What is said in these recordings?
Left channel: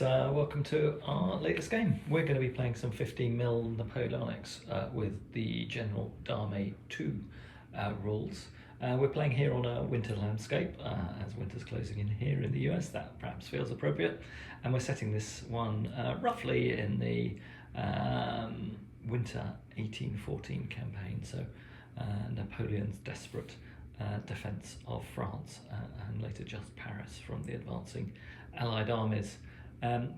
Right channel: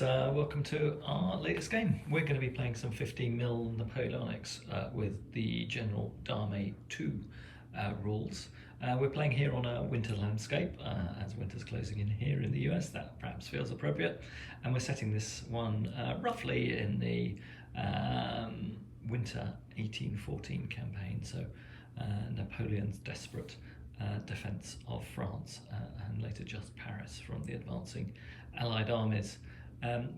guys, welcome to our latest game. We're going to be playing some 15mm Napoleonics with the General d'Armée 2 rules. We're playing here on a winter landscape, as winter's closing in here in the US, that perhaps feels appropriate. And we're setting this one roughly in the winter 1814 campaign, so Napoleon's desperate defence of France and later just Paris from the advancing Allied armies.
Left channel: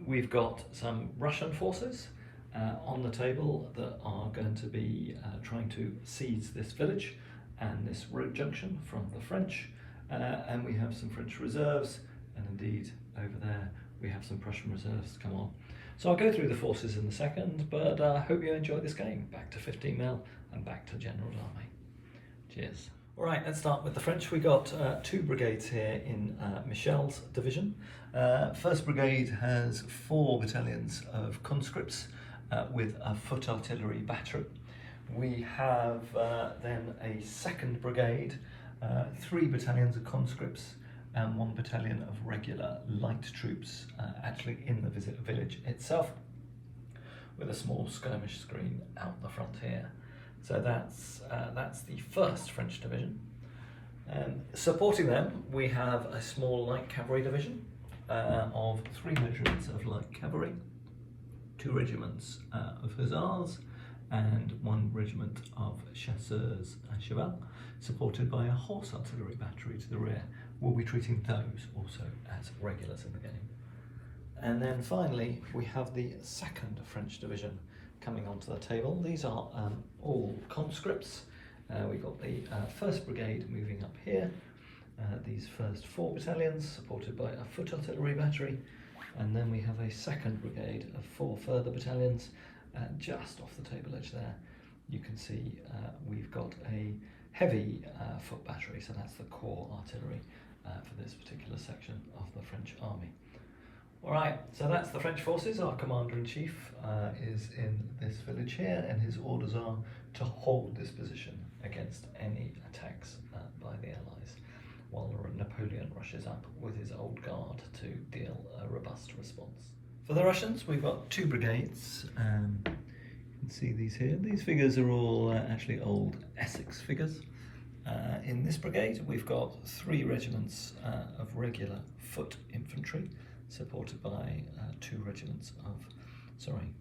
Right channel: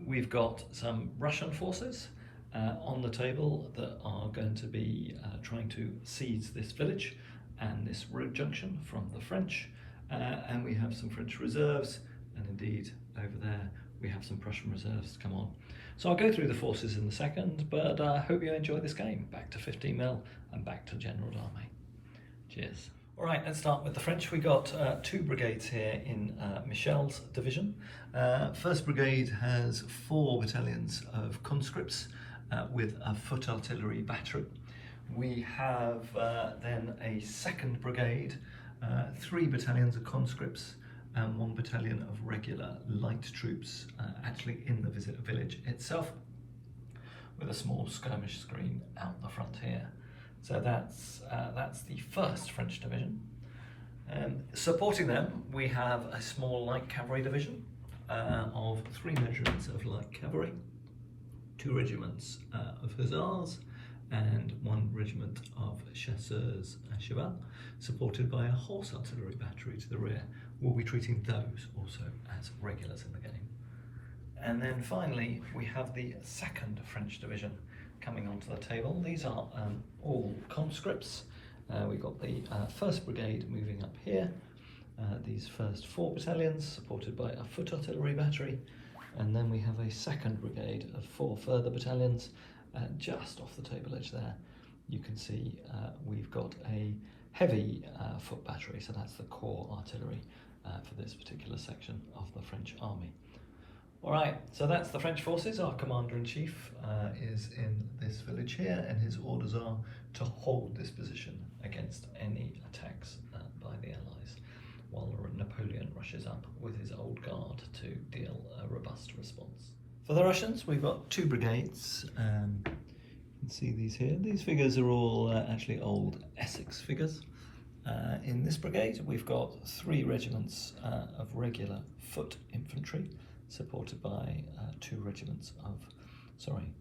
We've got some Russian forces on the table that are going to be trying to seize this village and this road junction from the French, and we have some French reserves, and indeed over there we have some Prussian reserves to come on. So I'll go through the forces in a second, but I hope you enjoy this game. Back to 15mm and back to General d'Armée. Cheers. All right, let's start with the French. We got two brigades here in Michel's division. First brigade has 4 battalions of conscripts with a foot artillery battery. We have then a second brigade, 3 battalions of conscripts and 1 battalion of regular light troops actually in the village itself, with a small skirmish screen out the front here. So that's the 1st French division. Supporting them, we have a small light cavalry division of 3 regiments of light cavalry, 2 regiments of hussars, and 1 regiment of chasseurs à cheval, supported by a horse artillery battery to the rear. We'll be treating those also as regulars in the game. And then finally, we have the 2nd French division coming onto the table. These are all conscripts. We've got the 1st Brigade moving up here, these first 4 battalions supported by a foot artillery battery, and then we have a 2nd Brigade of 4 further battalions just off the table edge there. You can see we've got a heavy foot battery, so that's the core artillery for this particular section of the French army. Alright, so that's the French forces. Our Commander-in-Chief is in this village here, and his orders are to hold this position against any attacks by the Allies, while Napoleon rushes up with his old guard to deal a robust response. For the Russians, we've got 2 brigades. You can see these here. These figures are all actually old Essex figures. In this brigade, we've got 3 regiments of regular foot infantry, supported by 2 regiments of,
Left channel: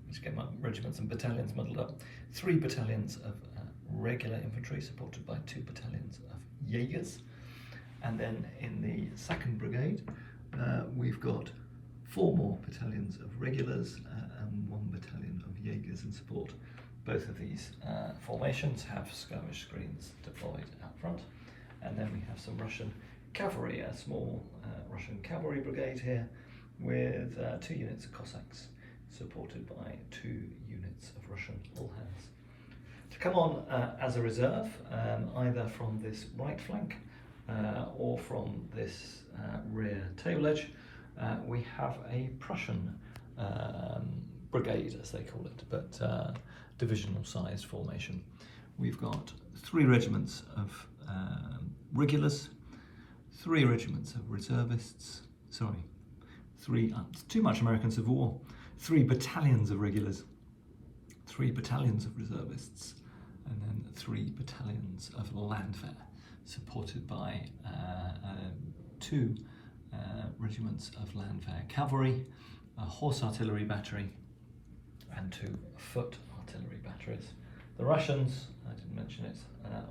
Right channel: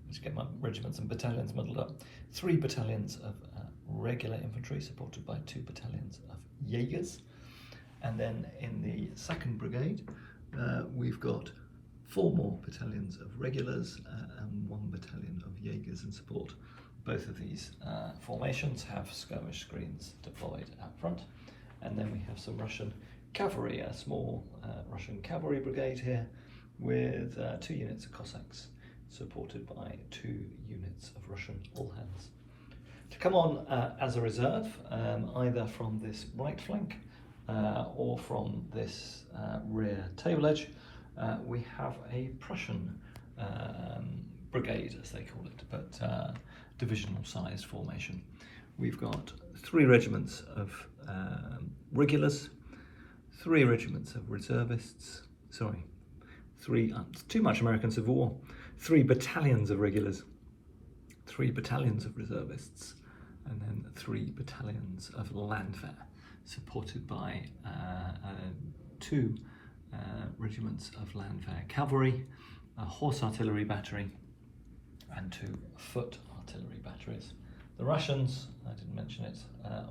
let's get my regiments and battalions muddled up. 3 battalions of regular infantry, supported by 2 battalions of Jaegers. And then in the 2nd Brigade, we've got 4 more battalions of regulars and 1 battalion of Jaegers in support. Both of these formations have skirmish screens deployed out front. And then we have some Russian cavalry, a small Russian cavalry brigade here, with 2 units of Cossacks, supported by 2 units of Russian all-hands. To come on as a reserve, either from this right flank or from this rear table edge, we have a Prussian brigade, as they call it, but divisional sized formation. We've got 3 regiments of regulars, 3 regiments of reservists, too much American Civil War, 3 battalions of regulars, 3 battalions of reservists, and then 3 battalions of landwehr, supported by 2 regiments of landwehr cavalry, a horse artillery battery, and 2 foot artillery batteries. The Russians, I didn't mention it,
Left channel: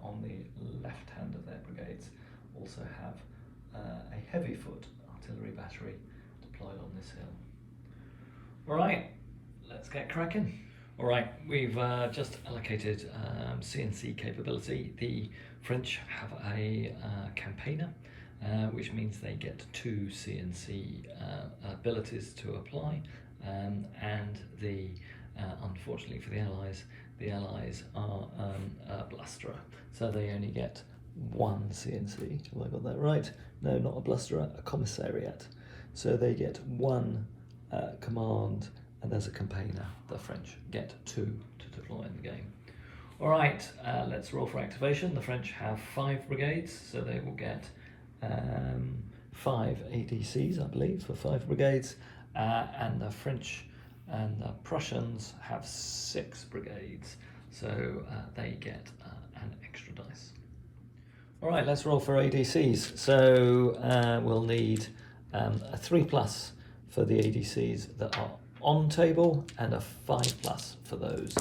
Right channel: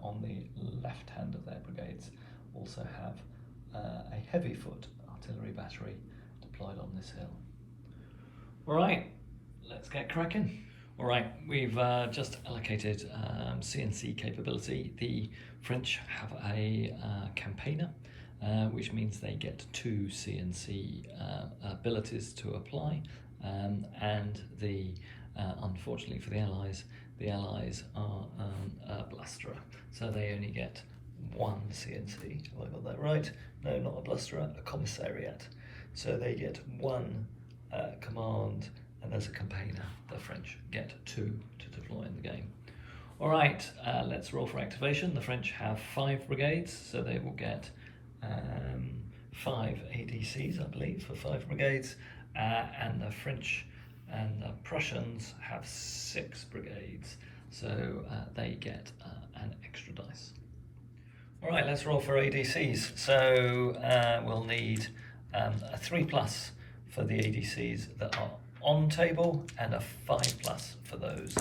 on the left hand of their brigades also have a heavy foot artillery battery deployed on this hill. Alright, let's get cracking. Alright, we've just allocated CNC capability. The French have a campaigner, which means they get 2 CNC abilities to apply, and unfortunately for the Allies are a blusterer, so they only get 1 CNC. Have I got that right? No, not a blusterer, a commissariat. So they get 1 command, and as a campaigner, the French get 2 to deploy in the game. All right, let's roll for activation. The French have 5 brigades, so they will get 5 ADCs, I believe, for 5 brigades, and the French and the Prussians have 6 brigades, so they get an extra dice. All right, let's roll for ADCs. So we'll need a 3+ for the ADCs that are on table and a 5+ for those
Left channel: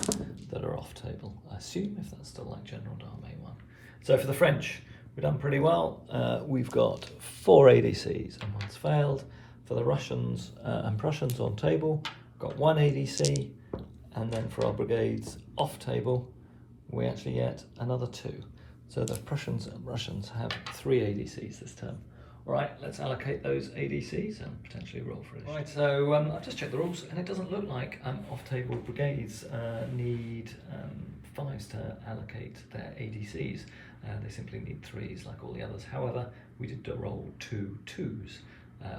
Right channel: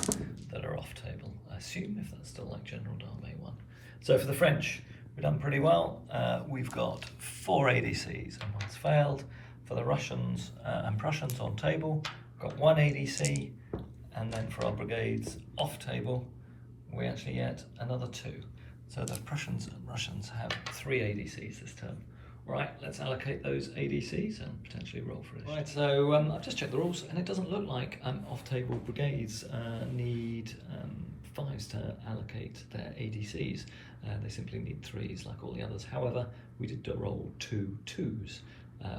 that are off table. I assume if that's still like General D'Armée 1. So for the French, we've done pretty well. We've got 4 ADCs and one's failed. For the Russians and Prussians on table, we've got 1 ADC, and then for our brigades off table, we actually get another 2. So the Prussians and Russians have 3 ADCs this turn. All right, let's allocate those ADCs and potentially roll for it. Right, so I've just checked the rules, and it doesn't look like off-table brigades need 5s to allocate their ADCs. They simply need 3s like all the others. However, we did roll 2 2s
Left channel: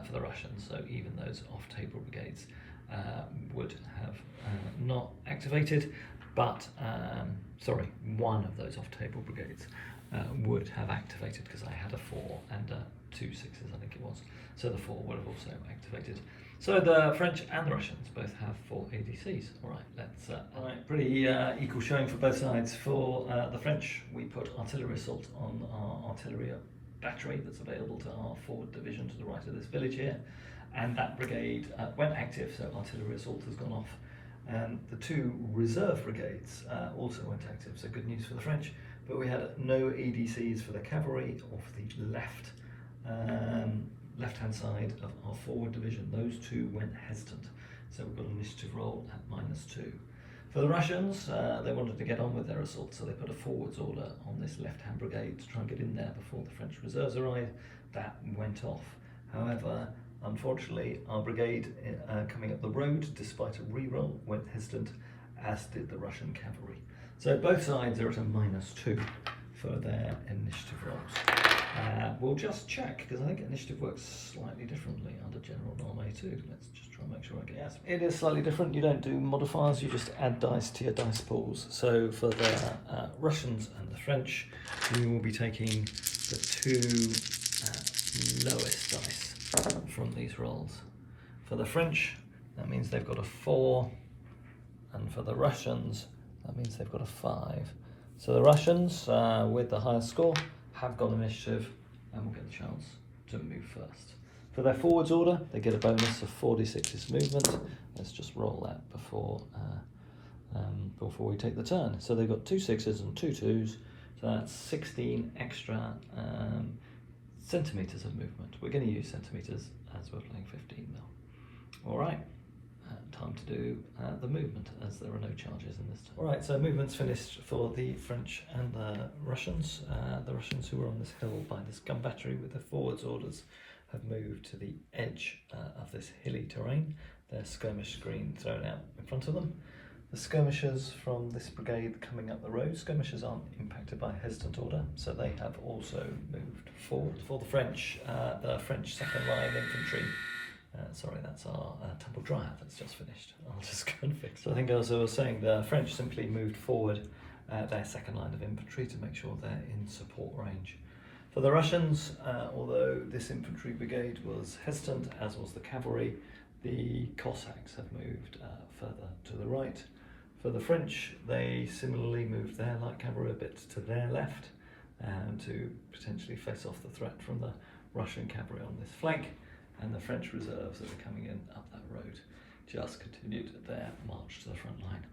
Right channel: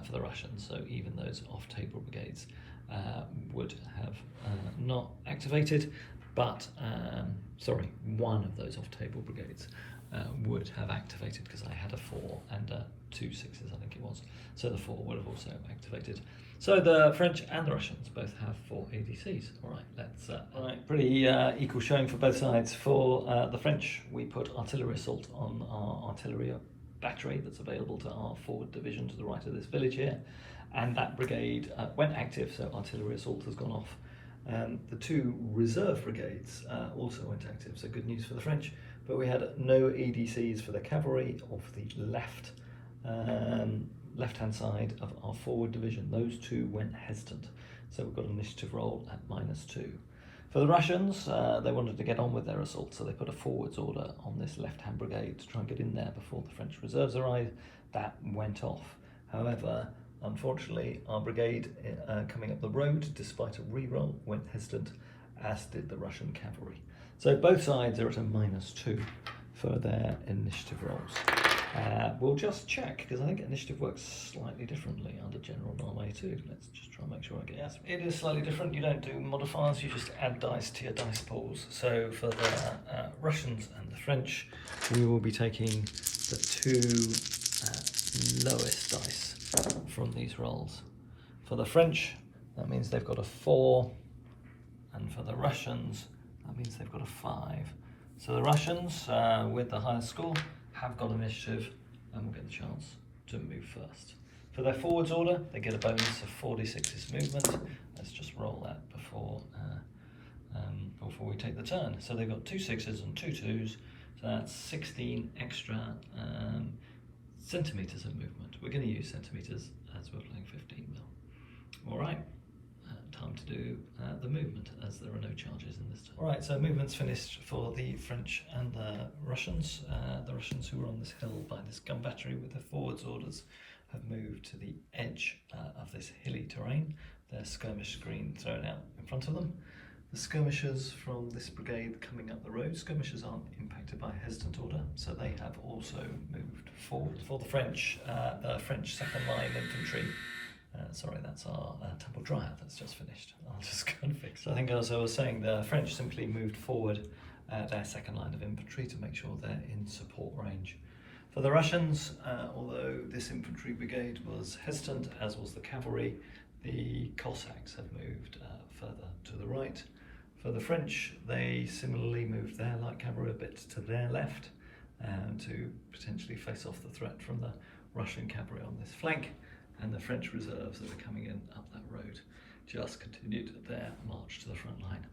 for the Russians, so even those off-table brigades would have not activated, but sorry, one of those off-table brigades would have activated because I had a 4 and 2 6s, I think it was. So the 4 would have also activated. So the French and the Russians both have 4 ADCs. All right, let's. All right, pretty equal showing for both sides. For the French, we put artillery assault on our artillery battery that's available to our forward division to the right of this village here, and that brigade went active, so artillery assault has gone off. The 2 reserve brigades also went active, so good news for the French, but we had no ADCs for the cavalry or for the left-hand side of our forward division. Those 2 went hesitant, so we've got an initiative roll at -2. For the Russians, they wanted to get on with their assault, so they put a forwards order on this left-hand brigade to try and get in there before the French reserves arrived. That went off. However, unfortunately, our brigade coming up the road, despite a re-roll, went hesitant, as did the Russian cavalry. So both sides are at a -2 for their initiative rolls. We'll just check, because I think initiative works slightly differently under General D'Armée 2. Let's just try and make sure I get it. It is slightly different. You don't do modifiers, you just add dice to your dice pools. So for the Russians and the French, we will be taking the 2 lowest dice from these rolls. For the French, that means they've got a 4, and for the Russians, that means they've got a 5. So the Russians, with the highest score, have got initiative and will get the chance to move first. For their forwards order, they get a bonus of 4d6's movement. Let's just roll that before we take the turn. So they've got 2 6s and 2 2s, so that's 16 extra centimetres of movement. We're going to use centimetres as we're playing 15 mil. All right, time to do the movement, as there are no charges in this turn. All right, so movement's finished for the French and the Russians. The Russians, who were on this hill by this gun battery with their forwards orders, have moved to the edge of this hilly terrain. Their skirmish screen thrown out in front of them. The skirmishers from this brigade coming up the road, skirmishers aren't impacted by hesitant order, so they have also moved forward. For the French second line infantry, sorry, that's our tumble dryer that's just finished. I'll just go and fix it. I think as I was saying, the French simply moved forward their second line of infantry to make sure they're in support range. For the Russians, although this infantry brigade was hesitant, as was the cavalry, the Cossacks have moved further to the right. For the French, they similarly moved their light cavalry a bit to their left to potentially face off the threat from the Russian cavalry on this flank, and the French reserves that are coming in up that road just continued their march to the front line.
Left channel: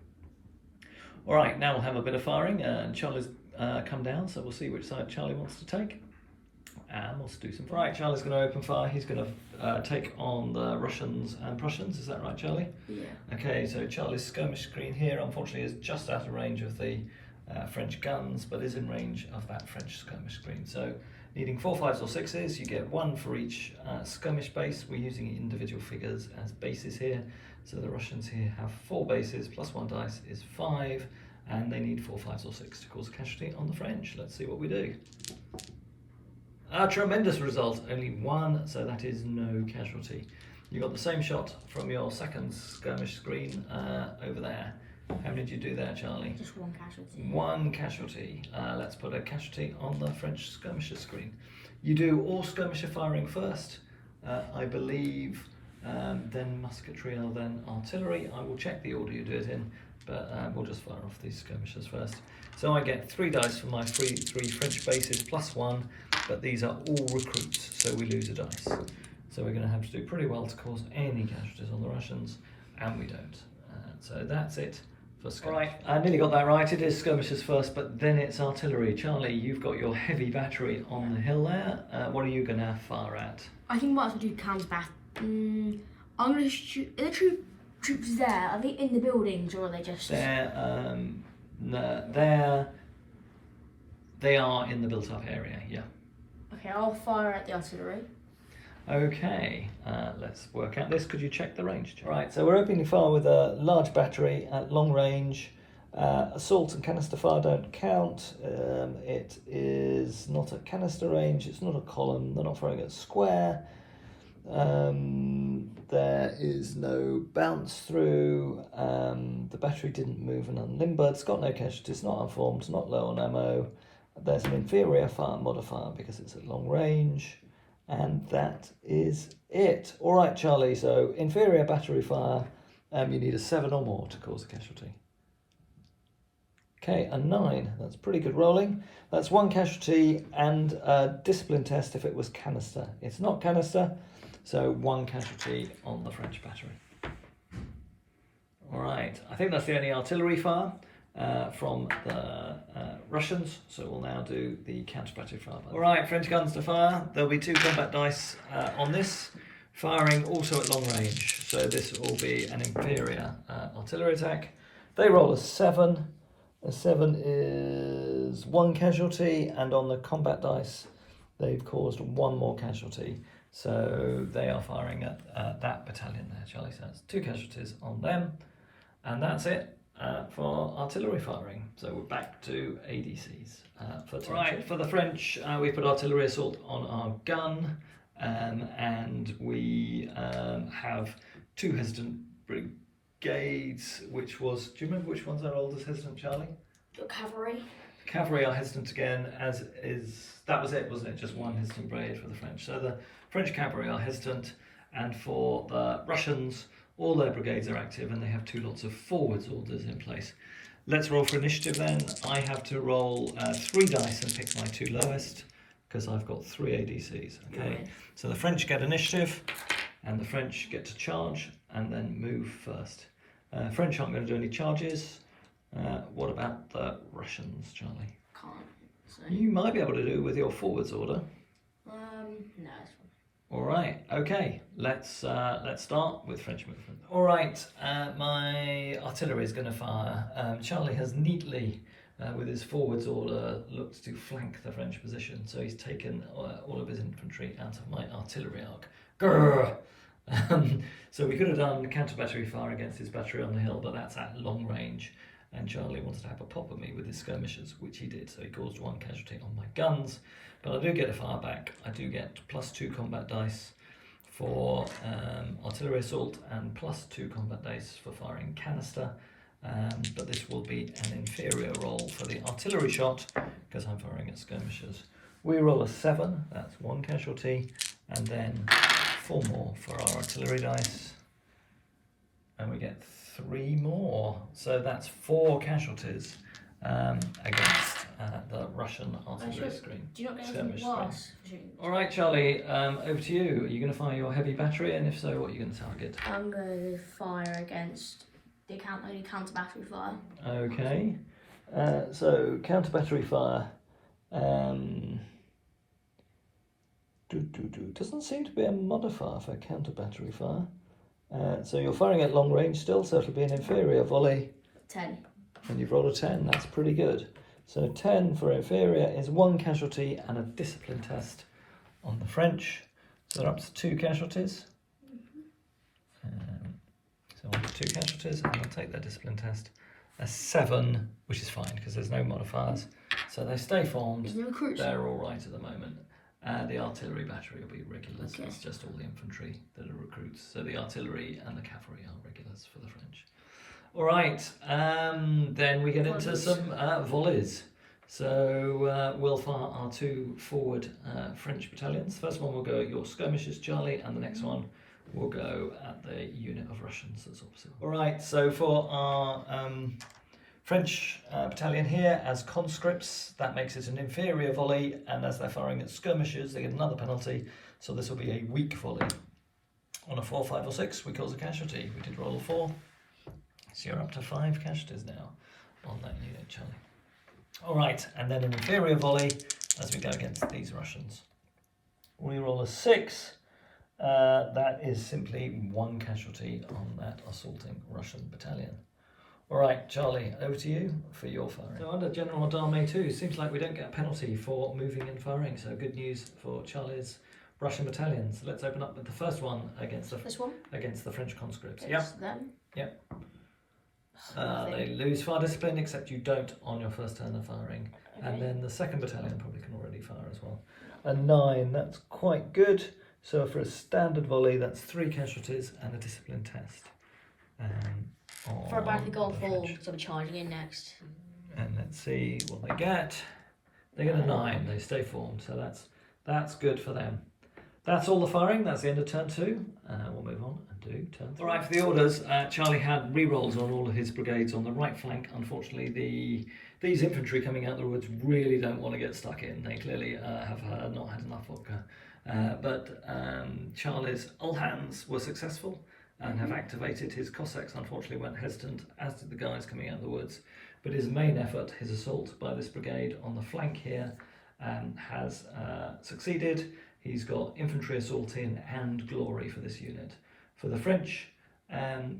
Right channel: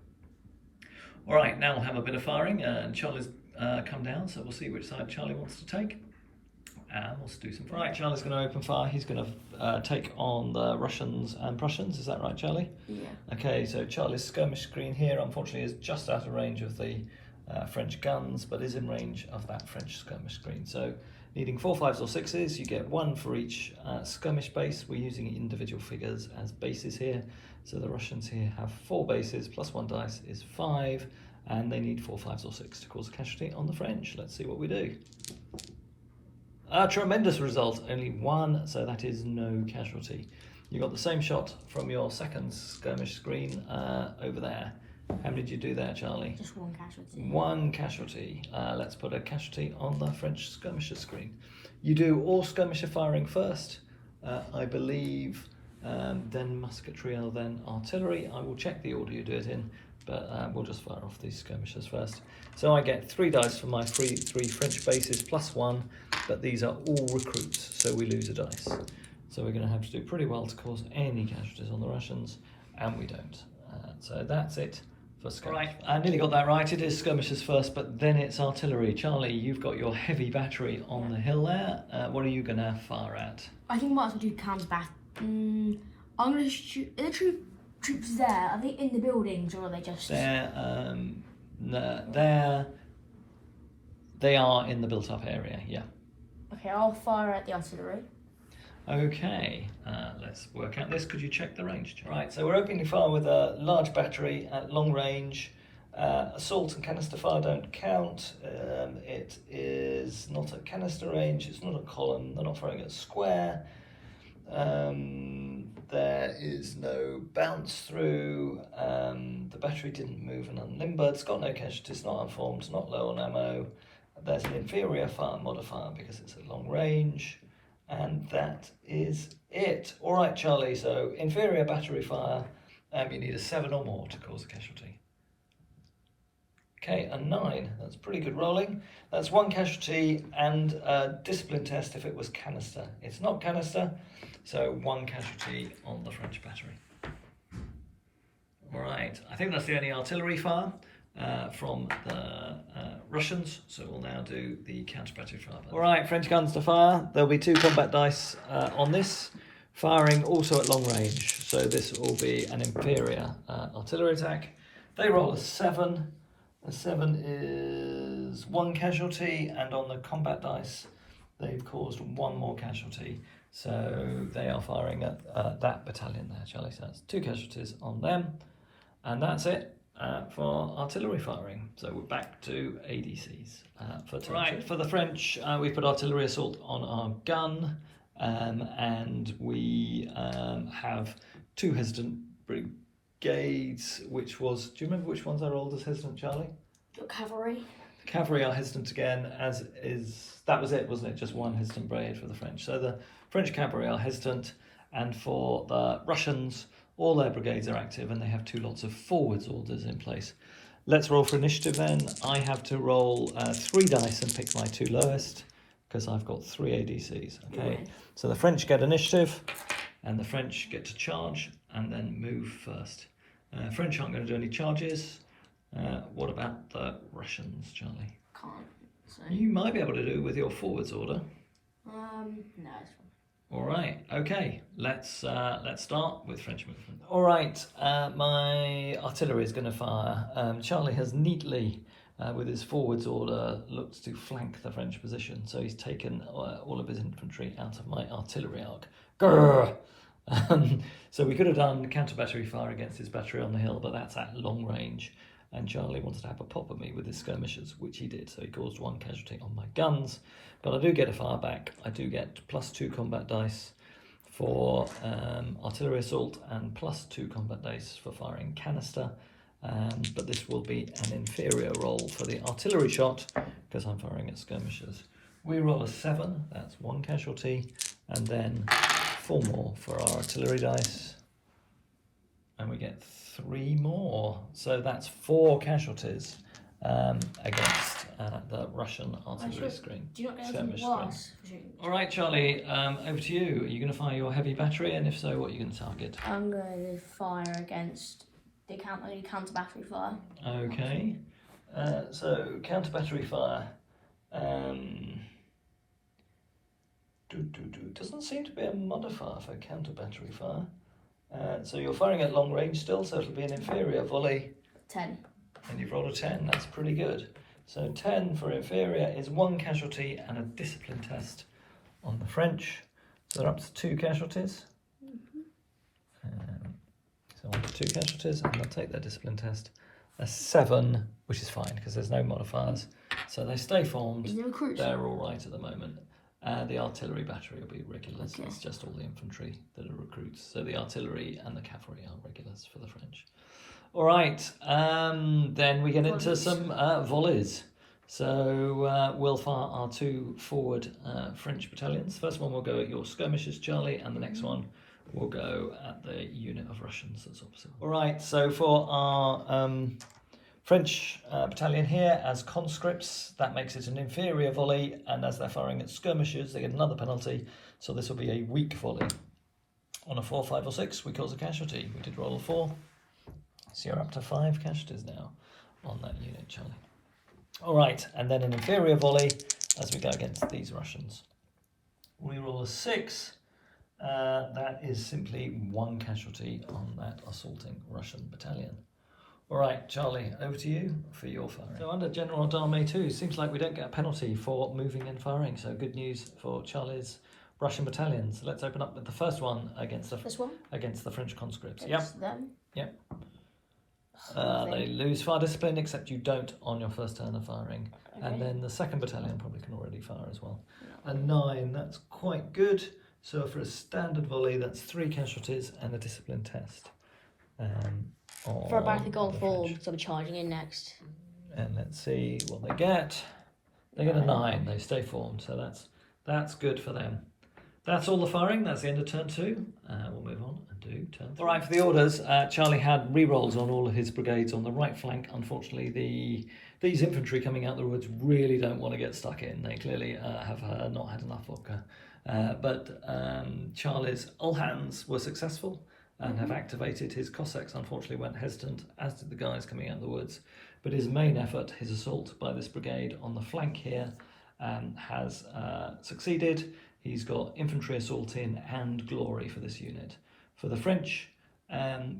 All right, now we'll have a bit of firing, and Charlie's come down, so we'll see which side Charlie wants to take. And we'll do some. Right, Charlie's going to open fire. He's going to take on the Russians and Prussians. Is that right, Charlie? Yeah. Okay, so Charlie's skirmish screen here, unfortunately, is just out of range of the French guns, but is in range of that French skirmish screen. So, needing 4 5s or 6s, you get 1 for each skirmish base. We're using individual figures as bases here. So the Russians here have 4 bases plus 1 dice is 5, and they need 4 5s or 6 to cause a casualty on the French. Let's see what we do. A tremendous result, only 1, so that is no casualty. You got the same shot from your second skirmish screen over there. How many did you do there, Charlie? Just 1 casualty. 1 casualty. Let's put a casualty on the French skirmisher screen. You do all skirmisher firing first. I believe then musketry, and then artillery. I will check the order you do it in, but we'll just fire off these skirmishers first. So I get 3 dice for my three French bases plus 1, but these are all recruits, so we lose a dice. So we're going to have to do pretty well to cause any casualties on the Russians, and we don't. So that's it for skirmish. Right, I nearly got that right. It is skirmishers first, but then it's artillery. Charlie, you've got your heavy battery on the hill there. What are you going to fire at? I think we might as well do counter-bat. I'm going to shoot. Are the troops there? Are they in the buildings, or are they just... They are in the built-up area, yeah. Okay, I'll fire at the artillery. Okay, let's work out this. Could you check the range? Right, so we're opening fire with a large battery at long range. Assault and canister fire don't count. It is not at canister range, it's not a column, they're not firing at square. There is no bounce through. The battery didn't move and unlimbered. It's got no casualties, not unformed, not low on ammo. There's an inferior fire modifier because it's at long range. And that is it. All right, Charlie, so inferior battery fire, you need a 7 or more to cause a casualty. Okay, a 9, that's pretty good rolling. That's 1 casualty and a discipline test if it was canister. It's not canister, so 1 casualty on the French battery. All right, I think that's the only artillery fire from the Russians, so we'll now do the counter-battery fire. All right, French guns to fire. There'll be 2 combat dice on this, firing also at long range, so this will be an inferior artillery attack. They roll a 7. A 7 is 1 casualty, and on the combat dice they've caused 1 more casualty, so they are firing at that battalion there, Charlie. So that's 2 casualties on them, and that's it. For artillery firing, so we're back to ADCs for turn. Right, for the French, we put artillery assault on our gun, and we have 2 hesitant brigades, which was, do you remember which ones I rolled as hesitant, Charlie? The cavalry. The cavalry are hesitant again, as is, that was it, wasn't it? Just 1 hesitant brigade for the French. So the French cavalry are hesitant, and for the Russians, all their brigades are active and they have 2 lots of forwards orders in place. Let's roll for initiative then. I have to roll 3 dice and pick my 2 lowest because I've got 3 ADCs. Okay, so the French get initiative and the French get to charge and then move first. French aren't going to do any charges. What about the Russians, Charlie? Can't. So. You might be able to do with your forwards order. No. All right, okay, let's start with French movement. All right, my artillery is going to fire. Charlie has neatly, with his forwards order, looked to flank the French position, so he's taken all of his infantry out of my artillery arc. Grrr! So we could have done counter-battery fire against his battery on the hill, but that's at long range, and Charlie wanted to have a pop at me with his skirmishers, which he did, so he caused 1 casualty on my guns. But I do get a fire back. I do get +2 combat dice for artillery assault and +2 combat dice for firing canister. But this will be an inferior roll for the artillery shot because I'm firing at skirmishers. We roll a 7, that's 1 casualty, and then 4 more for our artillery dice. And we get 3 more. So that's 4 casualties against the Russian artillery screen. Do you not get anything worse? All right, Charlie, over to you. Are you going to fire your heavy battery, and if so, what are you going to target? I'm going to fire against the counter battery fire. Okay, so counter battery fire. Doesn't seem to be a modifier for counter battery fire. So you're firing at long range still, so it'll be an inferior volley. 10. And you've rolled a 10, that's pretty good. So 10 for inferior is 1 casualty and a discipline test on the French. So they're up to 2 casualties. So on to 2 casualties, and I'll take their discipline test. A 7, which is fine because there's no modifiers. So they stay formed. No, they're all right at the moment. The artillery battery will be regulars. Okay. It's just all the infantry that are recruits. So the artillery and the cavalry are regulars for the French. All right, then we get into some volleys. So we'll fire our 2 forward French battalions. First one will go at your skirmishers, Charlie, and the next one will go at the unit of Russians that's opposite. All right, so for our French battalion here as conscripts, that makes it an inferior volley, and as they're firing at skirmishers, they get another penalty, so this will be a weak volley. On a 4, 5 or 6, we cause a casualty. We did roll a 4, so you're up to 5 casualties now on that unit, Charlie. All right, and then an inferior volley as we go against these Russians. We roll a 6, that is simply 1 casualty on that assaulting Russian battalion. All right, Charlie, over to you for your firing. So under General d'Armée 2, seems like we don't get a penalty for moving and firing, so good news for Charlie's Russian battalions. Let's open up with the first one against the French conscripts. Against them? Yep. They lose fire discipline, except you don't on your first turn of firing. Okay. And then the second battalion probably can already fire as well. A 9, that's quite good. So for a standard volley, that's 3 casualties and a discipline test. For about to go forward, so we're charging in next. And let's see what they get. They get a 9, they stay formed, so that's good for them. That's all the firing, that's the end of turn 2. We'll move on and do turn 3. All right, for the orders, Charlie had re-rolls on all of his brigades on the right flank. Unfortunately, these infantry coming out the woods really don't want to get stuck in. They clearly have not had enough vodka. But Charlie's all hands were successful and have activated. His Cossacks unfortunately went hesitant, as did the guys coming out of the woods. But his main effort, his assault by this brigade on the flank here, has succeeded. He's got infantry assault in and glory for this unit. For the French,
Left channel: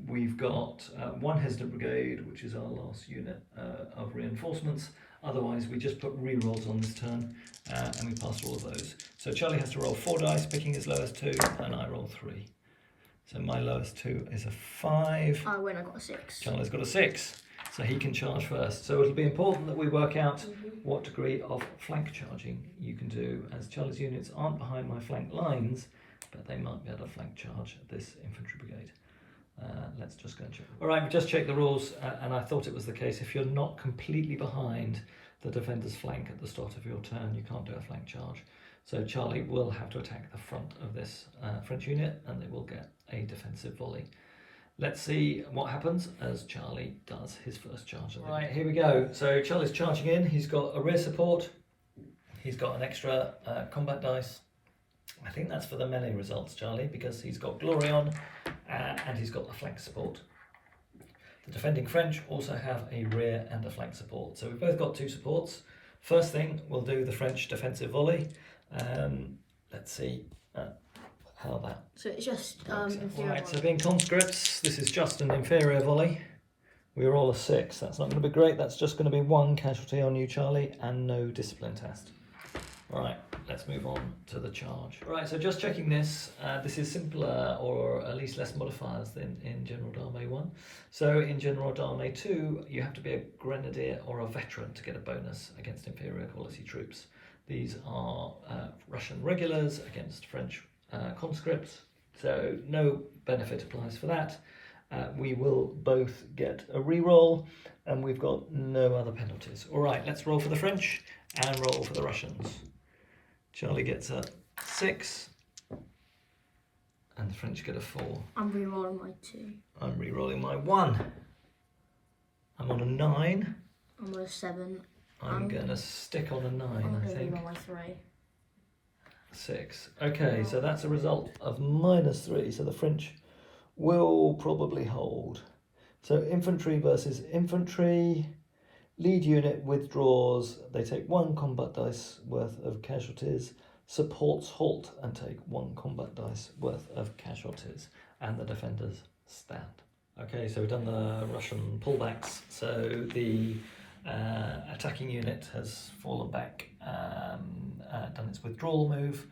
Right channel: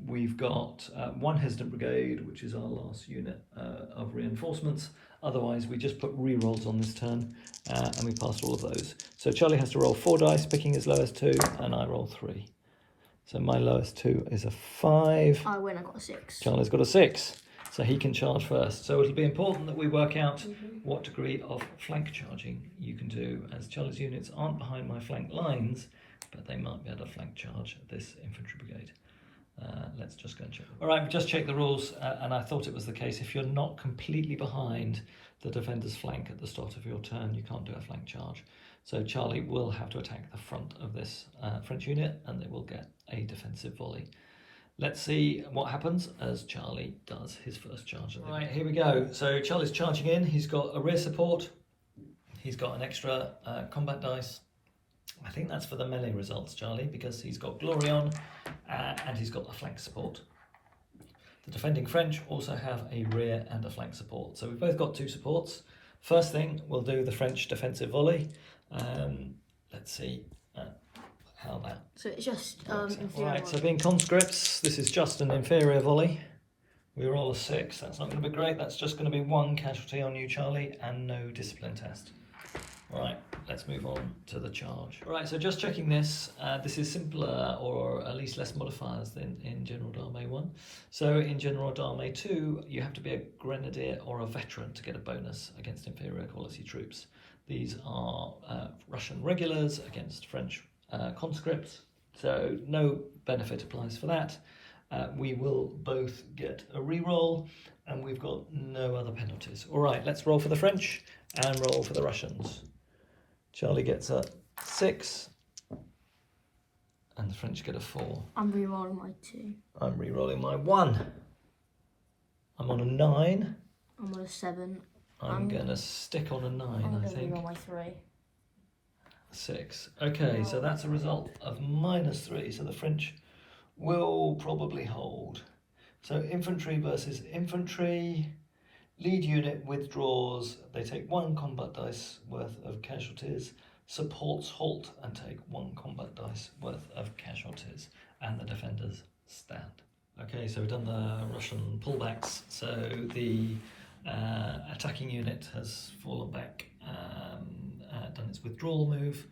we've got 1 hesitant brigade, which is our last unit of reinforcements. Otherwise, we just put re-rolls on this turn, and we passed all of those. So Charlie has to roll 4 dice, picking his lowest 2, and I roll 3. So my lowest 2 is a 5. I win, I got a 6. Charlie's got a 6, so he can charge first. So it'll be important that we work out what degree of flank charging you can do, as Charlie's units aren't behind my flank lines, but they might be able to flank charge this infantry brigade. Let's just go and check. All right, we just checked the rules, and I thought it was the case. If you're not completely behind the defender's flank at the start of your turn, you can't do a flank charge. So Charlie will have to attack the front of this French unit, and they will get a defensive volley. Let's see what happens as Charlie does his first charge. Right, here we go. So Charlie's charging in. He's got a rear support. He's got an extra combat dice. I think that's for the melee results, Charlie, because he's got glory on and he's got a flank support. The defending French also have a rear and a flank support. So we've both got 2 supports. First thing, we'll do the French defensive volley. Let's see how that. So it's just right, so being conscripts, this is just an inferior volley. We roll a 6. That's not going to be great. That's just going to be 1 casualty on you, Charlie, and no discipline test. Right, let's move on to the charge. Right, so just checking this. This is simpler, or at least less modifiers than in General d'Armée 1. So in General d'Armée 2, you have to be a grenadier or a veteran to get a bonus against inferior quality troops. These are Russian regulars against French conscripts, so no benefit applies for that. We will both get a re-roll, and we've got no other penalties. All right, let's roll for the French and roll for the Russians. Charlie gets a 6, and the French get a 4. I'm re-rolling my 2. I'm re-rolling my 1. I'm on a 9. I'm on a 7. I'm going to stick on a 9, I think. I'm on my 3. 6. Okay, so that's a result of -3, so the French will probably hold. So infantry versus infantry. Lead unit withdraws. They take 1 combat dice worth of casualties. Supports halt and take 1 combat dice worth of casualties. And the defenders stand. Okay, so we've done the Russian pullbacks. So the attacking unit has fallen back, done its withdrawal move.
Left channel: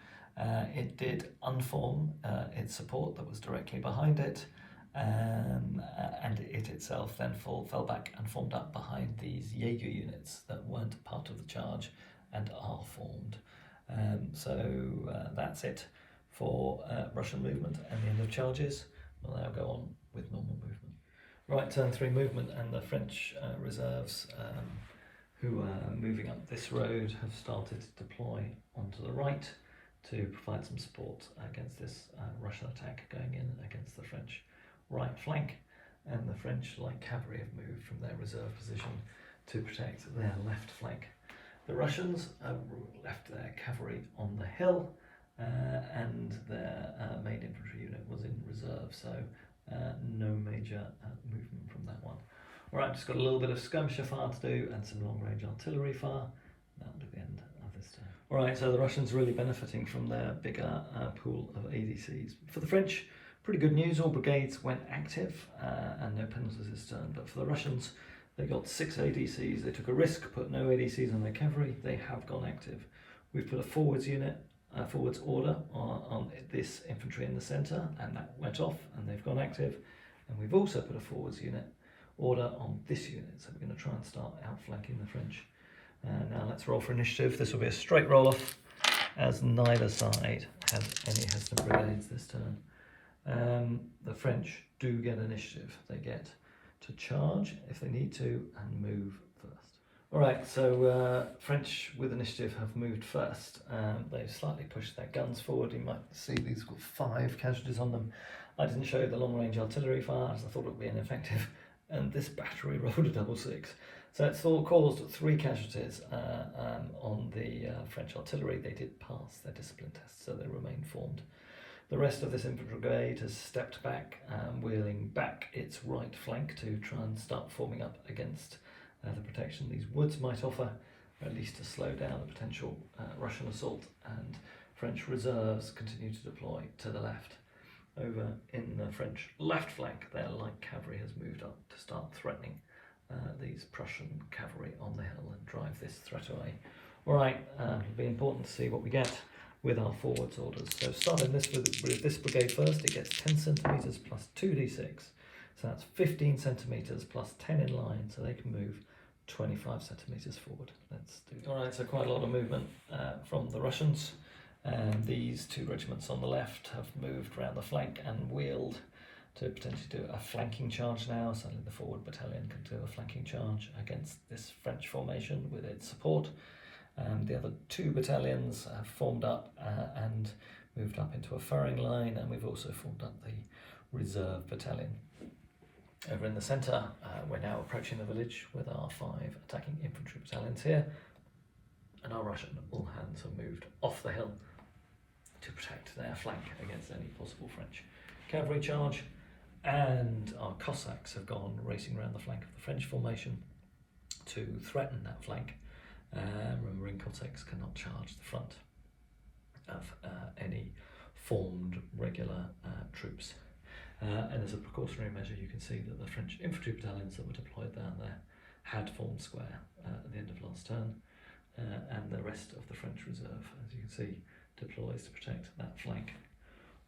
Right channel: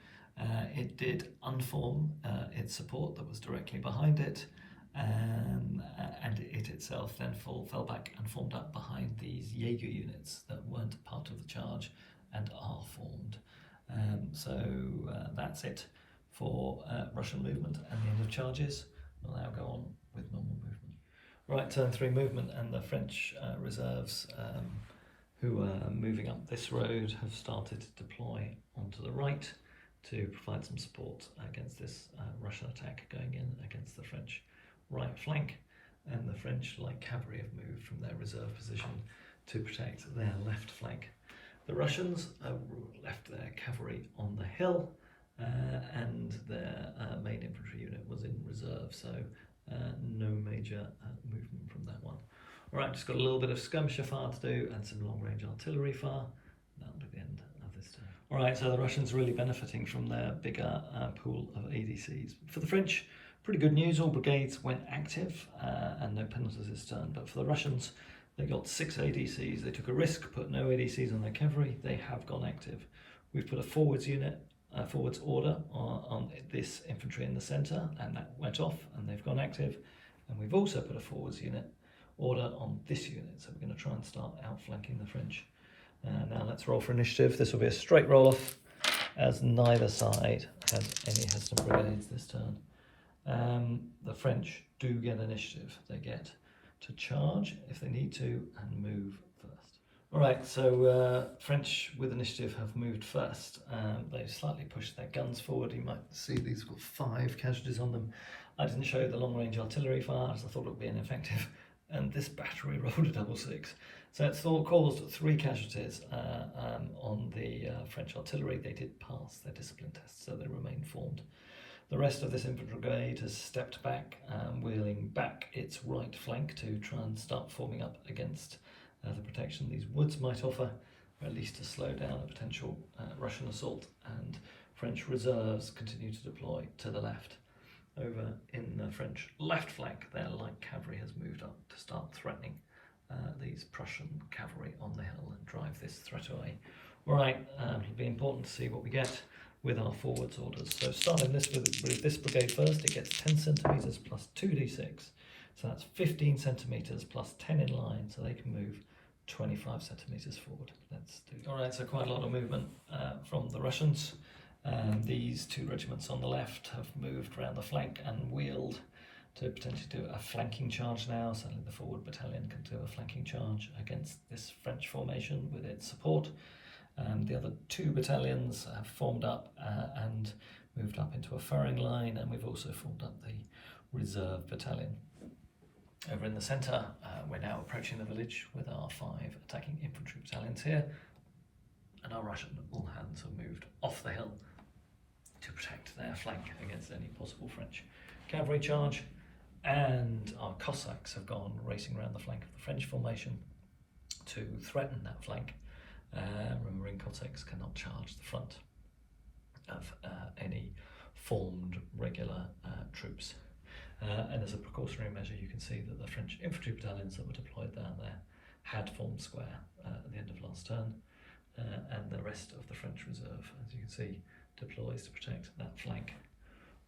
It did unform its support that was directly behind it. And it itself then fell back and formed up behind these Jaeger units that weren't part of the charge and are formed. So that's it for Russian movement and the end of charges. We'll now go on with normal movement. Right, turn 3 movement, and the French reserves who are moving up this road have started to deploy onto the right to provide some support against this Russian attack going in against the French right flank. And the French light cavalry have moved from their reserve position to protect their left flank. The Russians left their cavalry on the hill, and their main infantry unit was in reserve, so no major movement from that one. Alright, just got a little bit of skirmisher fire to do and some long range artillery fire. That'll be the end of this turn. Alright, so the Russians really benefiting from their bigger pool of ADCs. For the French, pretty good news, all brigades went active and no penalties this turn, but for the Russians, they got 6 ADCs. They took a risk, put no ADCs on their cavalry. They have gone active. We've put a forwards unit, forwards order on this infantry in the centre, and that went off, and they've gone active. And we've also put a forwards unit order on this unit, so we're going to try and start outflanking the French. Now let's roll for initiative. This will be a straight roll off, as neither side has any hesitant brigades this turn. The French do get initiative. They get to charge if they need to and move first. Alright, so French with initiative have moved first. They've slightly pushed their guns forward. You might see these have got 5 casualties on them. I didn't show the long range artillery fire as I thought it would be ineffective, and this battery rolled a double 6. So it's caused 3 casualties on the French artillery. They did pass their discipline test, so they remain formed. The rest of this infantry brigade has stepped back, wheeling back its right flank to try and start forming up against the protection these woods might offer, or at least to slow down a potential Russian assault, and French reserves continue to deploy to the left. Over in the French left flank, their light cavalry has moved up to start threatening these Prussian cavalry on the hill and drive this threat away. Alright, it'll be important to see what we get with our forwards orders. So starting this with this brigade first, it gets 10 centimetres plus 2d6. So that's 15 centimetres plus 10 in line, so they can move 25 centimetres forward. Let's do. Alright, so quite a lot of movement from the Russians. These 2 regiments on the left have moved around the flank and wheeled to potentially do a flanking charge now. Certainly the forward battalion can do a flanking charge against this French formation with its support. The other 2 battalions have formed up and moved up into a firing line, and we've also formed up the reserve battalion. Over in the centre, we're now approaching the village with our 5 attacking infantry battalions here, and our Russian all hands have moved off the hill to protect their flank against any possible French cavalry charge, and our Cossacks have gone racing around the flank of the French formation to threaten that flank. Remembering Cossacks cannot charge the front of any formed regular troops. And as a precautionary measure, you can see that the French infantry battalions that were deployed down there had formed square at the end of last turn, and the rest of the French reserve, as you can see, deploys to protect that flank.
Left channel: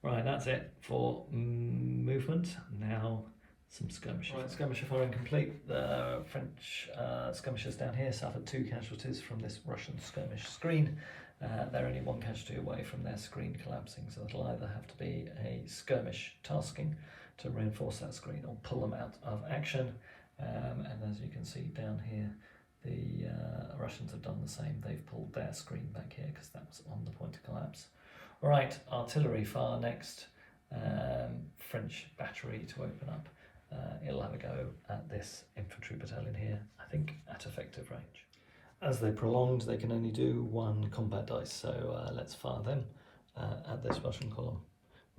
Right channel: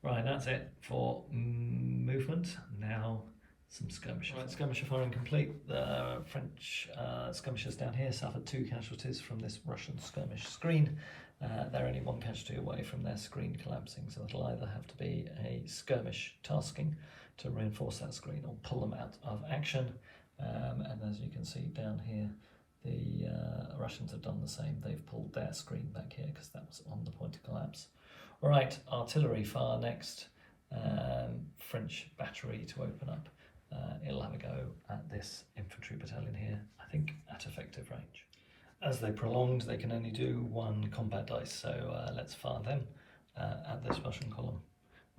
Right, that's it for movement. Now some skirmishers. Right, skirmisher firing complete. The French skirmishers down here suffered 2 casualties from this Russian skirmish screen. They're only 1 casualty away from their screen collapsing, so it'll either have to be a skirmish tasking to reinforce that screen or pull them out of action. And as you can see down here, the Russians have done the same. They've pulled their screen back here because that was on the point of collapse. Alright, artillery fire next. French battery to open up. It'll have a go at this infantry battalion here, I think at effective range. As they prolonged, they can only do 1 combat dice, so let's fire them at this Russian column.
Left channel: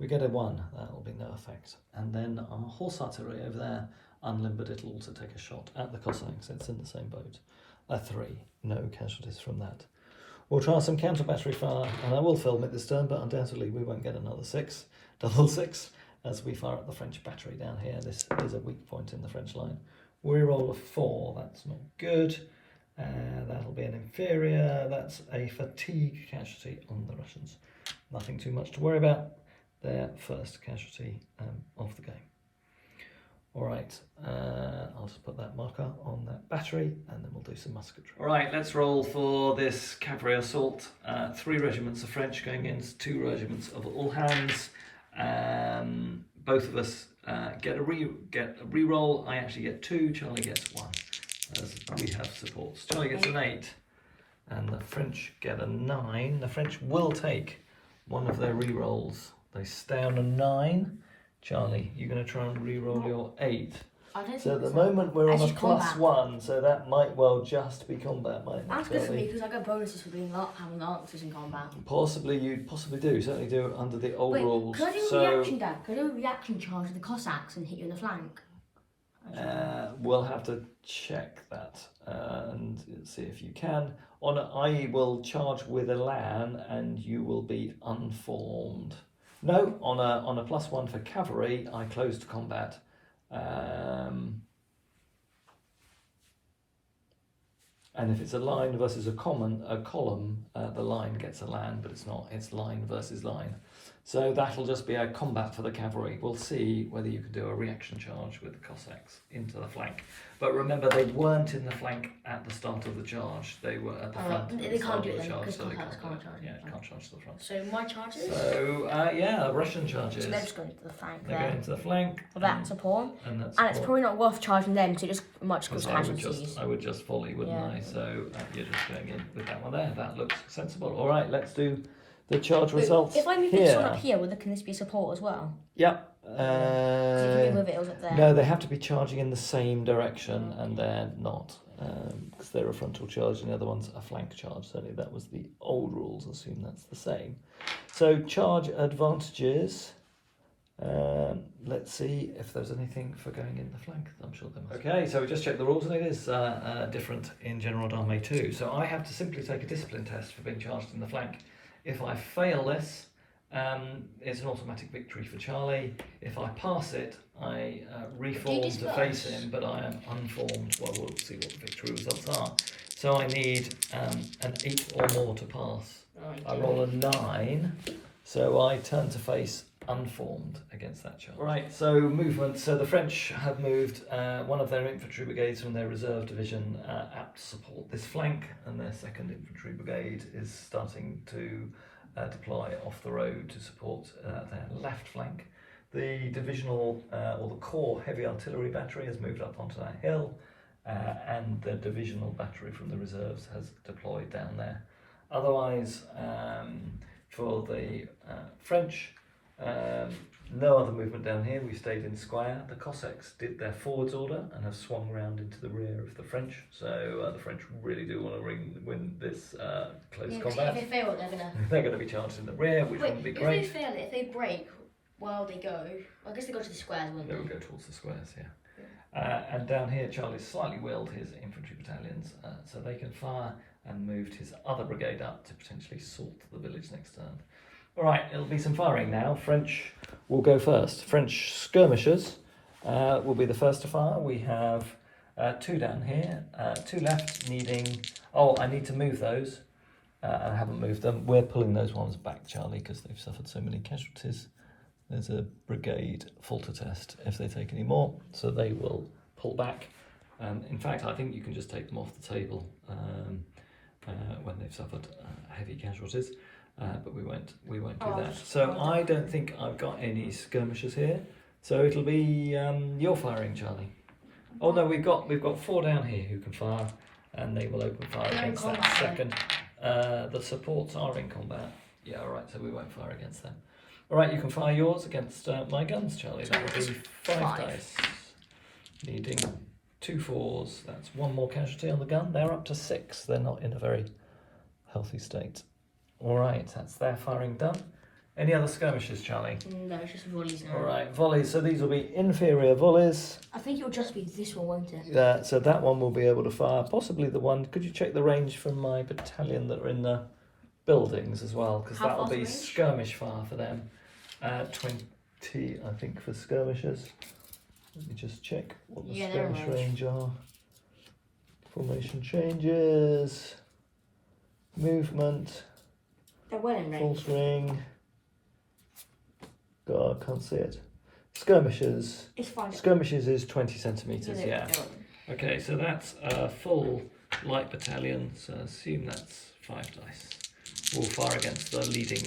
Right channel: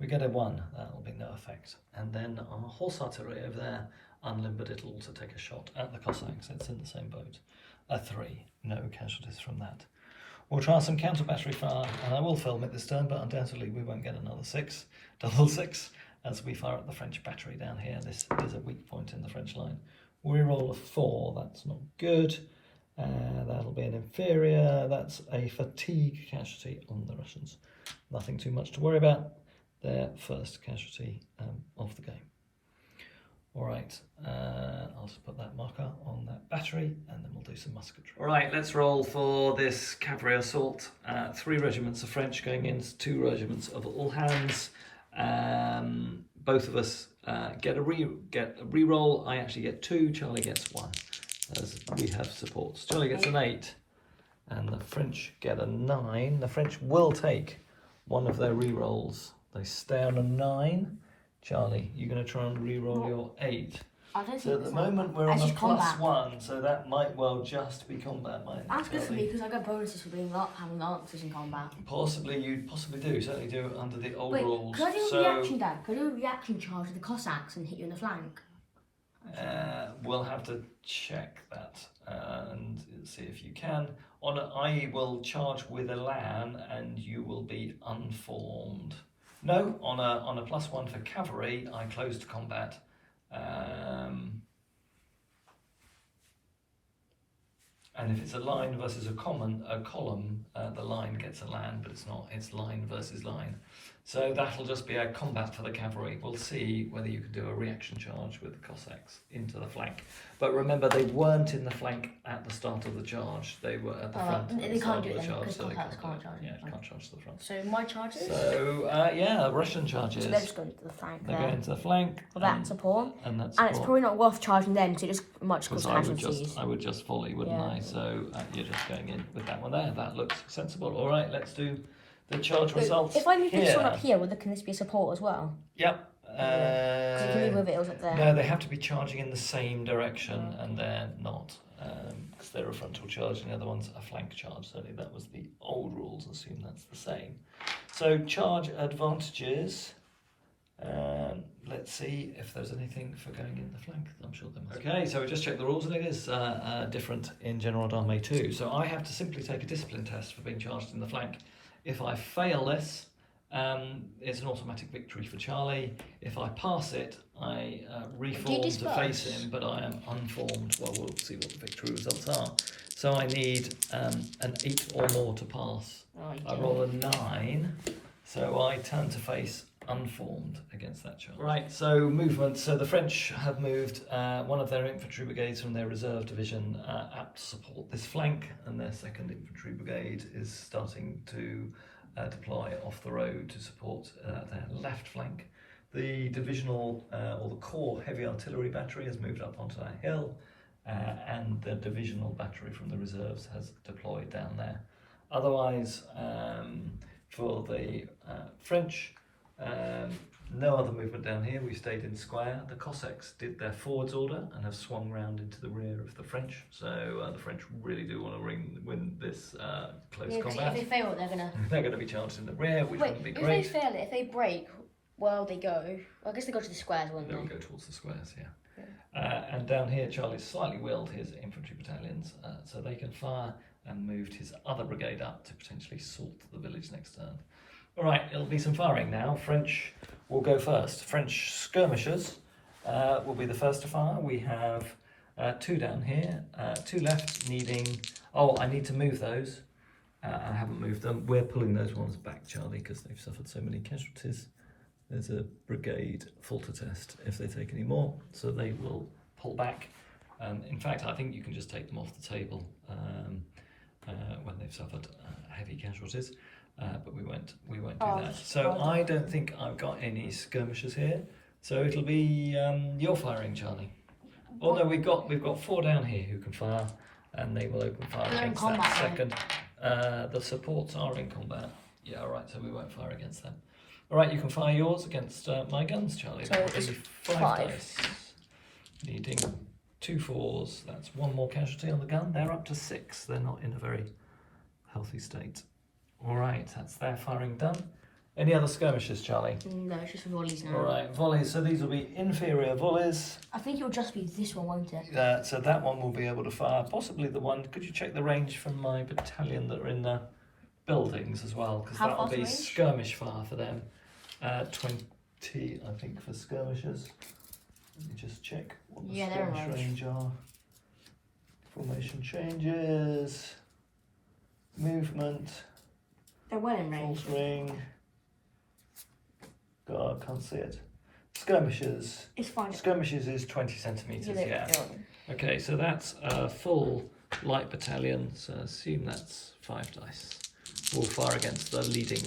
We get a 1, that will be no effect. And then our horse artillery over there unlimbered it all to take a shot at the Cossacks. It's in the same boat. A 3, no casualties from that. We'll try some counter battery fire, and I will film it this turn, but undoubtedly we won't get another 6, double 6. As we fire at the French battery down here. This is a weak point in the French line. We roll a 4, that's not good. That'll be an inferior, that's a fatigue casualty on the Russians. Nothing too much to worry about. Their first casualty of the game. Alright, I'll just put that marker on that battery and then we'll do some musketry. Alright, let's roll for this cavalry assault. 3 regiments of French going in, 2 regiments of all hands. Both of us get a re-roll. I actually get 2, Charlie gets 1, as we have supports. Charlie gets an 8, and the French get a 9. The French will take one of their re-rolls. They stay on a 9. Charlie, you're going to try and re-roll your 8. I don't So think at the so. moment we're on It's a just combat. +1, so that might well just be combat, mightn't it, That's good for me Charlie? because I get bonuses for being not having answers in combat. Possibly, you possibly do. Certainly do under the old rules. Could I do a reaction, Dad? Could I do a reaction charge with the Cossacks and hit you in the flank? We'll have to check that and see if you can. I will charge with a LAN and you will be unformed. No, on a +1 for cavalry, I close to combat. And if it's a line versus a column, the line gets a LAN, but it's not. It's line versus line. So that'll just be a combat for the cavalry. We'll see whether you can do a reaction charge with the Cossacks into the flank. But remember, they weren't in the flank at the start of the charge. They were at the front at the start of the charge, so they can't do it. Yeah, can't charge to the front. So my charges? So, yeah, Russian charges. So they're just going to the flank They go into the flank. Well, that's a pawn. And that's And it's probably not worth charging them because it just much cause casualties. I would just volley, wouldn't I? So you're just going in with that one there. That looks sensible. All right, let's do the charge results. If I move this one up here, can this be support as well? Yep. You can move it up there. No, they have to be charging in the same direction, and they're not, because they're a frontal charge, and the other one's a flank charge. Certainly, that was the old rules. Assume that's the same. So charge advantages. Let's see if there's anything for going in the flank. I'm sure there must. Okay, so we just checked the rules, and it is different in General d'Armée too. So I have to simply take a discipline test for being charged in the flank. If I fail this, it's an automatic victory for Charlie. If I pass it, I reform to face him, but I am unformed. Well, we'll see what the victory results are. So I need an 8 or more to pass. I roll a 9, so I turn to face unformed against that charge. Right, so movement. So the French have moved one of their infantry brigades from their reserve division apt to support this flank, and their 2nd Infantry Brigade is starting to deploy off the road to support their left flank. The divisional or the corps heavy artillery battery has moved up onto that hill, and the divisional battery from the reserves has deployed down there. Otherwise, for the French, no other movement down here. We stayed in square. The Cossacks did their forwards order and have swung round into the rear of the French. So the French really do want to win this close combat. If they fail, they're going to be charged in the rear, which wouldn't be great. If they fail it, if they break, well, they go. Well, I guess they go to the squares, wouldn't they? They will go towards the squares, yeah. And down here, Charlie's slightly willed his infantry battalions, so they can fire, and moved his other brigade up to potentially salt the village next turn. All right, it'll be some firing now. French will go first. French skirmishers will be the first to fire. We have 2 down here, 2 left needing... Oh, I need to move those. I haven't moved them. We're pulling those ones back, Charlie, because they've suffered so many casualties. There's a brigade falter test if they take any more, so they will pull back. In fact, I think you can just take them off the table when they've suffered heavy casualties. But we won't do that. So I don't think I've got any skirmishers here. So it'll be your firing, Charlie. Oh no, we've got 4 down here who can fire, and they will open fire against that 2nd. The supports are in combat. Yeah, all right. So we won't fire against them. All right, you can fire yours against my guns, Charlie. That will be 5 dice, needing 2 4s. That's 1 more casualty on the gun. They're up to 6. They're not in a very healthy state. All right, that's their firing done. Any other skirmishes, Charlie? No, it's just volleys now. All right, volleys. So these will be inferior volleys. I think it will just be this one, won't it? So that one will be able to fire. Possibly the one. Could you check the range from my battalion that are in the buildings as well? Because that will be skirmish fire for them. 20, I think, for skirmishers. Let me just check what the skirmish range are. Formation changes. Movement. They're well in range. Filtering. God, I can't see it. Skirmishes. It's fine. Skirmishes is 20 centimetres, yeah. Okay, so that's a full light battalion, so assume that's 5 dice. We'll fire against the leading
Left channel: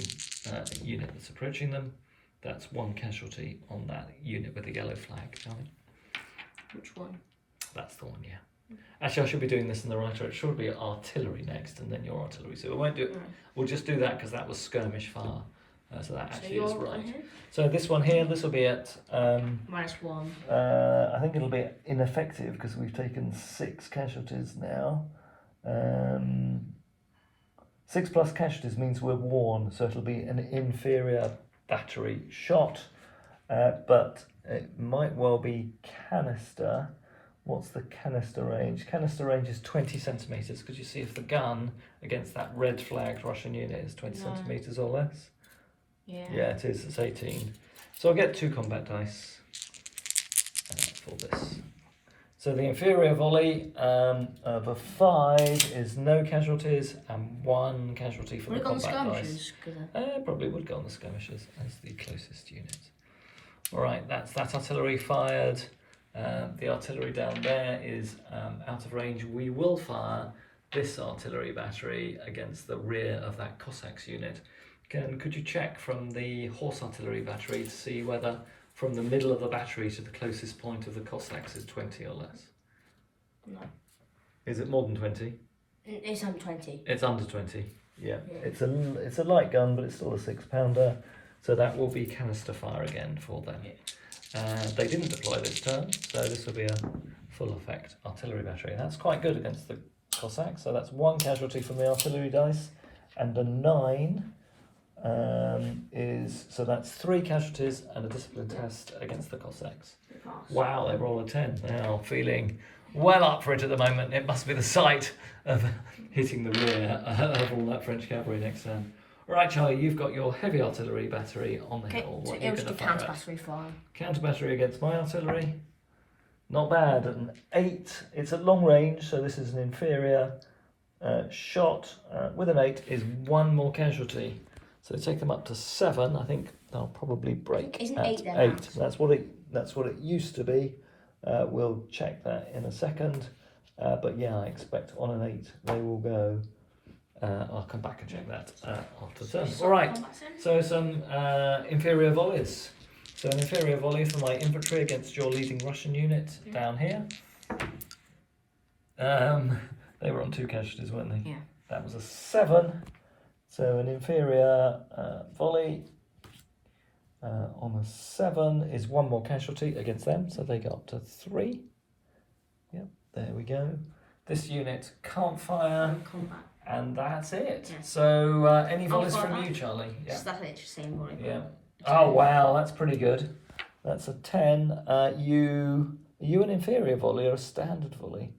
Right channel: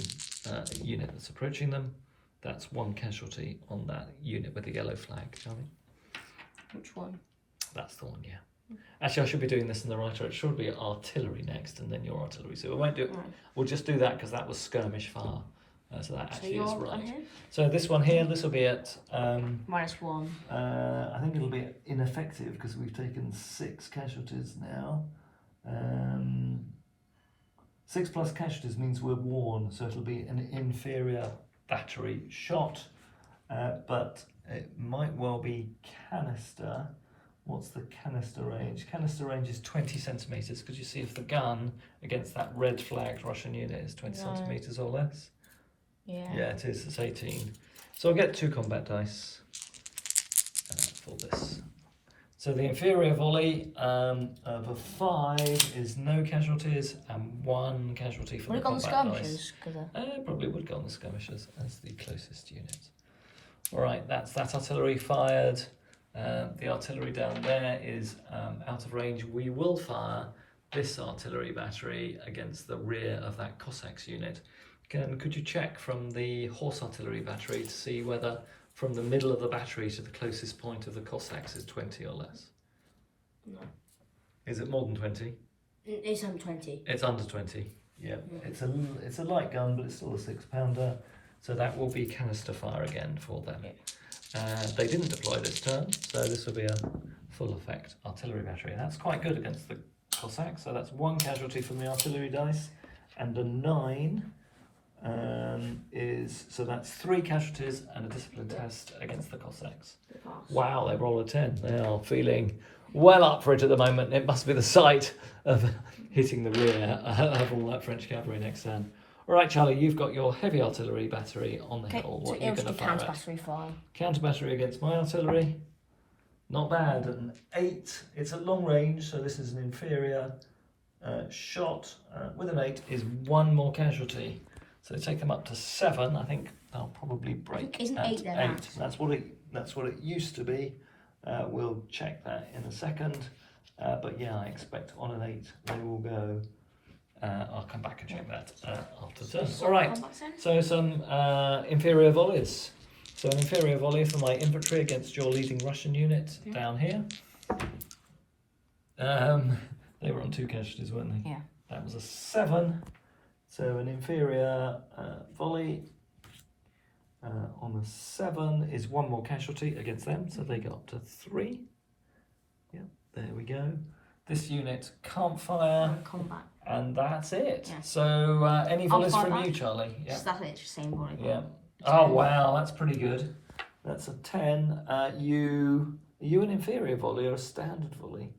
unit that's approaching them. That's 1 casualty on that unit with the yellow flag, shall we? Which one? That's the one, yeah. Actually, I should be doing this in the right order. It should be artillery next, and then your artillery. So we won't do it. We'll just do that because that was skirmish fire. So that So actually is you're right. ahead? So this one here, this will be at, -1. I think it'll be ineffective because we've taken 6 casualties now. 6 plus casualties means we're worn, so it'll be an inferior battery shot, but it might well be canister. What's the canister range? Canister range is 20 centimetres. Could you see if the gun against that red flagged Russian unit is 20 centimetres or less? Yeah, it is. It's 18. So I'll get 2 combat dice for this. So the inferior volley of a 5 is no casualties and 1 casualty for the combat dice. Probably would go on the skirmishers as the closest unit. All right, that's that artillery fired. The artillery down there is out of range. We will fire this artillery battery against the rear of that Cossacks unit. Could you check from the horse artillery battery to see whether from the middle of the battery to the closest point of the Cossacks is 20 or less? No. Is it more than 20? It's under 20. It's under 20, yeah. It's a light gun, but it's still a 6-pounder. So that will be canister fire again for them. They didn't deploy this turn, so this will be a full effect artillery battery. That's quite good against the Cossacks. So that's 1 casualty from the artillery dice, and a 9 so that's 3 casualties and a discipline test against the Cossacks. Wow, they roll a 10. They are feeling well up for it at the moment. It must be the sight of hitting the rear of all that French cavalry next turn. All right, Charlie, you've got your heavy artillery battery on the hill. What are you going to fire at? Counter battery against my artillery. Not bad. An 8. It's at long range, so this is an inferior shot. With an 8 is 1 more casualty. So take them up to 7. I think they'll probably break Isn't at 8 then? 8. That's what it used to be. We'll check that in a second. But yeah, I expect on an 8 they will go. I'll come back and check that after turn. All right, so some inferior volleys. So an inferior volley for my infantry against your leading Russian unit down here. They were on 2 casualties, weren't they? Yeah. That was a 7. So an inferior volley on a 7 is 1 more casualty against them, so they go up to 3. Yep, there we go. This unit can't fire. Combat. And that's it. Yeah. So any volleys from you, Charlie? Yeah. That's it, just same volley. Yeah. Oh wow, that's pretty good. That's a 10. Are you an inferior volley or a standard volley?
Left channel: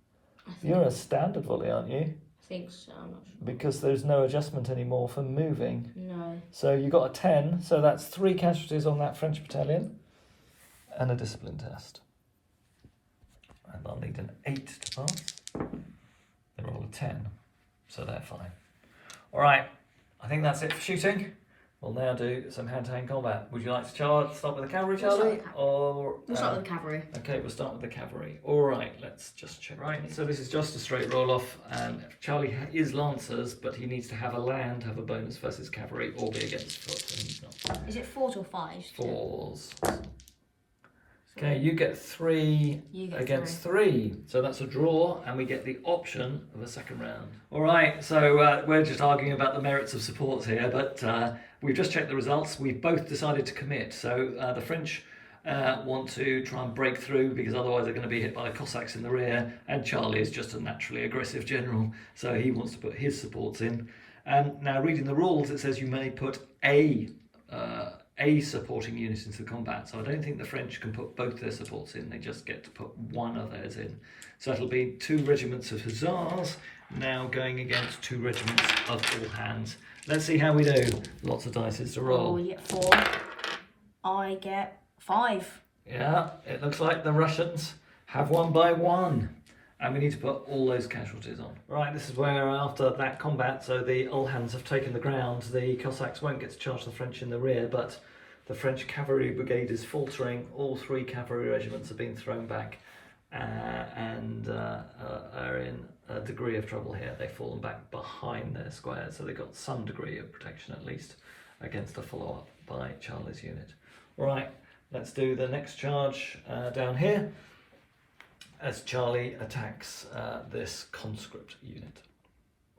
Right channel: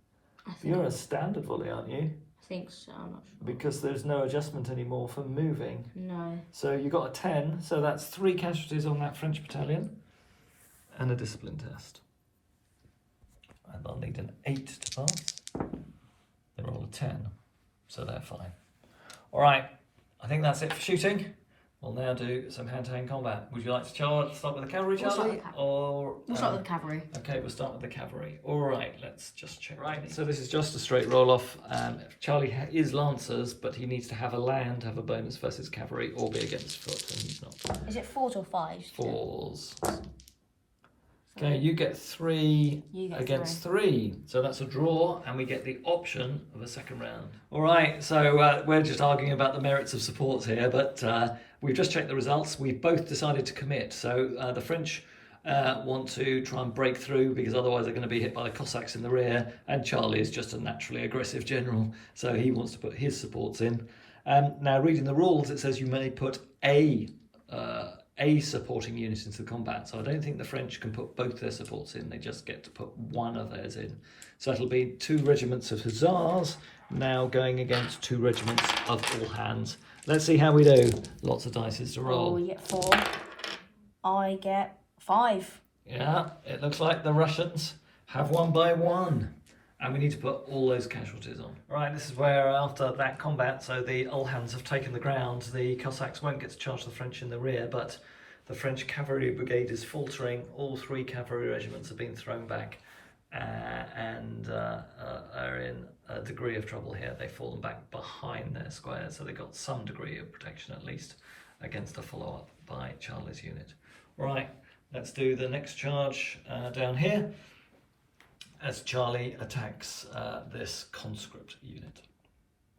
You're a standard volley, aren't you? I think so, I'm not sure. Because there's no adjustment anymore for moving. No. So you got a 10, so that's 3 casualties on that French battalion and a discipline test. And I'll need an 8 to pass. They roll a 10, so they're fine. All right, I think that's it for shooting. We'll now do some hand-to-hand combat. Would you like to start with the cavalry, Charlie? We'll start with the cavalry. Okay, we'll start with the cavalry. All right, let's just check. Right, so this is just a straight roll-off. Charlie is lancers, but he needs to have a land, have a bonus versus cavalry, or be against foot, and he's not. Is it 4s or 5s? 4s. Okay, you get 3 against 3. So that's a draw, and we get the option of a second round. All right, so we're just arguing about the merits of supports here, but we've just checked the results. We've both decided to commit. So the French want to try and break through because otherwise they're going to be hit by the Cossacks in the rear, and Charlie is just a naturally aggressive general, so he wants to put his supports in. Now, reading the rules, it says you may put a supporting unit into the combat, so I don't think the French can put both their supports in. They just get to put one of theirs in. So it'll be 2 regiments of hussars now going against 2 regiments of all hands. Let's see how we do. Lots of dice to roll. Oh, you get 4. I get 5. Yeah, it looks like the Russians have won by 1. And we need to put all those casualties on. Right, this is where after that combat, so the all hands have taken the ground, the Cossacks won't get to charge the French in the rear, but the French cavalry brigade is faltering. All 3 cavalry regiments have been thrown back and are in a degree of trouble here. They've fallen back behind their squares, so they've got some degree of protection at least against a follow-up by Charlie's unit. Right, let's do the next charge down here as Charlie attacks this conscript unit.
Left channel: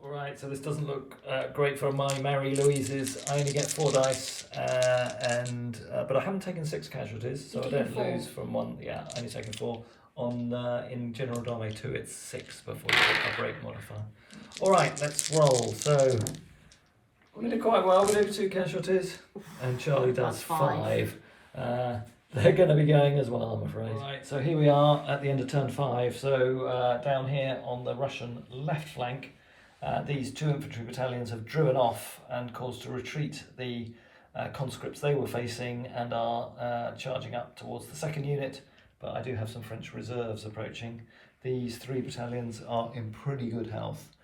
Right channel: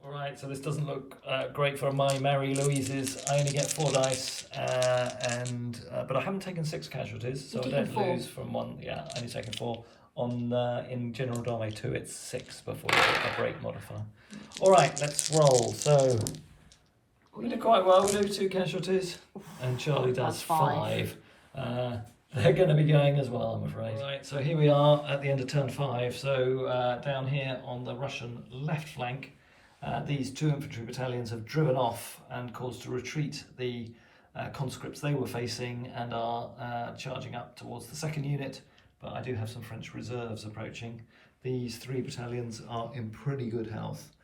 Alright, so this doesn't look great for my Mary Louise's. I only get 4 dice, but I haven't taken 6 casualties, so I don't lose from 1. Yeah, only taken 4. In General Dame 2, it's 6 before you get a break modifier. Alright, let's roll. So, we did quite well. We do 2 casualties, and Charlie does 5. They're going to be going as well, I'm afraid. Right, so here we are at the end of turn 5. So, down here on the Russian left flank, these 2 infantry battalions have driven off and caused to retreat the conscripts they were facing and are charging up towards the 2nd unit, but I do have some French reserves approaching. These 3 battalions are in pretty good health.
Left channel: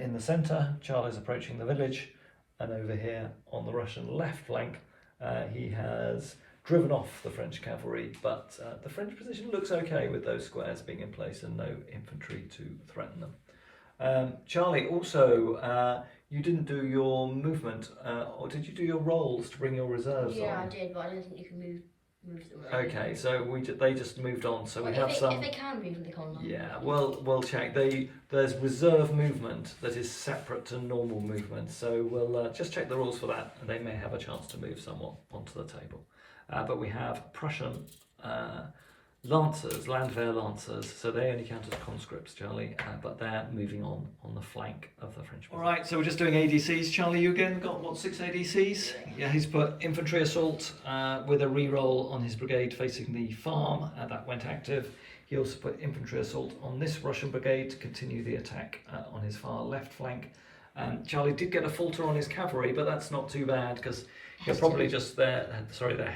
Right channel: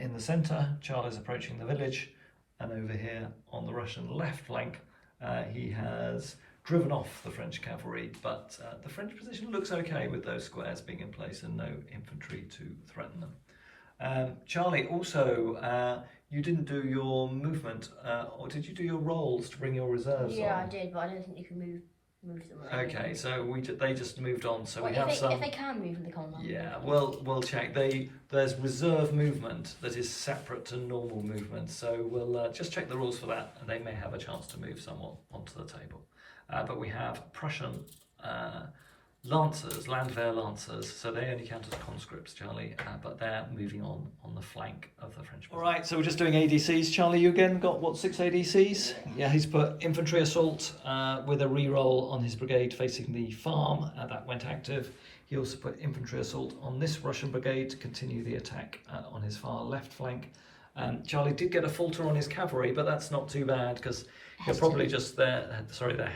In the centre, Charlie's approaching the village, and over here on the Russian left flank, he has driven off the French cavalry, but the French position looks okay with those squares being in place and no infantry to threaten them. Charlie, also, you didn't do your movement, or did you do your rolls to bring your reserves on? Yeah, I did, but I don't think you can move them. Okay, so they just moved on, so well, we have some... If they can move them, they can't. Yeah, we'll check. There's reserve movement that is separate to normal movement, so we'll just check the rules for that, and they may have a chance to move someone onto the table. But we have Prussian... Lancers, Landwehr Lancers, so they only count as conscripts, Charlie, but they're moving on the flank of the French. Alright, so we're just doing ADCs. Charlie, you again got, what, 6 ADCs? Yeah, he's put infantry assault with a reroll on his brigade facing the farm, that went active. He also put infantry assault on this Russian brigade to continue the attack on his far left flank. Charlie did get a falter on his cavalry, but that's not too bad because you're probably just they're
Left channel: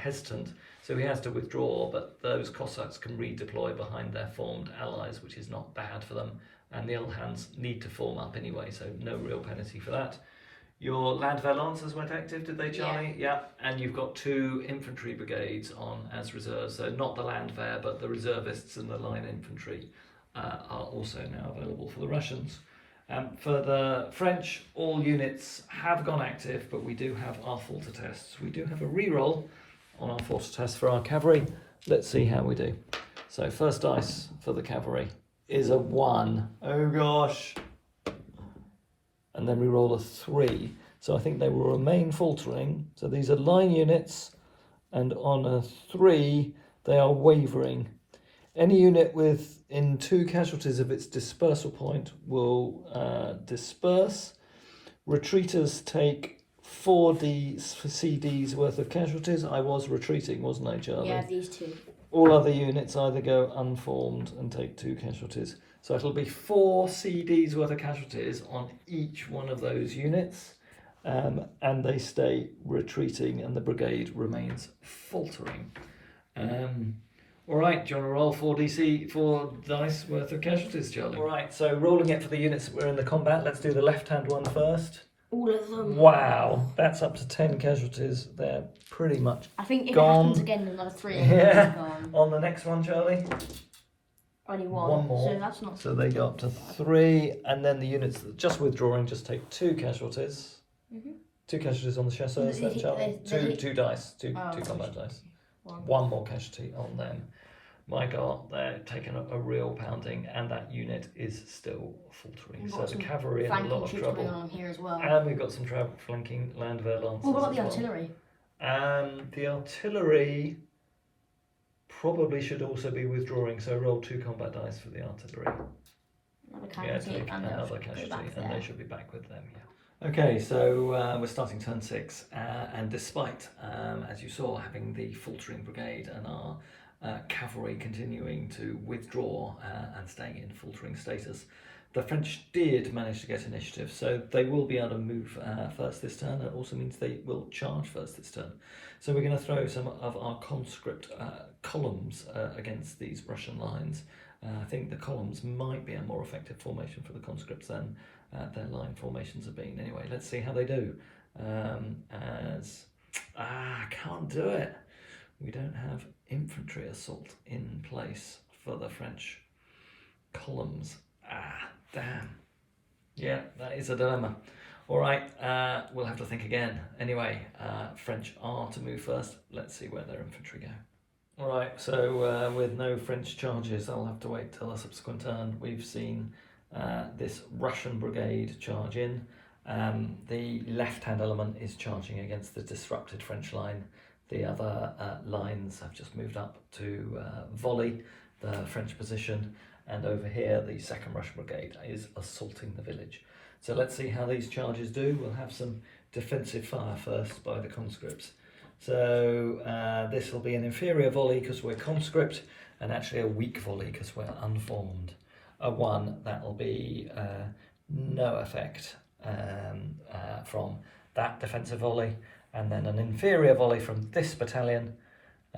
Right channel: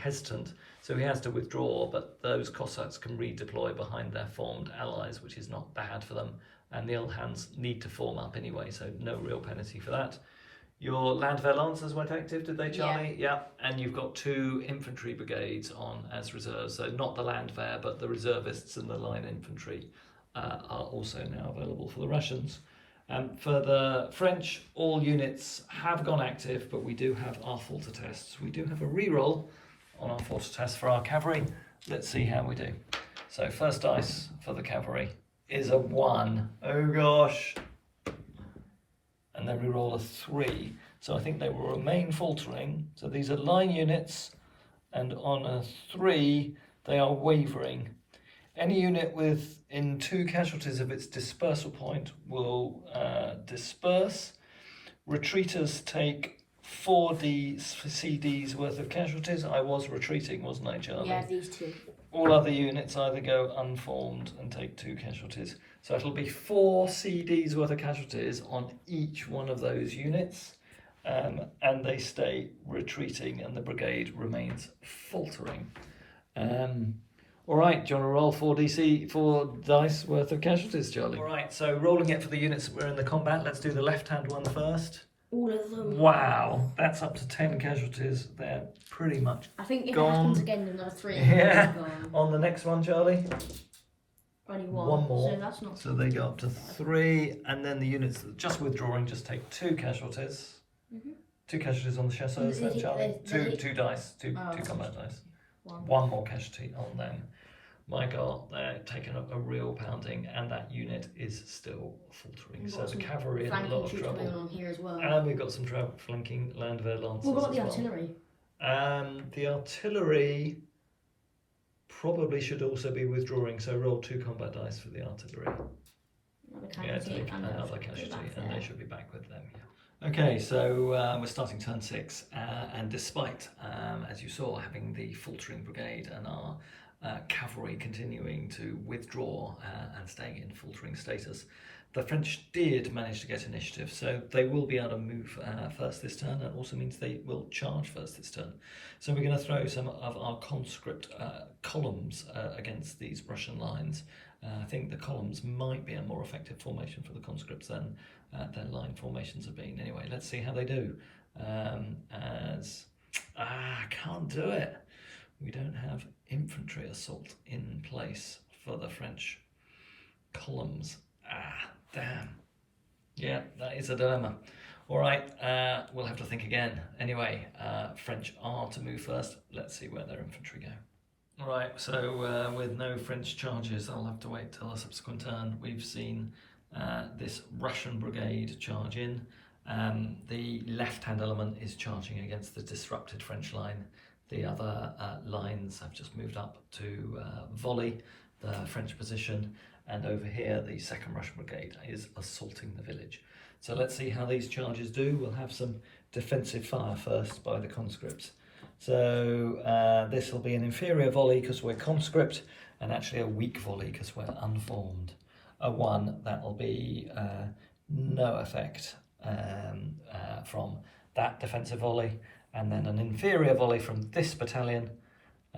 hesitant. So he has to withdraw, but those Cossacks can redeploy behind their formed allies, which is not bad for them. And the old hands need to form up anyway, so no real penalty for that. Your Landwehr Lancers went active, did they, Charlie? Yeah. And you've got 2 infantry brigades on as reserves, so not the Landwehr, but the reservists and the line infantry are also now available for the Russians. For the French, all units have gone active, but we do have our falter tests. We do have a reroll on our falter test for our cavalry. Let's see how we do. So first dice for the cavalry is a 1. Oh gosh. And then we roll a 3. So I think they will remain faltering. So these are line units, and on a 3, they are wavering. Any unit within 2 casualties of its dispersal point will disperse. Retreaters take 4 CDs worth of casualties. I was retreating, wasn't I, Charlie? Yeah, these 2. All other units either go unformed and take 2 casualties. So it'll be 4 CDs worth of casualties on each one of those units. And they stay retreating and the brigade remains faltering. All right, do you want to roll 4 dice worth of casualties, Charlie? All right, so rolling it for the units that were in the combat. Let's do the left-hand one first. All of them. Wow, that's up to 10 casualties. They're pretty much I think if gone. it happens again, another 3. Yeah. On the next one, Charlie. Only 1. One more. So that's not. So they go up to 3, and then the units that are just withdrawing just take 2 casualties. 2 casualties on the chasseurs, then, Charlie. Two dice, two combat dice. 1 more casualty on them. My God, they're taking up a real pounding, and that unit is still faltering. So the cavalry in a lot of trouble. On here as well. And we've got some flanking Landwehr Lancers. What about the artillery? The artillery probably should also be withdrawing, so roll 2 combat dice for the artillery. Take another casualty, and they should be back with them. Yeah. Okay, so we're starting turn 6, and despite, as you saw, having the faltering brigade and our cavalry continuing to withdraw and staying in faltering status, the French did manage to get initiative, so they will be able to move first this turn. That also means they will charge first this turn. So we're going to throw some of our conscript columns against these Russian lines. I think the columns might be a more effective formation for the conscripts than their line formations have been. Anyway, let's see how they do. I can't do it. We don't have infantry assault in place for the French columns. Damn. Yeah, that is a dilemma. All right, we'll have to think again. Anyway, French are to move first. Let's see where their infantry go. All right, so with no French charges, I'll have to wait till a subsequent turn. We've seen this Russian brigade charge in. The left-hand element is charging against the disrupted French line. The other lines have just moved up to volley the French position, and over here the 2nd Russian Brigade is assaulting the village. So let's see how these charges do. We'll have some defensive fire first by the conscripts. So this will be an inferior volley because we're conscript, and actually a weak volley because we're unformed. A 1, that will be no effect from that defensive volley, and then an inferior volley from this battalion.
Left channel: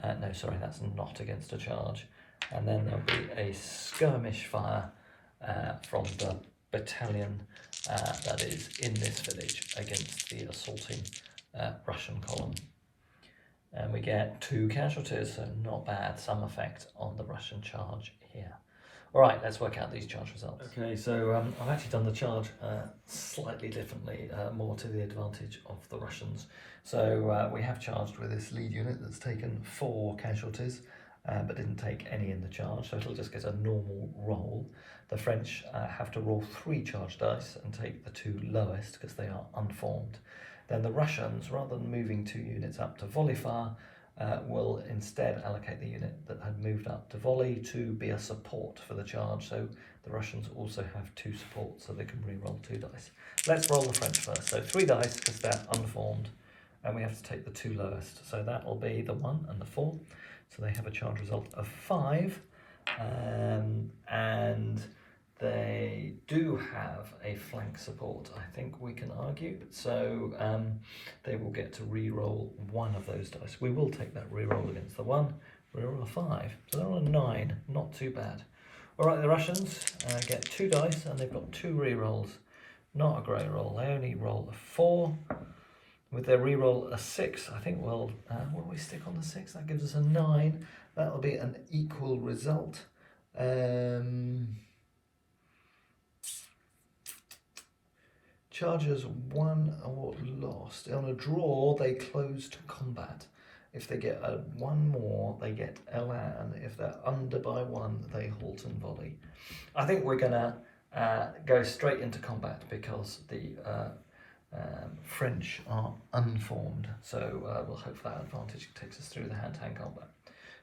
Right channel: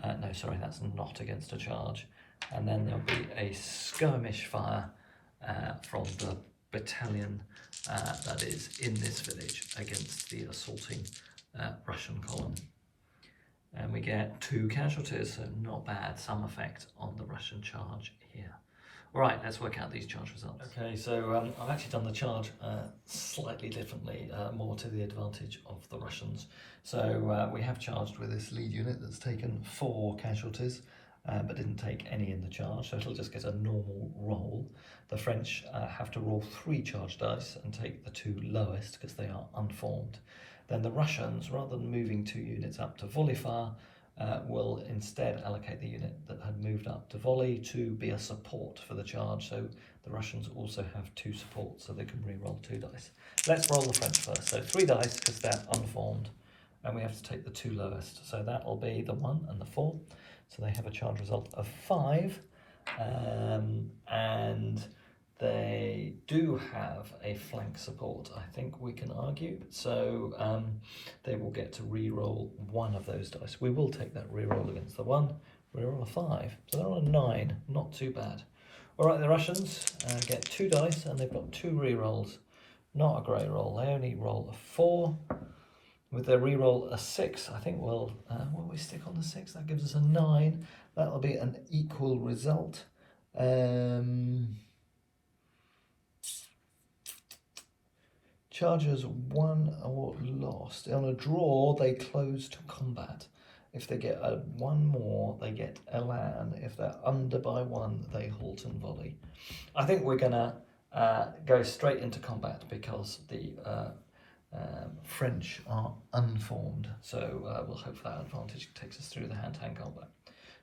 No, sorry, that's not against a charge. And then there'll be a skirmish fire from the battalion that is in this village against the assaulting Russian column. And we get 2 casualties, so not bad, some effect on the Russian charge here. All right, let's work out these charge results. Okay, so I've actually done the charge slightly differently, more to the advantage of the Russians. So we have charged with this lead unit that's taken 4 casualties, but didn't take any in the charge, so it'll just get a normal roll. The French have to roll 3 charge dice and take the 2 lowest because they are unformed. Then the Russians, rather than moving 2 units up to volley fire, will instead allocate the unit that had moved up to volley to be a support for the charge. So the Russians also have 2 supports, so they can re-roll 2 dice. Let's roll the French first. So 3 dice because they're unformed, and we have to take the 2 lowest. So that will be the 1 and the 4. So they have a charge result of 5, and they do have a flank support, I think we can argue. So they will get to re-roll 1 of those dice. We will take that re-roll against the 1, re-roll a 5. So they're on a 9, not too bad. All right, the Russians get 2 dice and they've got 2 re-rolls. Not a great roll, they only roll a 4. With their re-roll a 6, I think will we stick on the 6? That gives us a 9. That'll be an equal result. Chargers won or lost. On a draw, they close to combat. If they get 1 more, they get elan. If they're under by 1, they halt and volley. I think we're going to go straight into combat because the French are unformed. So we'll hope for that advantage. It takes us through the hand-to-hand combat.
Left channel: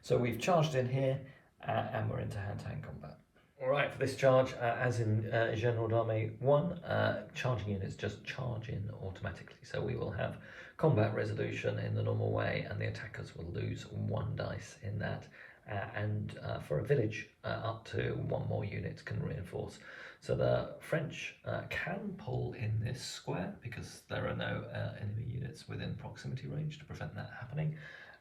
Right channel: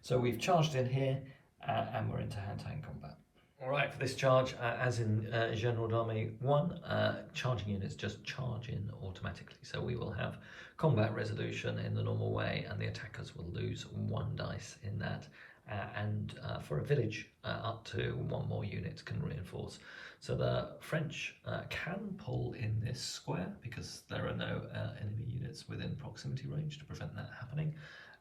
So we've charged in here and we're into hand-to-hand combat. All right, for this charge, as in General d'Armée 1, charging units just charge in automatically. So we will have combat resolution in the normal way, and the attackers will lose 1 dice in that. And for a village, up to 1 more unit can reinforce. So the French can pull in this square because there are no enemy units within proximity range to prevent that happening.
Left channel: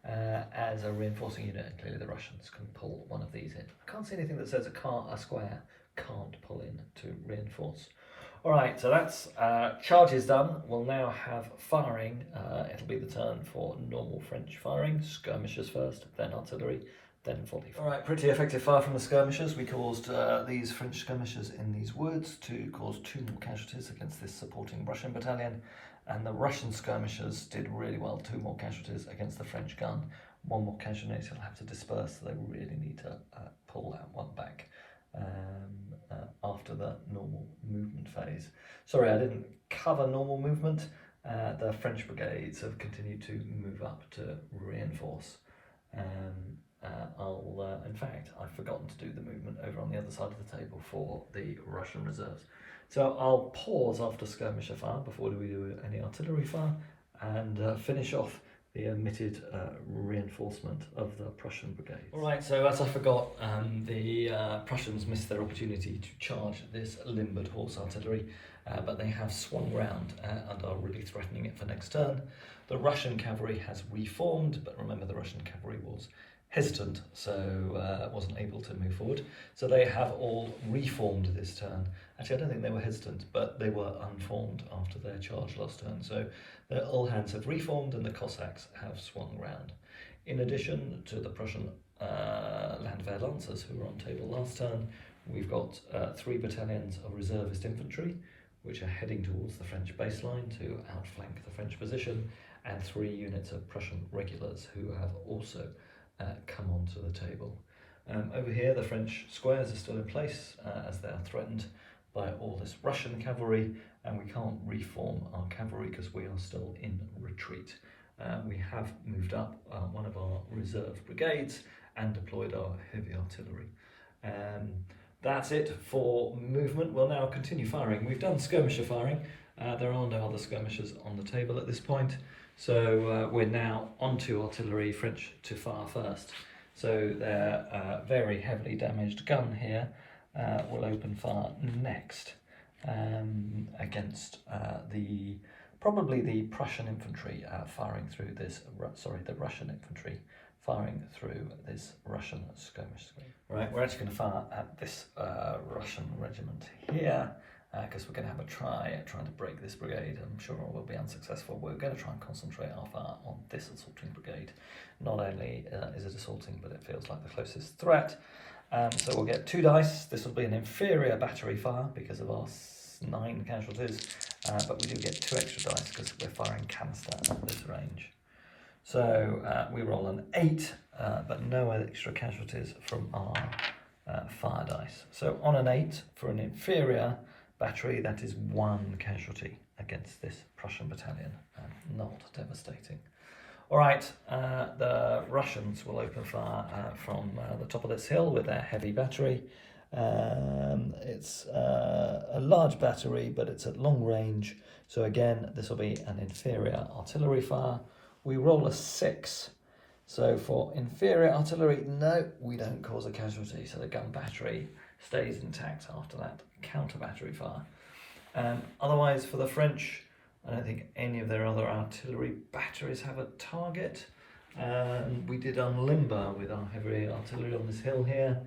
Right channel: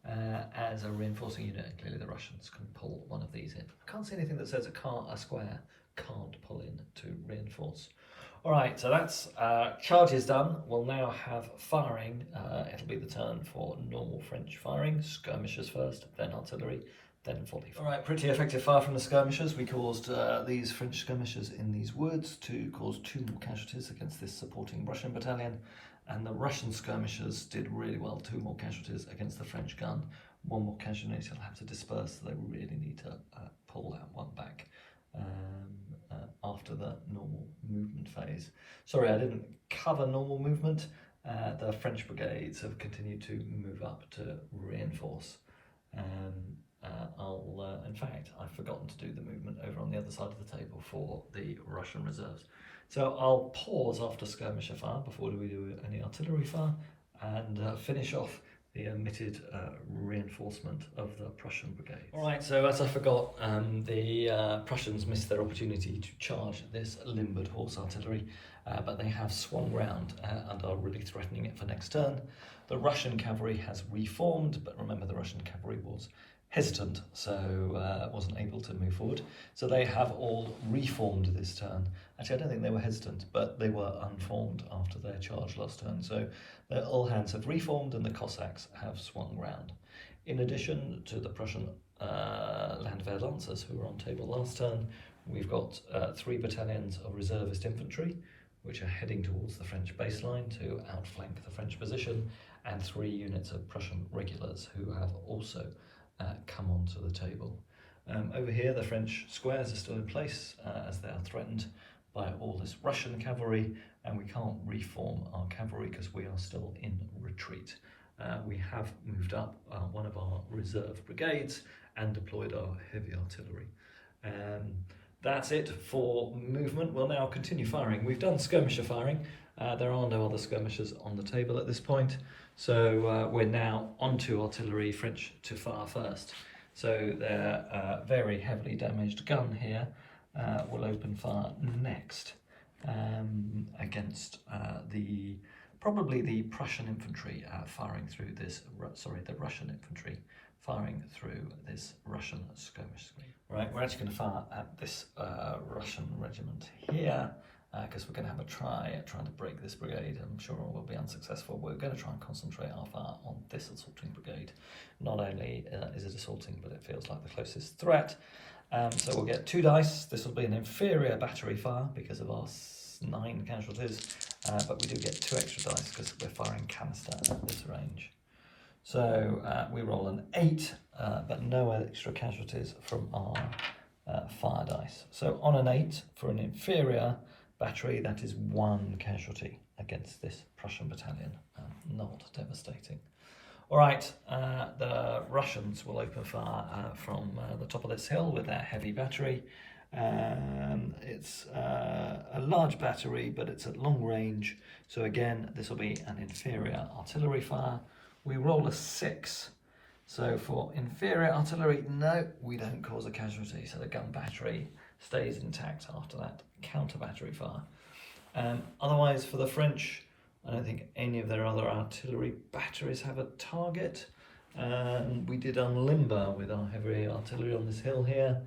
As a reinforcing unit, and clearly the Russians can pull 1 of these in. I can't see anything that says a square can't pull in to reinforce. All right, so that's charges done. We'll now have firing. It'll be the turn for normal French firing. Skirmishers first, then artillery, then volley. All right, pretty effective fire from the skirmishers. We caused these French skirmishers in these woods to cause 2 more casualties against this supporting Russian battalion. And the Russian skirmishers did really well, 2 more casualties against the French gun. 1 more casualty will have to disperse, so they really need to pull that 1 back after the normal movement phase. Sorry, I didn't cover normal movement. The French brigades have continued to move up to reinforce. In fact, I've forgotten to do the movement over on the other side of the table for the Russian reserves. So I'll pause after skirmisher fire before we do any artillery fire and finish off the omitted reinforcement of the Prussian brigade. All right, so as I forgot, the Prussians missed their opportunity to charge this limbered horse artillery, but they have swung round and are really threatening it for next turn. The Russian cavalry has reformed, but remember the Russian cavalry was hesitant, so wasn't able to move forward. So they have all reformed this turn. Actually, I don't think they were hesitant, but they were unformed after their charge last turn. So the all hands have reformed and the Cossacks have swung round. In addition to the Prussian Landwehr Lancers who were on table last turn, we've got 3 battalions of reservist infantry, which are heading towards the French baseline to outflank the French position, and 3 units of Prussian regulars who have also come onto the table. Over here, the French squares are still in place as they are threatened by all this Russian cavalry, and we can't reform our cavalry because we are still in retreat. We have moved up one of our reserve brigades and deployed our heavy artillery. That's it for movement. We'll now continue firing. We've done skirmisher firing. There are no other skirmishers on the table at this point. So we're now onto artillery, French to fire first. So their very heavily damaged gun here will open fire next against probably the Prussian infantry firing through this, the Russian infantry firing through this Russian skirmish screen. Right, we're actually going to fire at this Russian regiment here because we're going to have a trying to break this brigade. I'm sure we'll be unsuccessful. We're going to try and concentrate our fire on this assaulting brigade. Not only is it assaulting, but it feels like the closest threat. So we'll get 2 dice. This will be an inferior battery fire because of our 9 casualties, but we do get 2 extra dice because we're firing canister at this range. So we roll an 8, but no extra casualties from our fire dice. So on an 8 for an inferior battery, that is 1 casualty against this Prussian battalion. Not devastating. All right, the Russians will open fire from the top of this hill with their heavy battery. It's a large battery, but it's at long range. So again, this will be an inferior artillery fire. We roll a 6. So for inferior artillery, no, we don't cause a casualty. So the gun battery stays intact after that counter battery fire. Otherwise, for the French, I don't think any of their other artillery batteries have a target. We did unlimber with our heavy artillery on this hill here.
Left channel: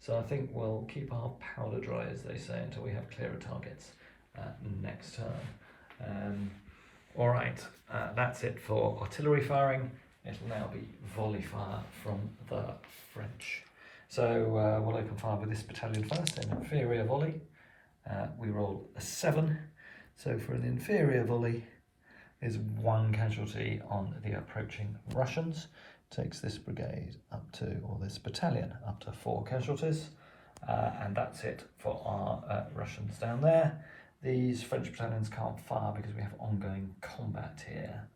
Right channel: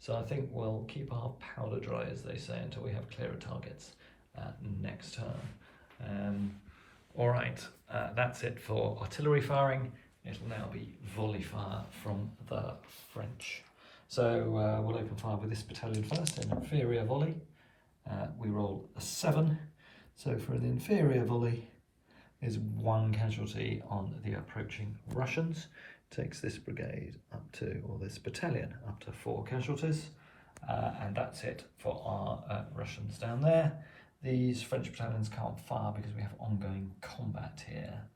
So I think we'll keep our powder dry, as they say, until we have clearer targets next turn. All right, that's it for artillery firing. It'll now be volley fire from the French. So we'll open fire with this battalion first, an inferior volley. We roll a 7. So for an inferior volley is 1 casualty on the approaching Russians. Takes this brigade up to, or this battalion up to 4 casualties. And that's it for our Russians down there. These French battalions can't fire because we have ongoing combat here.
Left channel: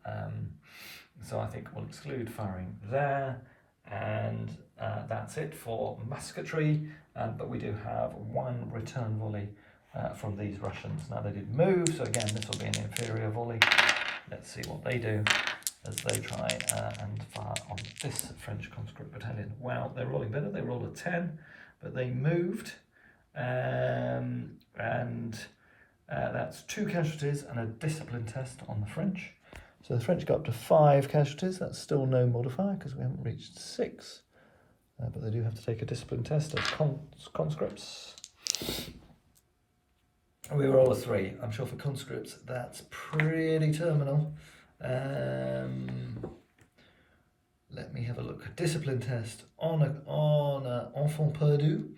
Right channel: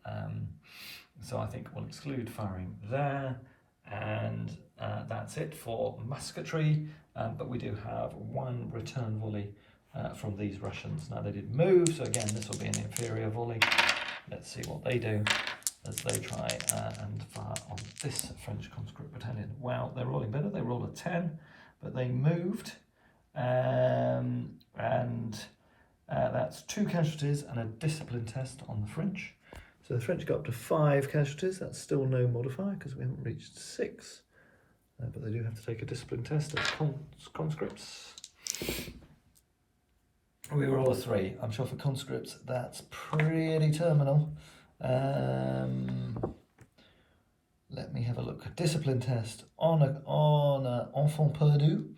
So I think we'll exclude firing there. And that's it for musketry. But we do have 1 return volley from these Russians. Now they did move, so again this will be an inferior volley. Let's see what they do as they try and fire on this French conscript battalion. Wow, they're rolling better. They rolled a 10, but they moved. And that's 2 casualties and a discipline test on the French. So the French got up to 5 casualties. That's still no modifier because we haven't reached 6. But they do have to take a discipline test as conscripts. We roll a 3. I'm sure for conscripts that's pretty terminal. Let me have a look. Discipline test on enfant perdu.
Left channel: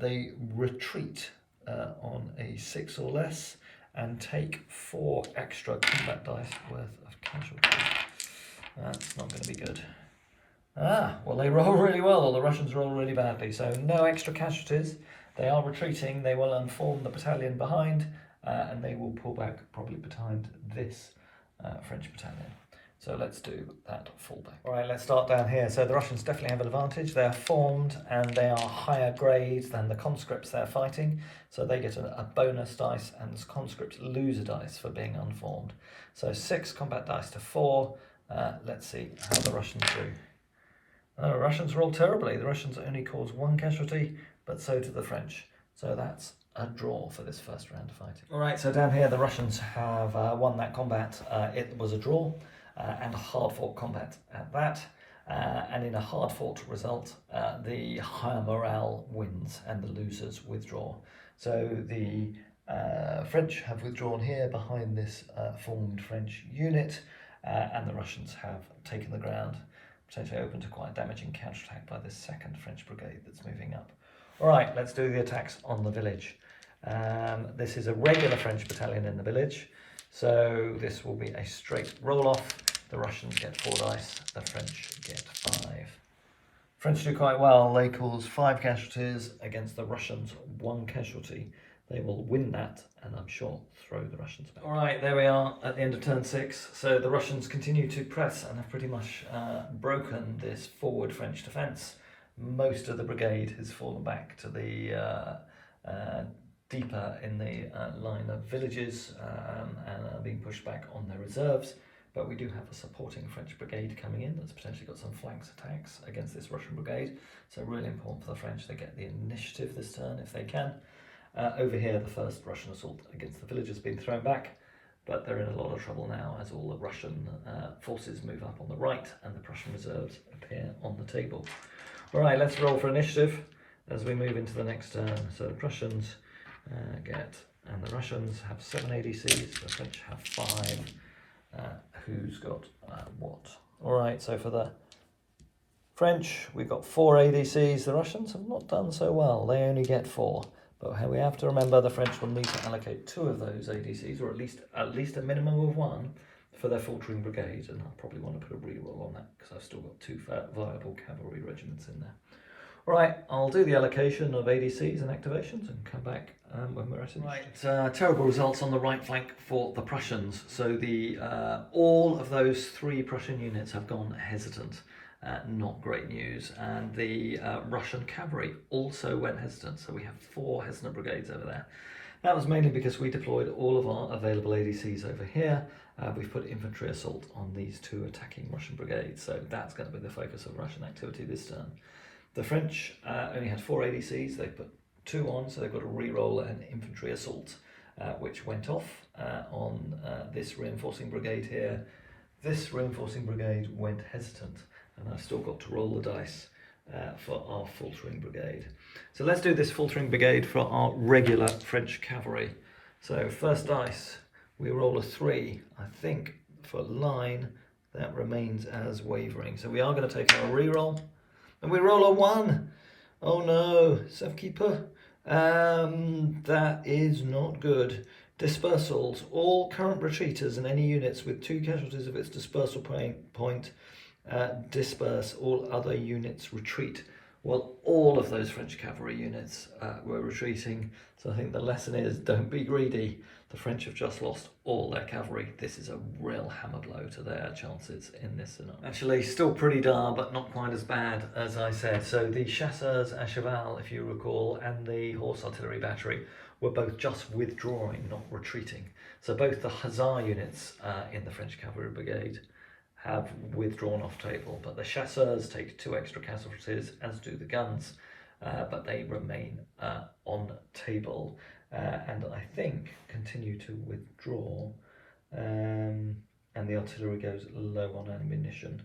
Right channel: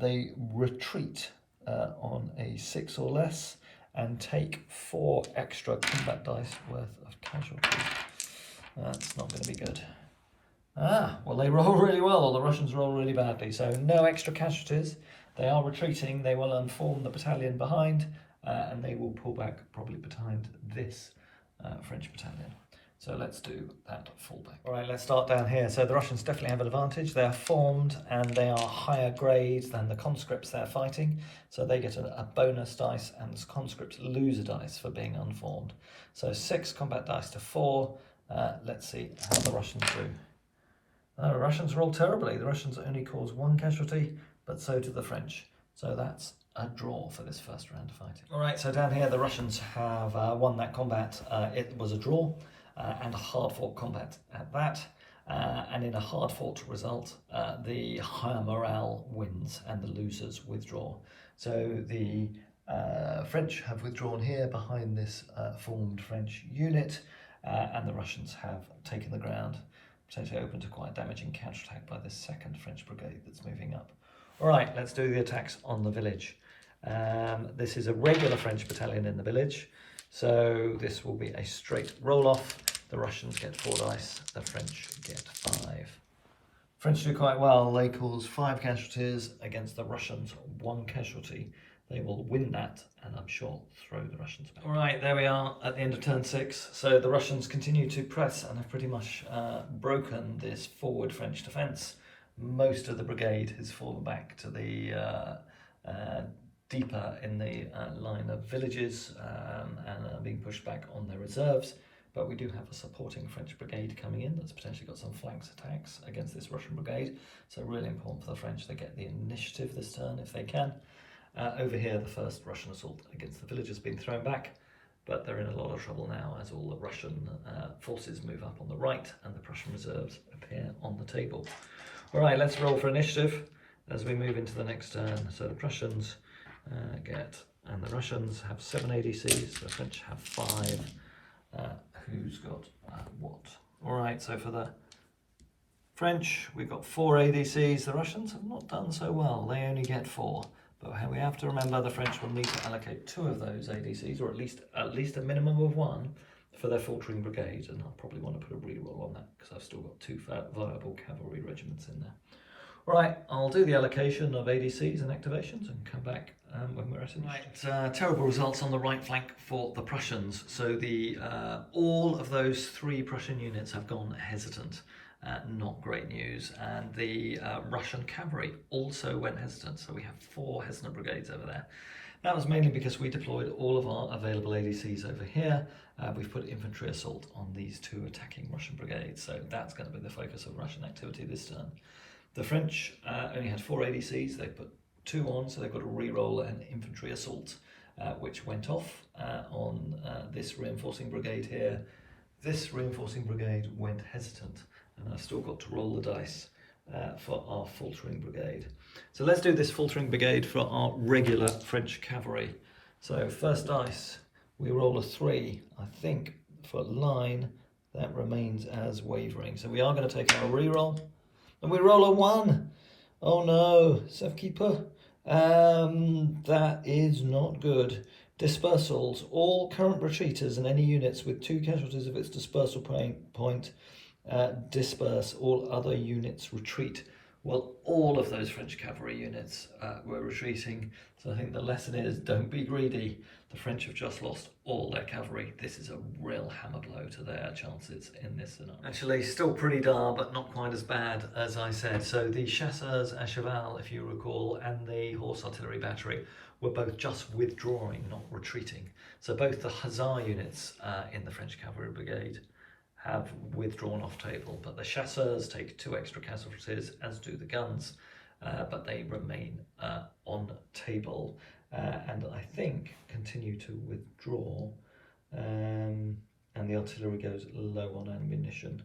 They retreat on a 6 or less and take 4 extra combat dice worth of casualties. That's not going to be good. Well, they roll really well, or the Russians roll really badly. So no extra casualties. They are retreating. They will unform the battalion behind, and they will pull back probably behind this French battalion. So let's do that fallback. All right, let's start down here. So the Russians definitely have an advantage. They are formed and they are higher grade than the conscripts they're fighting. So they get a bonus dice, and the conscripts lose a dice for being unformed. So 6 combat dice to 4. Let's see how the Russians do. The Russians roll terribly. The Russians only cause 1 casualty, but so do the French. So that's a draw for this first round of fighting. All right, so down here the Russians have won that combat. It was a draw. And a hard-fought combat at that, and in a hard-fought result, the higher morale wins and the losers withdraw. So the French have withdrawn here behind this formed French unit, and the Russians have taken the ground, potentially open to quite a damaging counterattack by the 2nd French brigade that's moving up. All right, let's do the attacks on the village. This is a regular French battalion in the village. So this will be a straight roll-off. The Russians get 4 dice, the French get 5. French do quite well. They cause 5 casualties against the Russians, 1 casualty. They will win that, and I'm sure throw the Russians back. All right, there we are at the end of turn 6. So the Russians continue to press and have pretty much broken this forward French defence. Most of the brigade has fallen back to the deeper in the line of villages and are being pushed back on their reserves. But we do have a supporting French brigade coming in that's potentially got some flanks attacks against this Russian brigade. So really important for the French to get the initiative this turn if they can. Over here, the first Russian assault against the village has been thrown back, but they're in a lot of trouble now as all the Russian forces move up on the right and the Prussian reserves appear on the table. All right, let's roll for initiative as we move into the next turn. So the Prussians and the Russians have 7 ADCs, the French have 5. Who's got what? All right, so for the French, we've got 4 ADCs. The Russians have not done so well. They only get 4. But we have to remember the French will need to allocate 2 of those ADCs, or at least a minimum of 1, for their faltering brigade. And I'll probably want to put a reroll on that because I've still got 2 viable cavalry regiments in there. All right, I'll do the allocation of ADCs and activations and come back when we're at it. Right, terrible results on the right flank for the Prussians. So the all of those 3 Prussian units have gone hesitant. Not great news. And the Russian cavalry also went hesitant. So we have 4 hesitant brigades over there. That was mainly because we deployed all of our available ADCs over here. We've put infantry assault on these 2 attacking Russian brigades. So that's going to be the focus of Russian activity this turn. The French only had 4 ADCs. They put 2 on, so they've got to re-roll an infantry assault, which went off on this reinforcing brigade here. This reinforcing brigade went hesitant, and I've still got to roll the dice for our faltering brigade. So let's do this faltering brigade for our regular French cavalry. So first dice, we roll a 3. I think for line, that remains as wavering. So we are going to take our re-roll. And we roll a 1. Oh no, Safkeeper. That is not good. Dispersals. All current retreaters and any units with 2 casualties of its dispersal point disperse. All other units retreat. Well, all of those French cavalry units were retreating. So I think the lesson is don't be greedy. The French have just lost all their cavalry. This is a real hammer blow to their chances in this scenario. Actually, still pretty dire, but not quite as bad as I said. So the chasseurs à cheval, if you recall, and the horse artillery battery were both just withdrawing, not retreating. So both the hussar units in the French cavalry brigade have withdrawn off table, but the chasseurs take 2 extra casualties, as do the guns, but they remain on table. And I think continue to withdraw, and the artillery goes low on ammunition.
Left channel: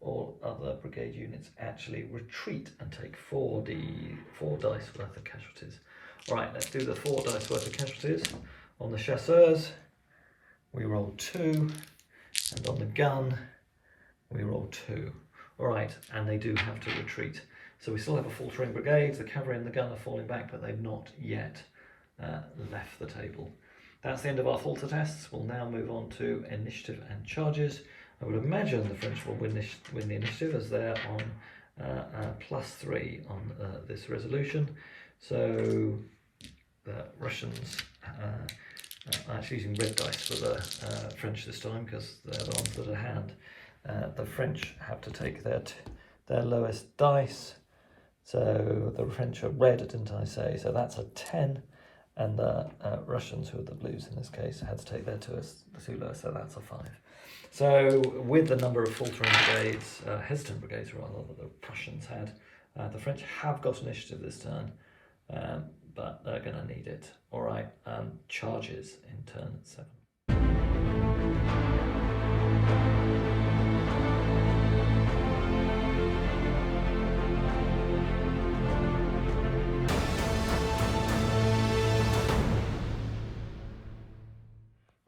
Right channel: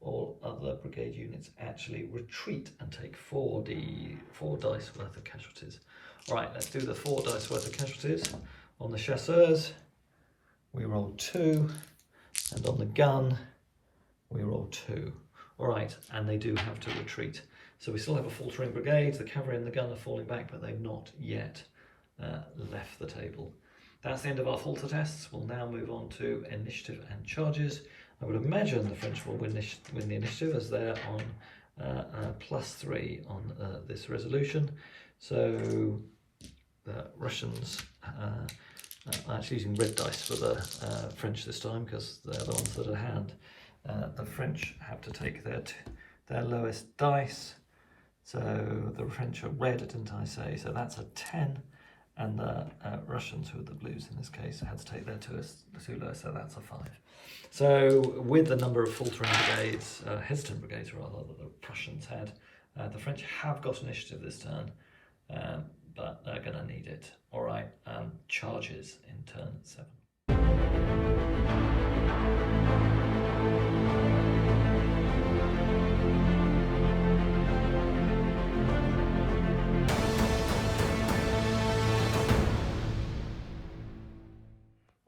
All other brigade units actually retreat and take 4 dice worth of casualties. Right, let's do the 4 dice worth of casualties. On the chasseurs, we roll 2, and on the gun, we roll 2. All right, and they do have to retreat. So we still have a faltering brigade. The cavalry and the gun are falling back, but they've not yet left the table. That's the end of our falter tests. We'll now move on to initiative and charges. I would imagine the French will win the initiative as they're on +3 on this resolution. So the Russians are actually using red dice for the French this time because they're the ones that are hand. The French have to take their lowest dice. So the French are red, didn't I say? So that's a 10. And the Russians, who are the blues in this case, had to take their 2 lowest, so that's a 5. So with the number of faltering brigades, hesitant brigades rather, that the Prussians had, the French have got initiative this turn, but they're going to need it. All right, charges in turn 7.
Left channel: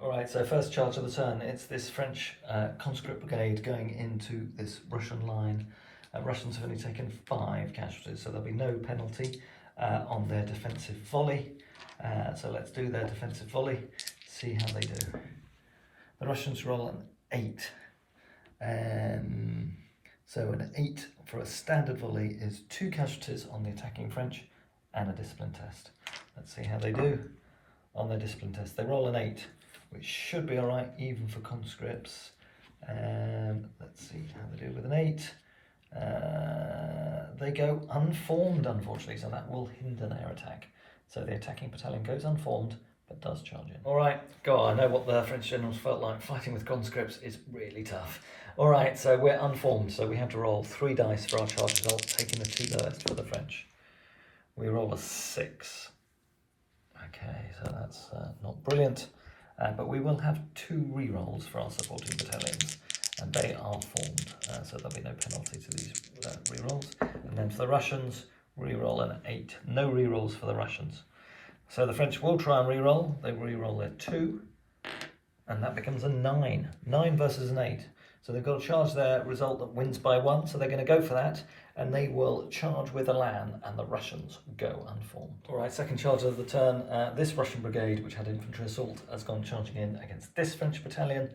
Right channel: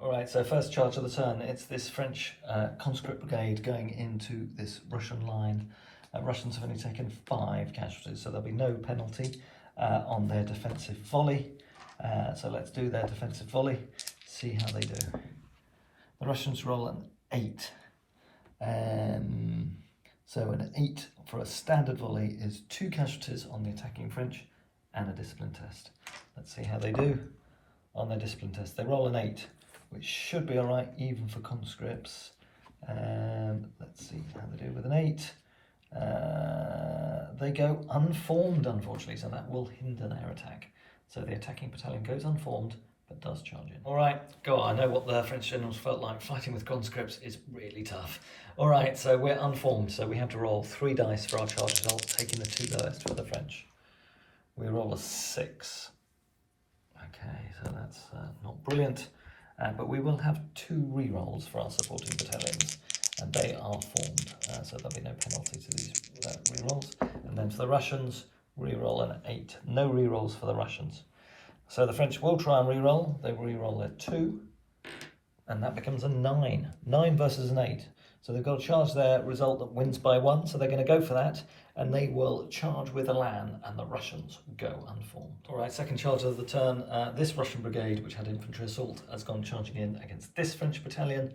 Alright, so first charge of the turn, it's this French conscript brigade going into this Russian line. Russians have only taken 5 casualties, so there'll be no penalty on their defensive volley. So let's do their defensive volley, see how they do. The Russians roll an 8. So an 8 for a standard volley is 2 casualties on the attacking French and a discipline test. Let's see how they do on their discipline test. They roll an 8, which should be alright even for conscripts. Let's see how they do with an 8. They go unformed, unfortunately, so that will hinder their attack. So the attacking battalion goes unformed, but does charge in. Alright, go on, I know what the French generals felt like. Fighting with conscripts is really tough. Alright, so we're unformed, so we have to roll 3 dice for our charge result, taking the 2 lowest for the French. We roll a 6. Okay, so that's not brilliant. But we will have 2 rerolls for our supporting battalions, and they are formed, so there'll be no penalty to these rerolls. And then for the Russians, reroll an 8. No rerolls for the Russians. So the French will try and reroll. They reroll their 2, and that becomes a 9. 9 versus an 8. So they've got to charge their result that wins by 1, so they're going to go for that, and they will charge with Elan, and the Russians go unformed. Alright, second charge of the turn. This Russian brigade, which had infantry assault, has gone charging in against this French battalion.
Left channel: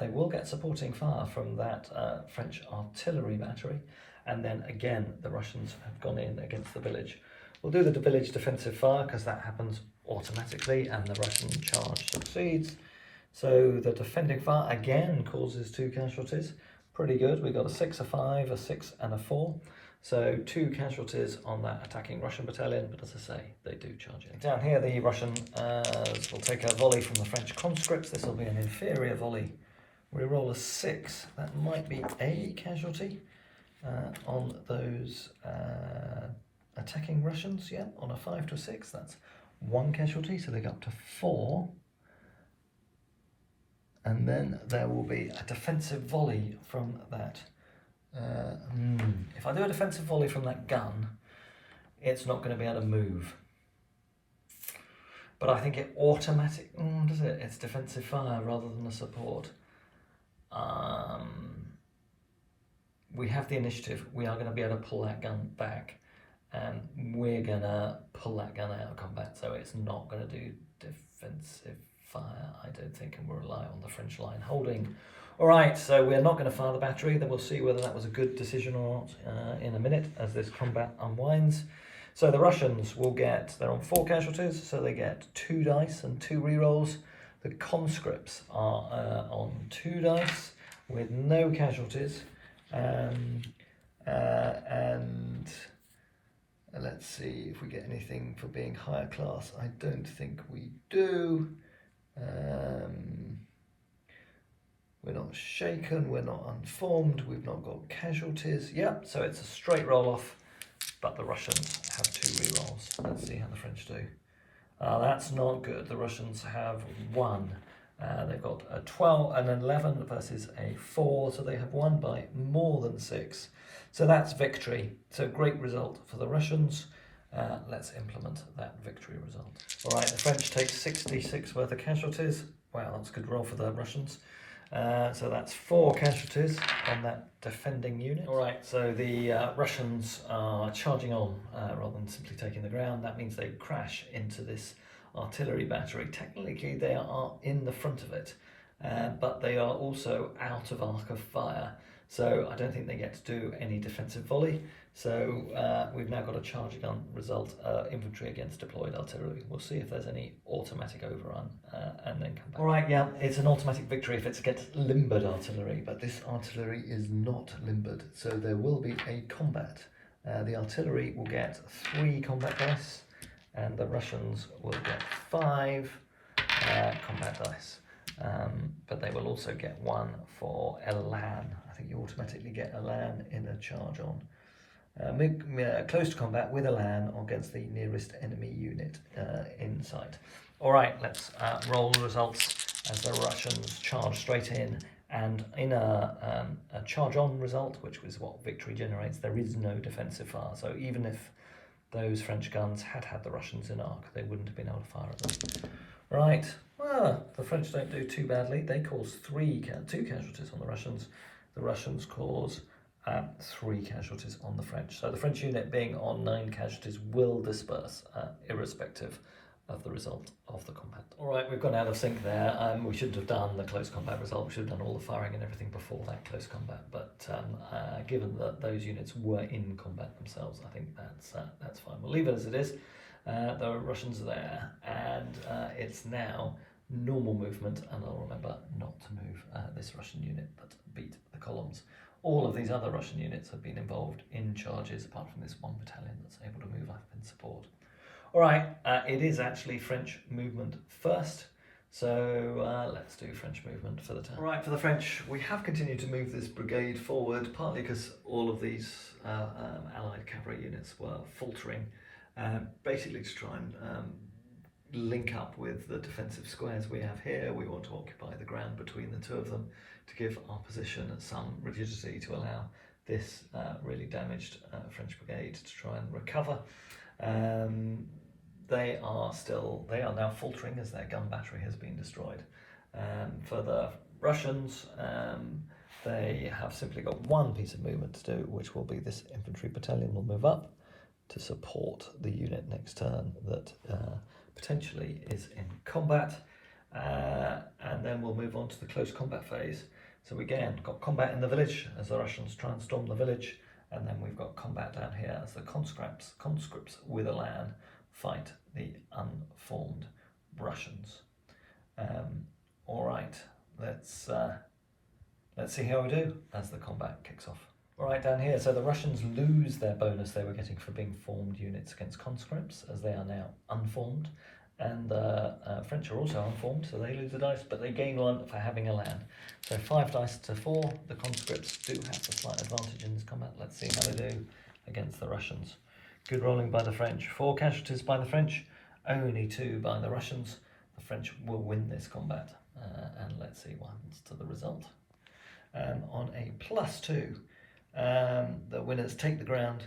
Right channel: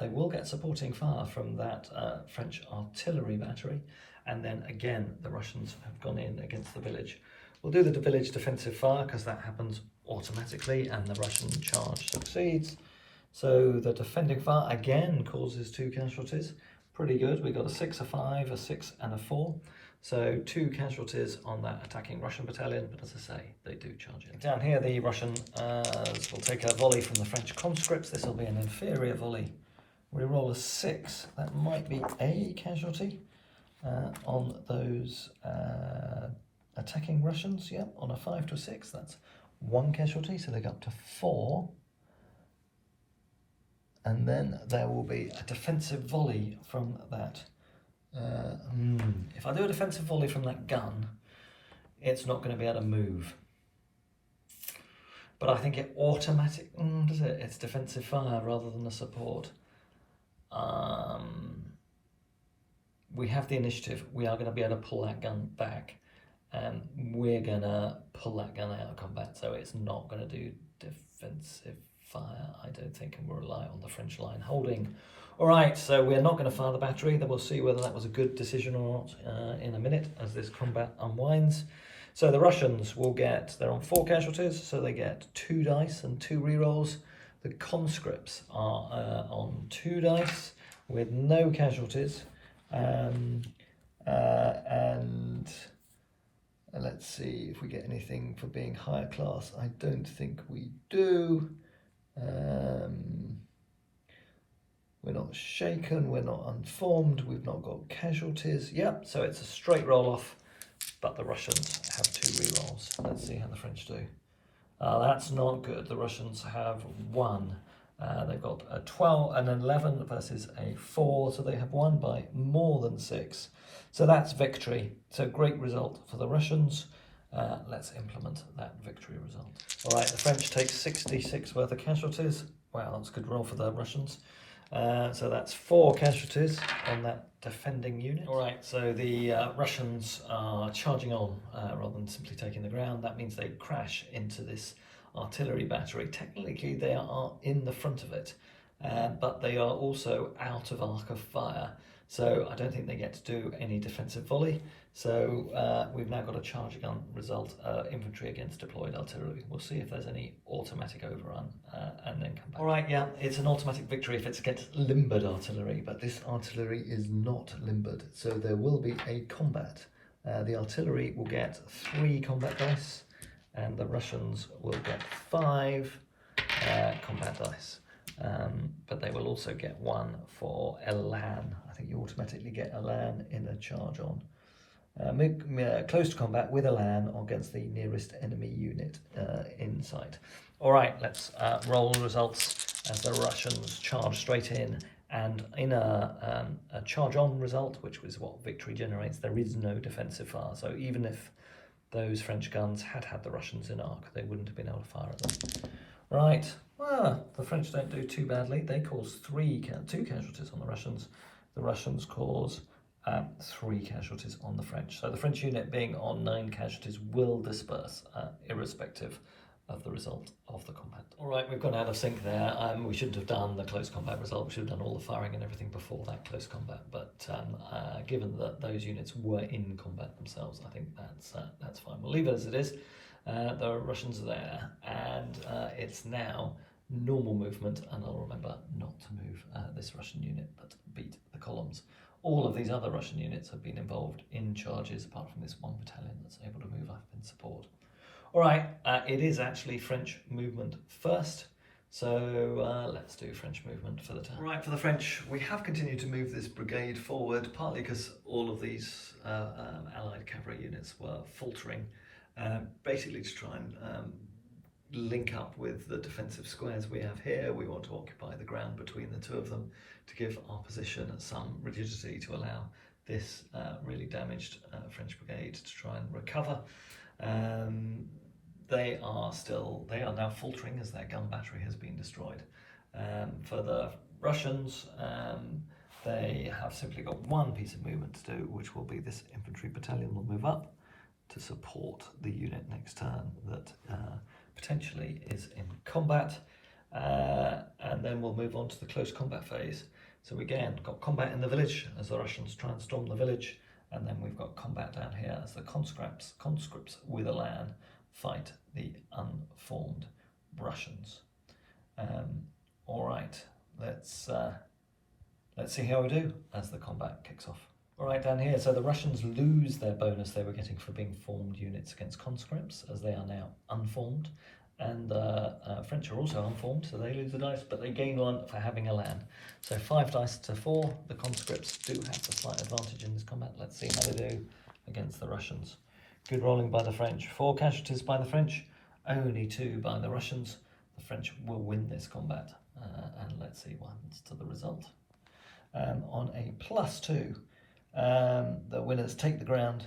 They will get supporting fire from that French artillery battery, and then again the Russians have gone in against the village. We'll do the village defensive fire because that happens automatically, and the Russian charge succeeds. So the defending fire again causes 2 casualties. Pretty good. We got a 6, a 5, a 6 and a 4. So 2 casualties on that attacking Russian battalion, but as I say, they do charge in. Down here the Russians will take a volley from the French conscripts. This will be an inferior volley. We roll a 6. That might be a casualty on those attacking Russians. Yeah, on a 5 to a 6, that's 1 casualty, so they go up to 4. And then there will be a defensive volley from that. If I do a defensive volley from that gun, it's not going to be able to move. But I think it automatic. Does it? It's defensive fire rather than a support. We have the initiative. We are going to be able to pull that gun back, and we're going to pull that gun out of combat. So it's not going to do defensive fire, I don't think, and we'll rely on the French line holding. Alright, so we're not going to fire the battery, then we'll see whether that was a good decision or not in a minute as this combat unwinds. So the Russians will get, they're on 4 casualties, so they get 2 dice and 2 rerolls. The conscripts are on 2 dice with no casualties. And let's see if we get anything for being higher class. I don't think we do. We're not shaken, we're not unformed, we've not got casualties. Yep, so it's a straight roll off, but the Russians have 2 rerolls. Let's see how the French do. That's not good. The Russians have 1. They've got a 12 and an 11 versus a 4, so they have won by more than 6. So that's victory. So great result for the Russians. Let's implement that victory result. All right, the French take 66 worth of casualties. Wow, that's a good roll for the Russians. So that's 4 casualties on that defending unit. All right, so the Russians are charging on rather than simply taking the ground. That means they crash into this artillery battery. Technically, they are in the front of it, but they are also out of arc of fire. So I don't think they get to do any defensive volley. So we've now got a charge gun result, infantry against deployed artillery. We'll see if there's any automatic overrun and then come back. All right, yeah, it's an automatic victory if it's against limbered artillery, but this artillery is not limbered. So there will be a combat. The artillery will get 3 combat dice, and the Russians will get 5 combat dice. But they will also get 1 for Elan. I think you automatically get Elan in a charge on. Close to combat with Elan against the nearest enemy unit in sight. Alright, let's roll the results as the Russians charge straight in, and in a charge on result, which was what victory generates, there is no defensive fire. So even if those French guns had the Russians in arc, they wouldn't have been able to fire at them. Right, well, the French don't do too badly. They cause 2 casualties on the Russians. The Russians cause 3 casualties on the French. So the French unit being on 9 casualties will disperse, irrespective of the result of the combat. All right, we've gone out of sync there. We shouldn't have done the close combat result. We should have done all the firing and everything before that close combat. But given that those units were in combat themselves, I think that's fine. We'll leave it as it is. The Russians are there, and it's now normal movement, and I'll remember not to move this Russian unit, but beat the columns. All of these other Russian units have been involved in charges, apart from this one battalion that's able to move up in support. All right, it is actually French movement first, so let's do French movement for the turn. All right, for the French, we have continued to move this brigade forward, partly because all of these Allied cavalry units were faltering, basically to try and link up with the defensive squares we have here. We want to occupy the ground between the two of them to give our position some rigidity to allow this really damaged French brigade to try and recover. They are now faltering as their gun battery has been destroyed. For the Russians, they have simply got one piece of movement to do, which will be this infantry battalion will move up to support the unit next turn that potentially is in combat, and then we'll move on to the close combat phase. So again, got combat in the village as the Russians try and storm the village, and then we've got combat down here as the conscripts with Elan fight the unformed Russians. All right, let's see how we do as the combat kicks off. All right, down here, so the Russians lose their bonus they were getting for being formed units against conscripts, as they are now unformed, and the French are also unformed, so they lose the dice, but they gain one for having Elan. So 5 dice to 4. The conscripts do have the slight advantage in this combat. Let's see how they do against the Russians. Good rolling by the French. 4 casualties by the French, only 2 by the Russians. The French will win this combat, and let's see what happens to the result. On a +2, the winners take the ground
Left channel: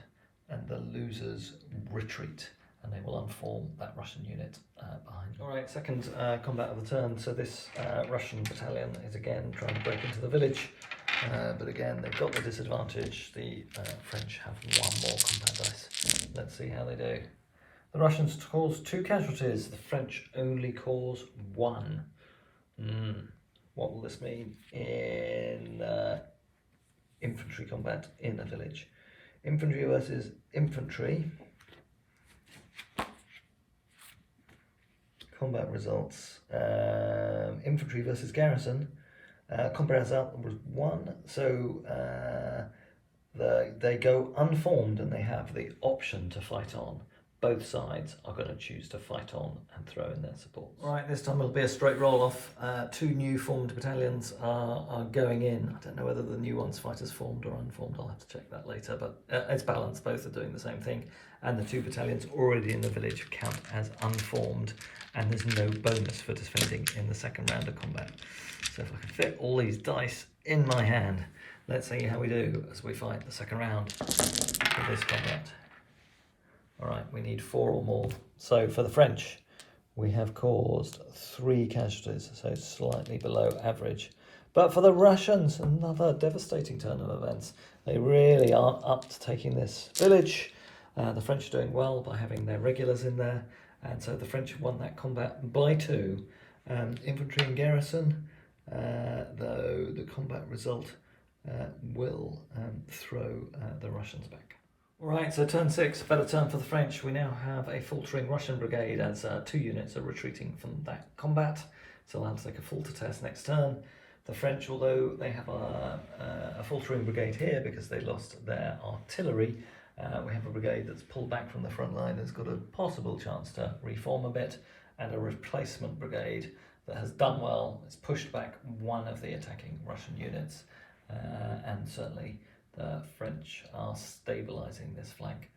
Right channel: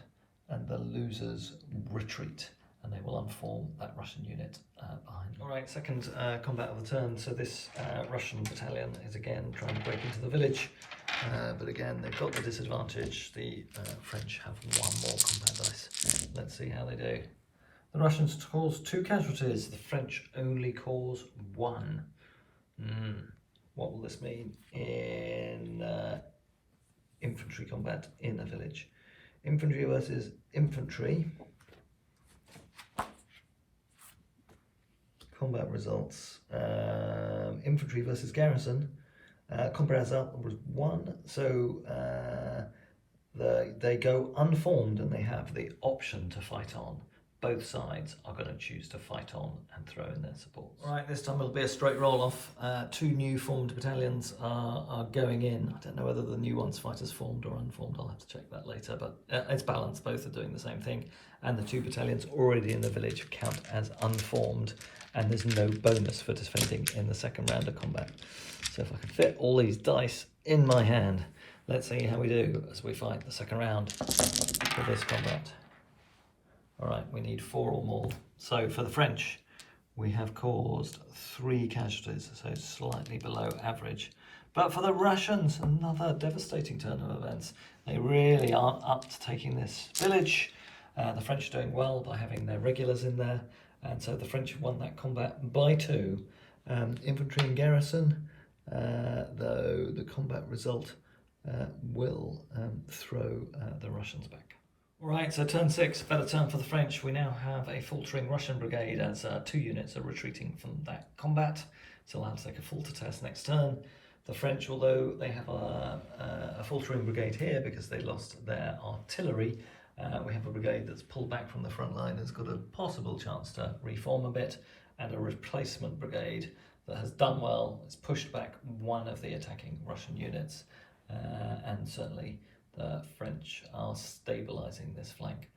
and the losers retreat, and they will unform that Russian unit behind them. All right, second combat of the turn. So this Russian battalion is again trying to break into the village, but again they've got the disadvantage. The French have 1 more combat dice. Let's see how they do. The Russians cause 2 casualties. The French only cause 1. What will this mean in infantry combat in a village? Infantry versus infantry. Combat results. Infantry versus garrison. Combat result was 1. So they go unformed and they have the option to fight on. Both sides are going to choose to fight on and throw in their supports. Right, this time it'll be a straight roll off. 2 new formed battalions are going in. I don't know whether the new ones fight as formed or unformed. I'll have to check that later, but it's balanced. Both are doing the same thing. And the 2 battalions already in the village count as unformed, and there's no bonus for defending in the second round of combat. So if I can fit all these dice in my hand, let's see how we do as we fight the second round for this combat. All right, we need 4 or more. So for the French, we have caused 3 casualties, so slightly below average. But for the Russians, another devastating turn of events. They really aren't up to taking this village. The French are doing well by having their regulars in there, and so the French won that combat by 2. Infantry and garrison, though the combat result will throw the Russians back. Right, so turn 6, better turn for the French. We now have a faltering Russian brigade as 2 units are retreating from that combat. So they'll have to take a falter test next turn. The French, although they have a faltering brigade here because they lost their artillery, we have a brigade that's pulled back from the front line, has got a possible chance to reform a bit, and a replacement brigade that has done well. It's pushed back one of the attacking Russian units, and certainly the French are stabilising this flank.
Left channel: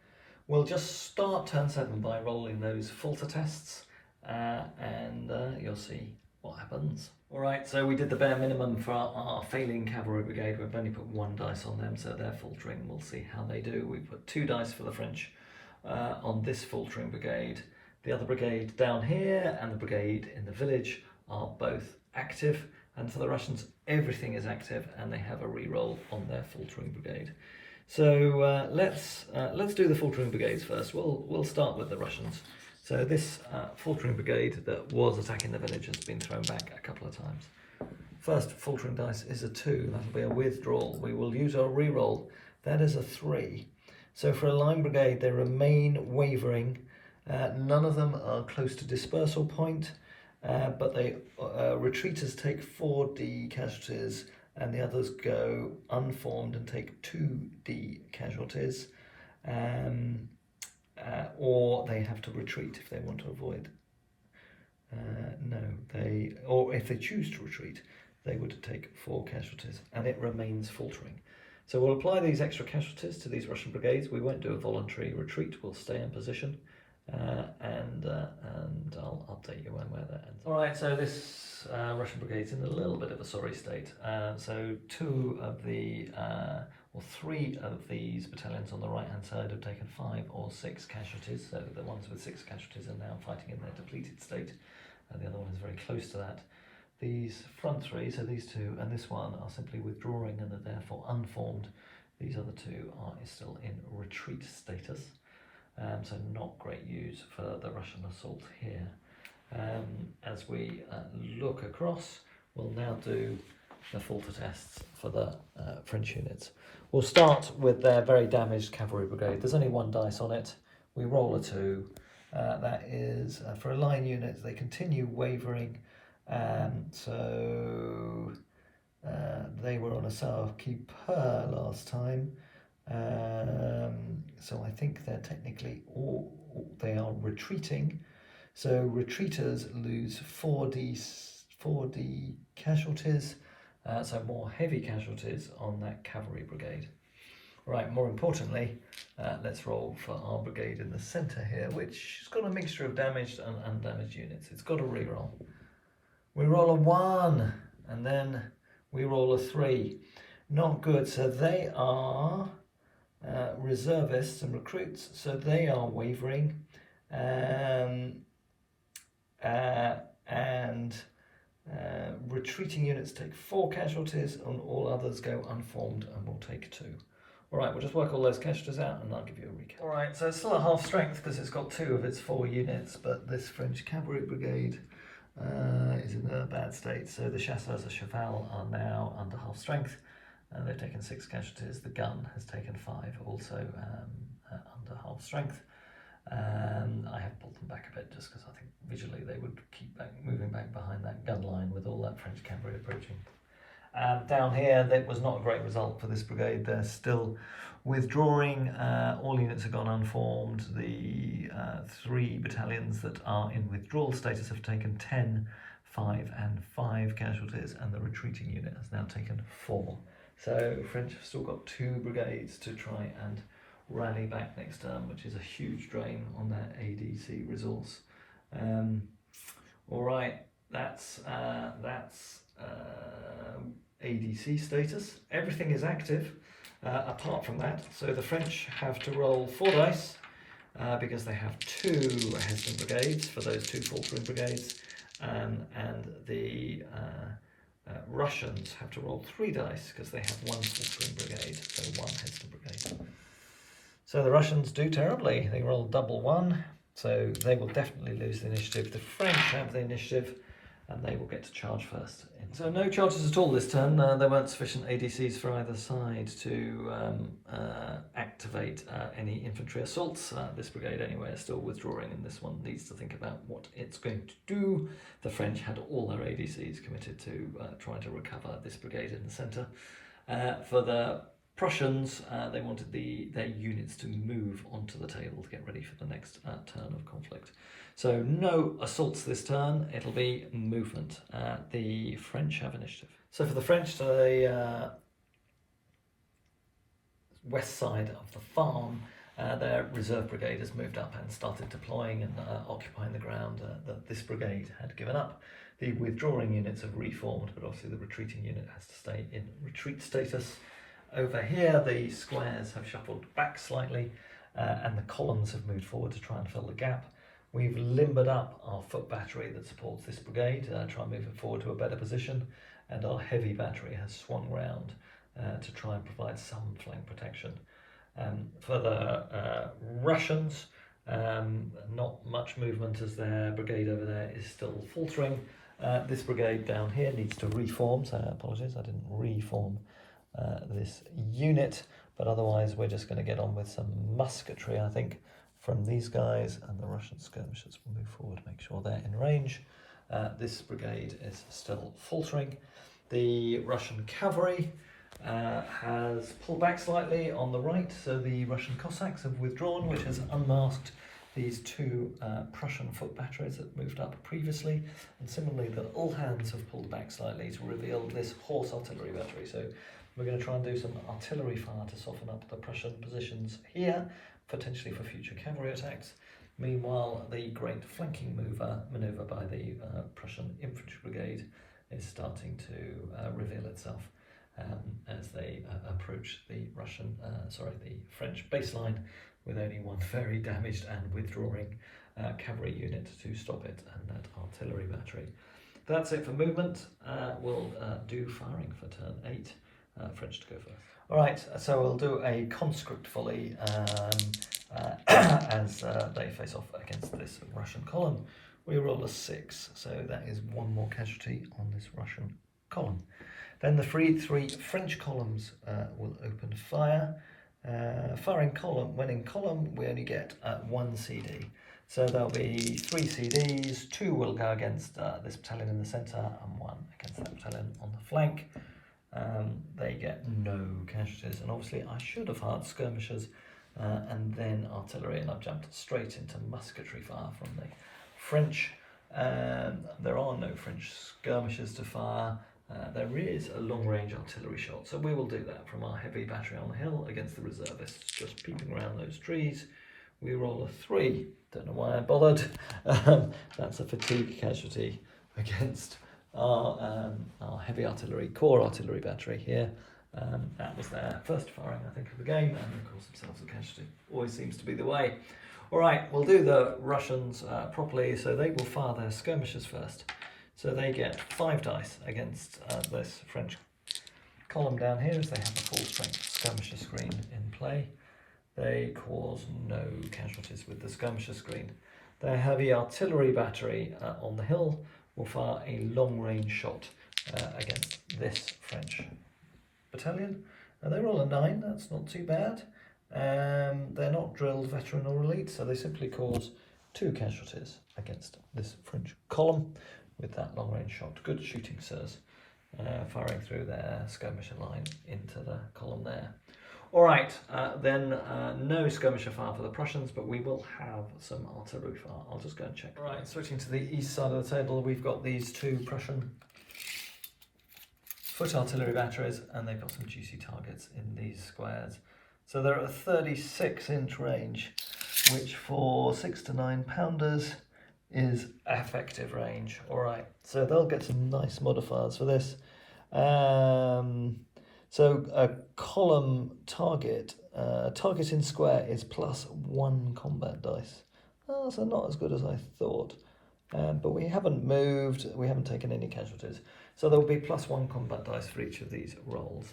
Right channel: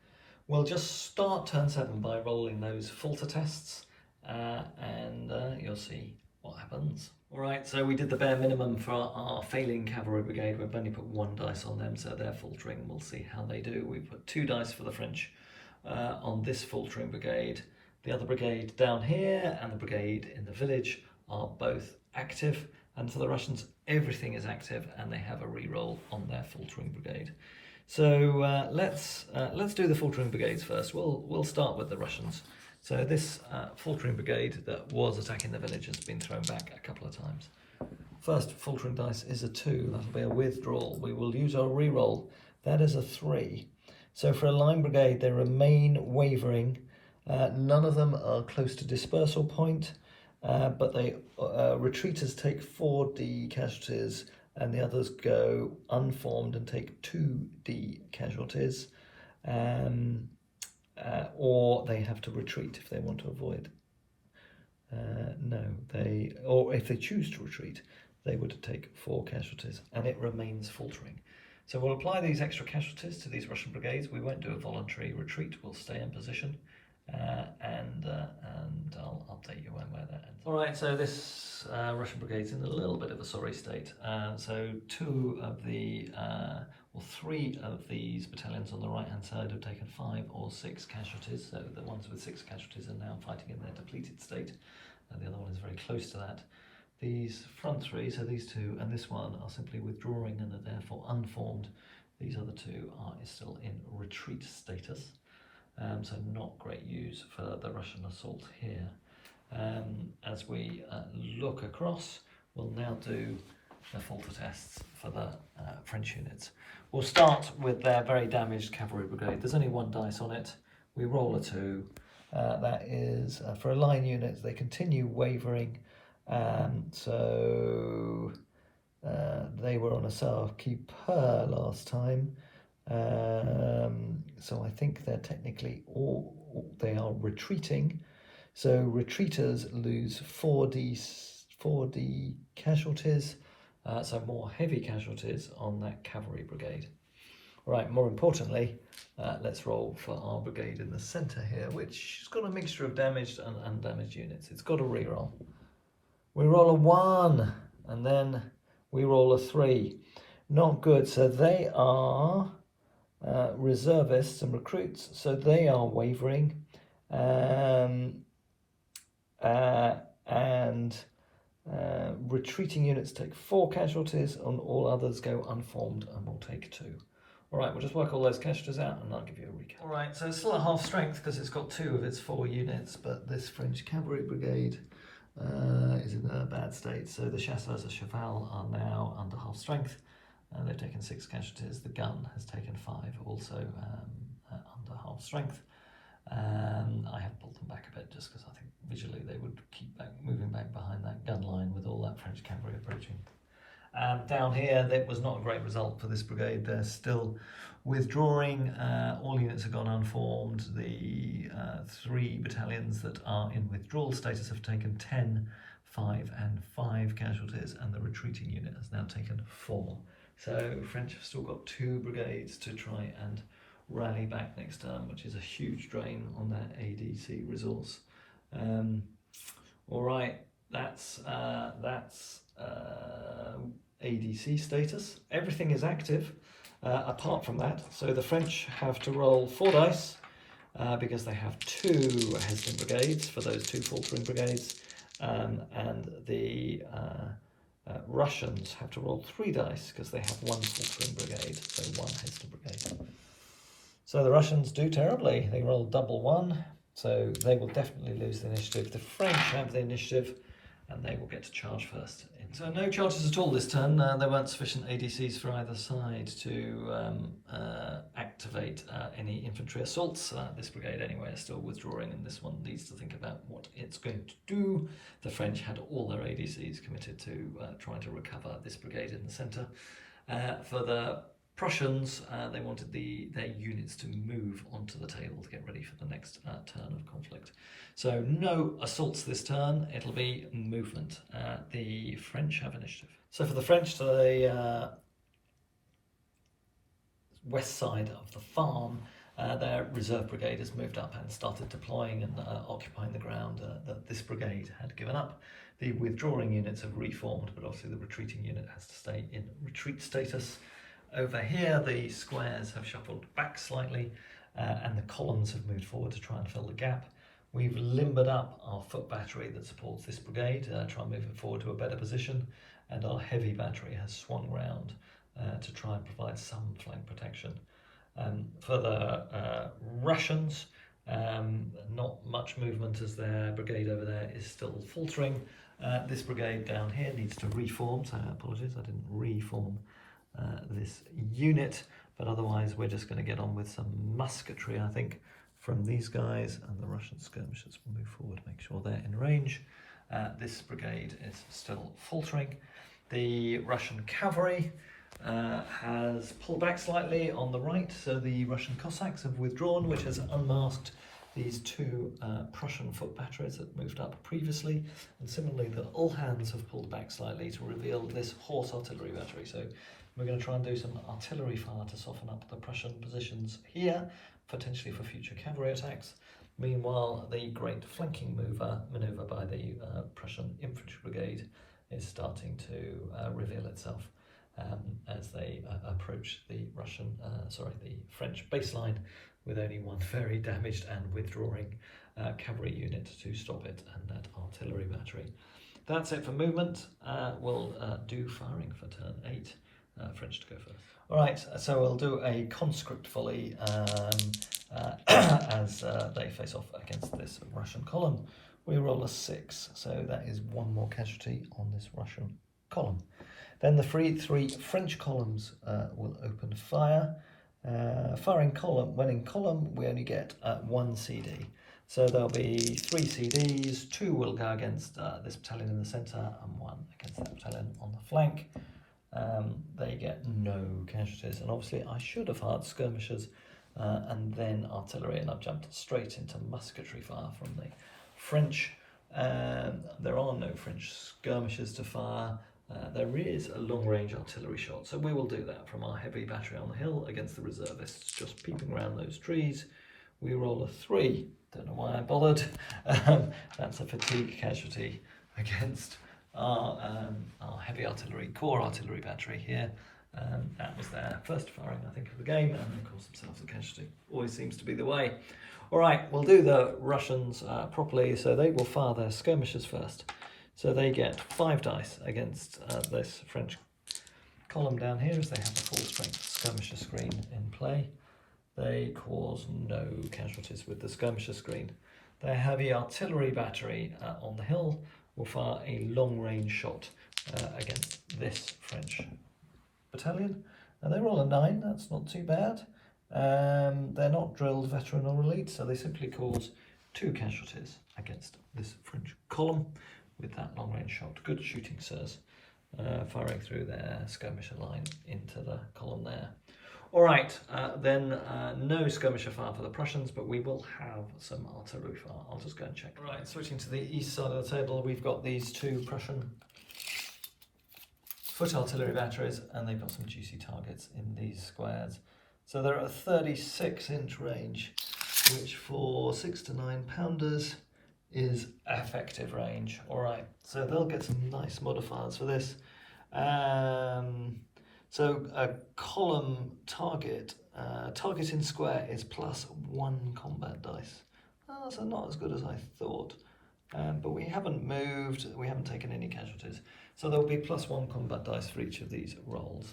We'll just start turn 7 by rolling those falter tests, and you'll see what happens. Alright, so we did the bare minimum for our failing cavalry brigade. We've only put 1 dice on them, so they're faltering. We'll see how they do. We put 2 dice for the French on this faltering brigade. The other brigade down here and the brigade in the village are both active, and for the Russians everything is active and they have a re-roll on their faltering brigade. So let's do the faltering brigades first. We'll start with the Russians. So this faltering brigade that was attacking the village has been thrown back a couple of times. First faltering dice is a 2, that'll be a withdrawal. We will use our reroll, that is a 3. So for a line brigade they remain wavering. None of them are close to dispersal point, but they retreaters take 4d casualties and the others go unformed and take 2d casualties, or they have to retreat if they want to avoid. Or if they choose to retreat, they would take 4 casualties, and it remains faltering. So we'll apply these extra casualties to these Russian brigades. We won't do a voluntary retreat, we'll stay in position, and I'll update you when that ends. All right, so this Russian brigade's in a little bit of a sorry state. So 3 of these battalions on the right-hand side have taken 5 or 6 casualties. So the ones with 6 casualties are now fighting in their depleted state. The other one is very close to that. These front 3, so these 2 and this one, are simply withdrawing and are therefore unformed. These other 2 are still in retreat status. So not great news for the Russian assault here. As we look across, we'll now do the falter tests for the French units. We'll start with their very damaged cavalry brigade. There's only 1 dice on it. We roll a 2. That is for a line unit. They continue wavering. So they were on a sauve-qui-peut last time. So I think they're technically they are retreating. So retreaters lose 4d casualties. So more heavy casualties on that cavalry brigade. Right, more importantly, let's roll for our brigade in the centre here, which has got a mixture of damaged and undamaged units. It's got a reroll. We roll a 1, and then we roll a 3. Not good, so they are reservists and recruits, so they are wavering. Retreating units take 4 casualties and all others go unformed and will take 2. Alright, we'll just work all those casualties out and I'll give you a recap. Alright, so it's still at half strength because it's got 2 of its 4 units, but this French cavalry brigade is in a bad state. So the chasseurs à cheval are now under half strength and they've taken 6 casualties. The gun has taken 5, also under half strength. I have pulled them back a bit just because I think visually they would keep moving back behind that gun line with all that French cavalry approaching. Down here, that was not a great result for this brigade. They're still withdrawing. All units have gone unformed. The 3 battalions that are in withdrawal status have taken 10, 5 and 5 casualties, and the retreating unit has now taken 4. So French have still got 2 brigades to try and rally back next term, which is a huge drain on that ADC resource. All right, that's ADC status. Everything is active apart from that. So the French have to roll 4 dice because they have 2 Heston brigades for those 2 faltering brigades, and the Russians have to roll 3 dice because they have 1 faltering brigade, so 1 Heston brigade. So the Russians do terribly. They roll double 1, so they will definitely lose the initiative. The French have the initiative and they will get to charge first. So no charges at all this turn. There weren't sufficient ADCs for either side to activate any infantry assaults. This brigade anyway is still withdrawing, and this one needs to think about what it's going to do. The French had all their ADCs committed to trying to recover this brigade in the centre. For the Prussians, they wanted their units to move onto the table to get ready for the next turn of conflict. So no assaults this turn, it'll be movement. The French have initiative. So for the French, the west side of the farm, their reserve brigade has moved up and started deploying and occupying the ground that this brigade had given up. The withdrawing units have reformed, but obviously the retreating unit has to stay in retreat status. Over here, the squares have shuffled back slightly and the columns have moved forward to try and fill the gap. We've limbered up our foot battery that supports this brigade, try and move it forward to a better position, and our heavy battery has swung round to try and provide some flank protection. For the Russians, Not much movement as their brigade over there is still faltering. This brigade down here needs to reform, so apologies, I didn't reform this unit, but otherwise we're just going to get on with some musketry, I think, from these guys, and the Russian skirmishers will move forward, make sure they're in range. This brigade is still faltering. The Russian cavalry has pulled back slightly on the right, so the Russian Cossacks have withdrawn, which has unmasked these two Prussian foot batteries that moved up previously, and similarly the Uhlans have pulled back slightly to reveal this horse artillery battery. So we're going to try and do some artillery fire to soften up the Prussian positions here, potentially for future cavalry attacks. Meanwhile, the great flanking manoeuvre by the Prussian infantry brigade is starting to reveal itself as they approach the the French baseline, with only one very damaged and withdrawing cavalry unit to stop it, and that artillery battery. That's it for movement. We'll do firing for turn 8. French to go first. All right, so we'll do a conscript volley as they face off against this Russian column. We roll a 6, so that is one more casualty on this Russian column. Then the three French columns will open fire. Firing column, when in column, we only get 1 CD. So there'll be 3 CDs, 2 will go against this battalion in the centre and 1 against that battalion on the flank. They get no casualties, and obviously I should have fired skirmishers and then artillery, and I've jumped straight into musketry fire from the French. There are no French skirmishers to fire. There is a long-range artillery shot, so we will do that from our heavy battery on the hill against the reservists, just peeping around those trees. We roll a 3, don't know why I bothered. That's a fatigue casualty against our heavy artillery, core artillery battery here. That was their first firing, I think, of the game, and of course themselves a casualty. Always seems to be the way. All right, we'll do the Russians properly, so they will fire their skirmishers first. So they get 5 dice against this French column down here, as they have a full-strength skirmisher screen in play. They cause no casualties with the skirmisher screen. Their heavy artillery battery on the hill will fire a long-range shot against this French battalion. And they roll a 9, that's not too bad. They're not drilled, veteran or elite, so they simply cause 2 casualties against this French column with that long-range shot. Good shooting, sirs. Firing through their skirmisher line into the column there. All right, then no skirmisher fire for the Prussians, but we will have some artillery fire. I'll just go and check. Right, switching to the east side of the table, we've got these 2 Prussian foot artillery batteries, and they've got some juicy targets in these squares. So they're at a 36-inch range, which for 6 to 9 pounders is effective range. All right, so they'll get some nice modifiers for this. So a column target in square is +1 combat dice. Oh, so not as good as I thought. But we haven't moved, we haven't taken any casualties. So there'll be +1 combat dice for each of these rolls.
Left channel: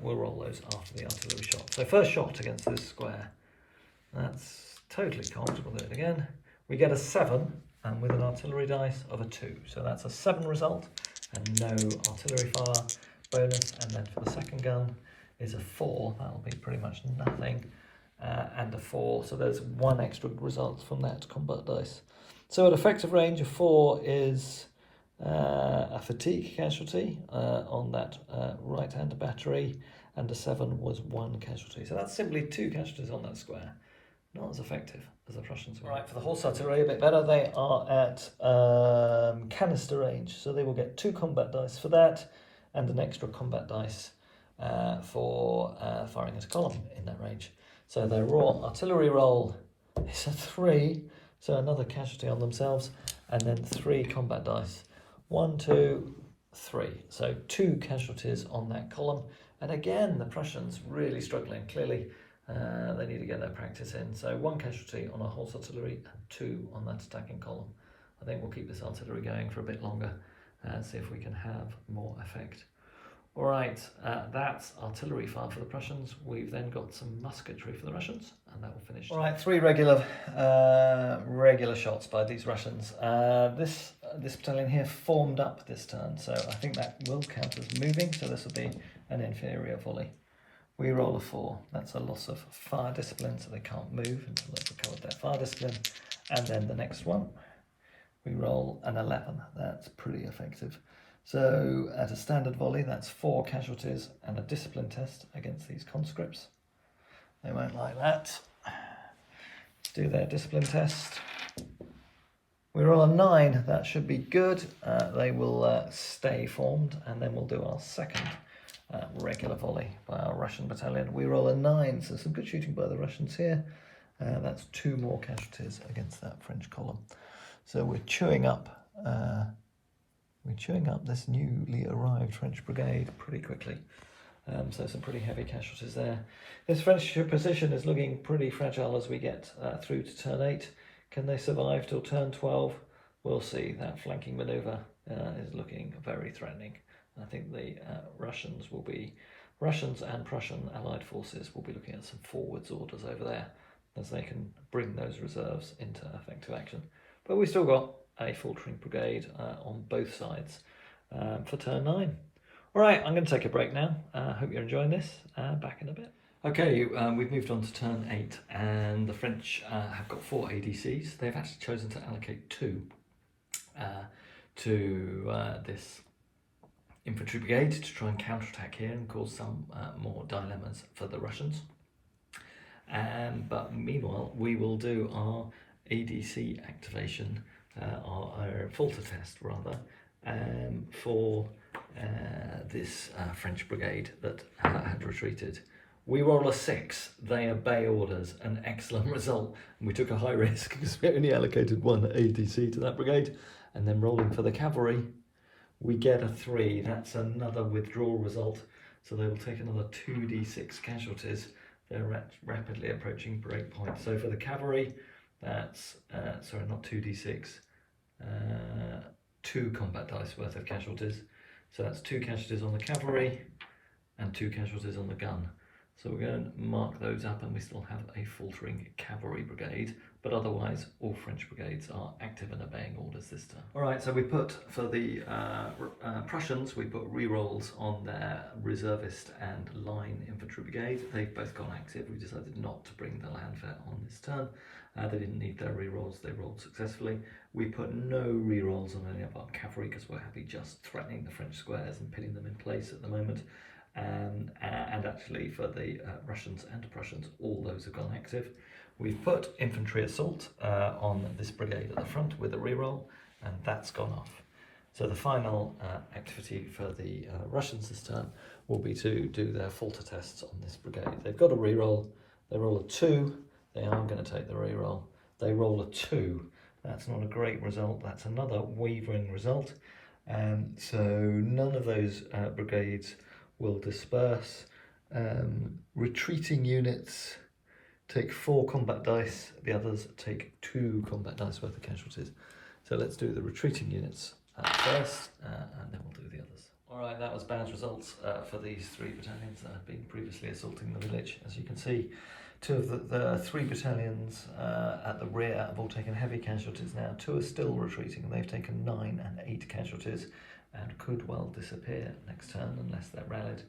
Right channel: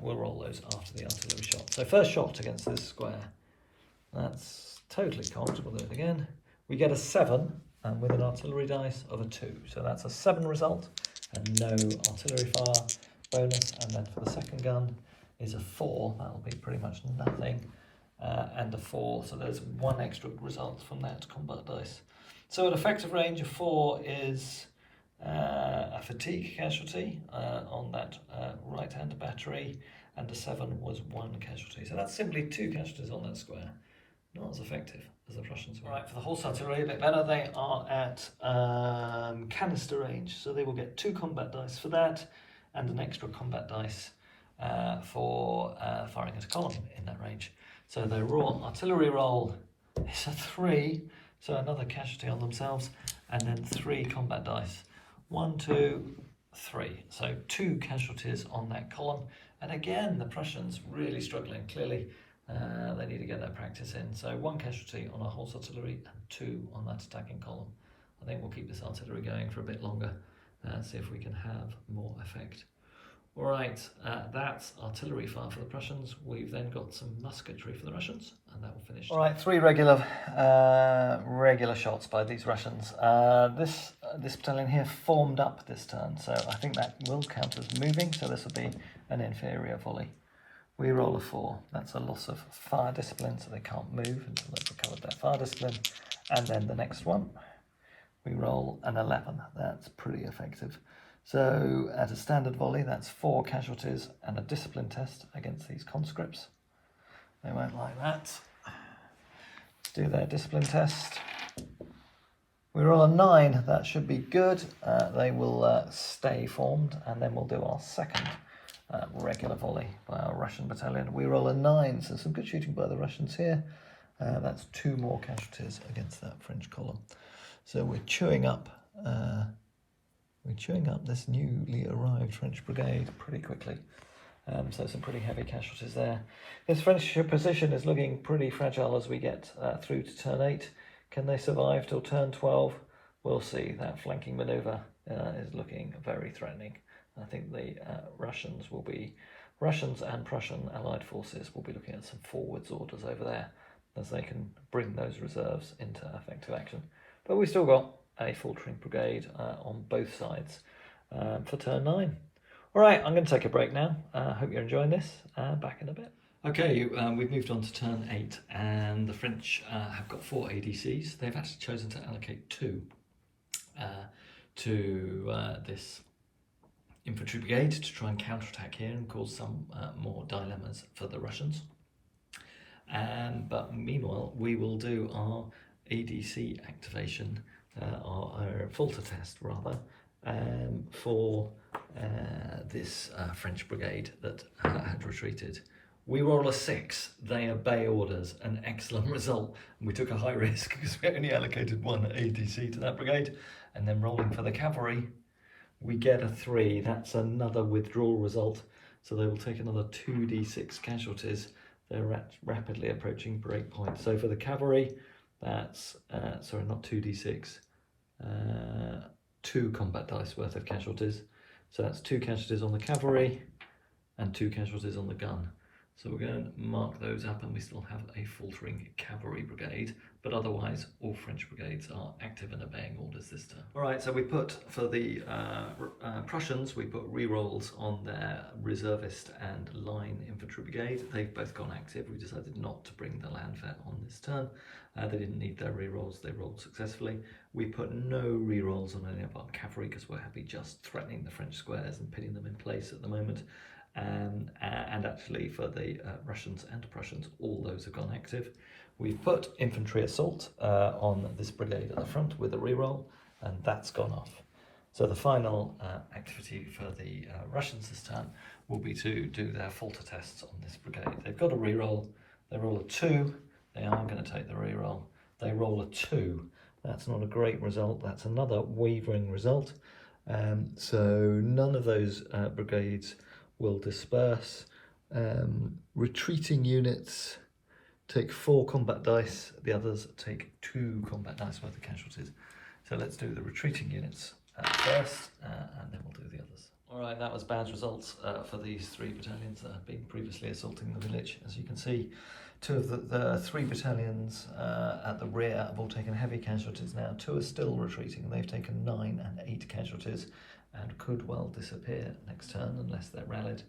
We'll roll those after the artillery shot. So first shot against this square. That's totally conked, we'll do it again. We get a 7, and with an artillery dice of a 2. So that's a 7 result, and no artillery fire bonus. And then for the second gun is a 4, that'll be pretty much nothing, and a 4. So there's 1 extra result from that combat dice. So an effective range of 4 is a fatigue casualty on that right-hand battery, and a 7 was 1 casualty. So that's simply 2 casualties on that square. Not as effective as the Prussians were. Right, for the horse artillery, a bit better. They are at canister range, so they will get 2 combat dice for that, and an extra combat dice for firing as a column in that range. So their raw artillery roll is a 3, so another casualty on themselves, and then 3 combat dice. 1, 2, 3. So 2 casualties on that column. And again, the Prussians really struggling. Clearly, they need to get their practice in. So 1 casualty on our horse artillery and 2 on that attacking column. I think we'll keep this artillery going for a bit longer and see if we can have more effect. All right, that's artillery fire for the Prussians. We've then got some musketry for the Russians, and that will finish. All right, 3 regular shots by these Russians. This battalion here formed up this turn, so I think that will count as moving. So this will be an inferior volley. We roll a 4. That's a loss of fire discipline, so they can't move until they've recovered their fire discipline. And then the next one, we roll an 11. That's pretty effective. So at a standard volley, that's 4 casualties and a discipline test against these conscripts. They won't like that. Let's do their discipline test. We roll a 9. That should be good. They will stay formed, and then we'll do our second regular volley by our Russian battalion. We roll a 9, so some good shooting by the Russians here. That's 2 more casualties against that French column. So we're chewing up this newly arrived French brigade pretty quickly. So some pretty heavy casualties there. This French position is looking pretty fragile as we get through to turn 8. Can they survive till turn 12? We'll see. That flanking manoeuvre is looking very threatening. I think the Russians and Prussian allied forces will be looking at some forwards orders over there as they can bring those reserves into effective action. But we've still got a faltering brigade on both sides for turn 9. All right, I'm going to take a break now. Hope you're enjoying this. Back in a bit. Okay, we've moved on to turn 8, and the French have got 4 ADCs. They've actually chosen to allocate 2 to this infantry brigade to try and counterattack here and cause some more dilemmas for the Russians. But meanwhile, we will do our ADC activation, our falter test rather, for this French brigade that had retreated. We roll a 6, they obey orders, an excellent result, and we took a high risk because we only allocated 1 ADC to that brigade. And then rolling for the cavalry, we get a 3, that's another withdrawal result, so they will take another 2d6 casualties. They're rapidly approaching break point. So for the cavalry, that's, sorry, not 2d6, 2 combat dice worth of casualties. So that's 2 casualties on the cavalry and 2 casualties on the gun. So we're going to mark those up, and we still have a faltering cavalry brigade, but otherwise all French brigades are active and obeying orders this turn. All right, so we put, for the Prussians, we put re-rolls on their reservist and line infantry brigade. They've both gone active. We decided not to bring the Landwehr on this turn. They didn't need their re-rolls, they rolled successfully. We put no re-rolls on any of our cavalry because we're happy just threatening the French squares and pinning them in place at the moment. And actually for the Russians and Prussians, all those have gone active. We've put infantry assault on this brigade at the front with a reroll, and that's gone off. So the final activity for the Russians this turn will be to do their falter tests on this brigade. They've got a reroll, they roll a 2, they are going to take the reroll, they roll a 2. That's not a great result, that's another wavering result. So none of those brigades will disperse. Retreating units take 4 combat dice, the others take 2 combat dice worth of casualties. So let's do the retreating units first, and then we'll do the others. All right, that was bad results for these 3 battalions that had been previously assaulting the village. As you can see, 2 of the 3 battalions at the rear have all taken heavy casualties now. 2 are still retreating, and they've taken 9 and 8 casualties, and could well disappear next turn unless they're rallied.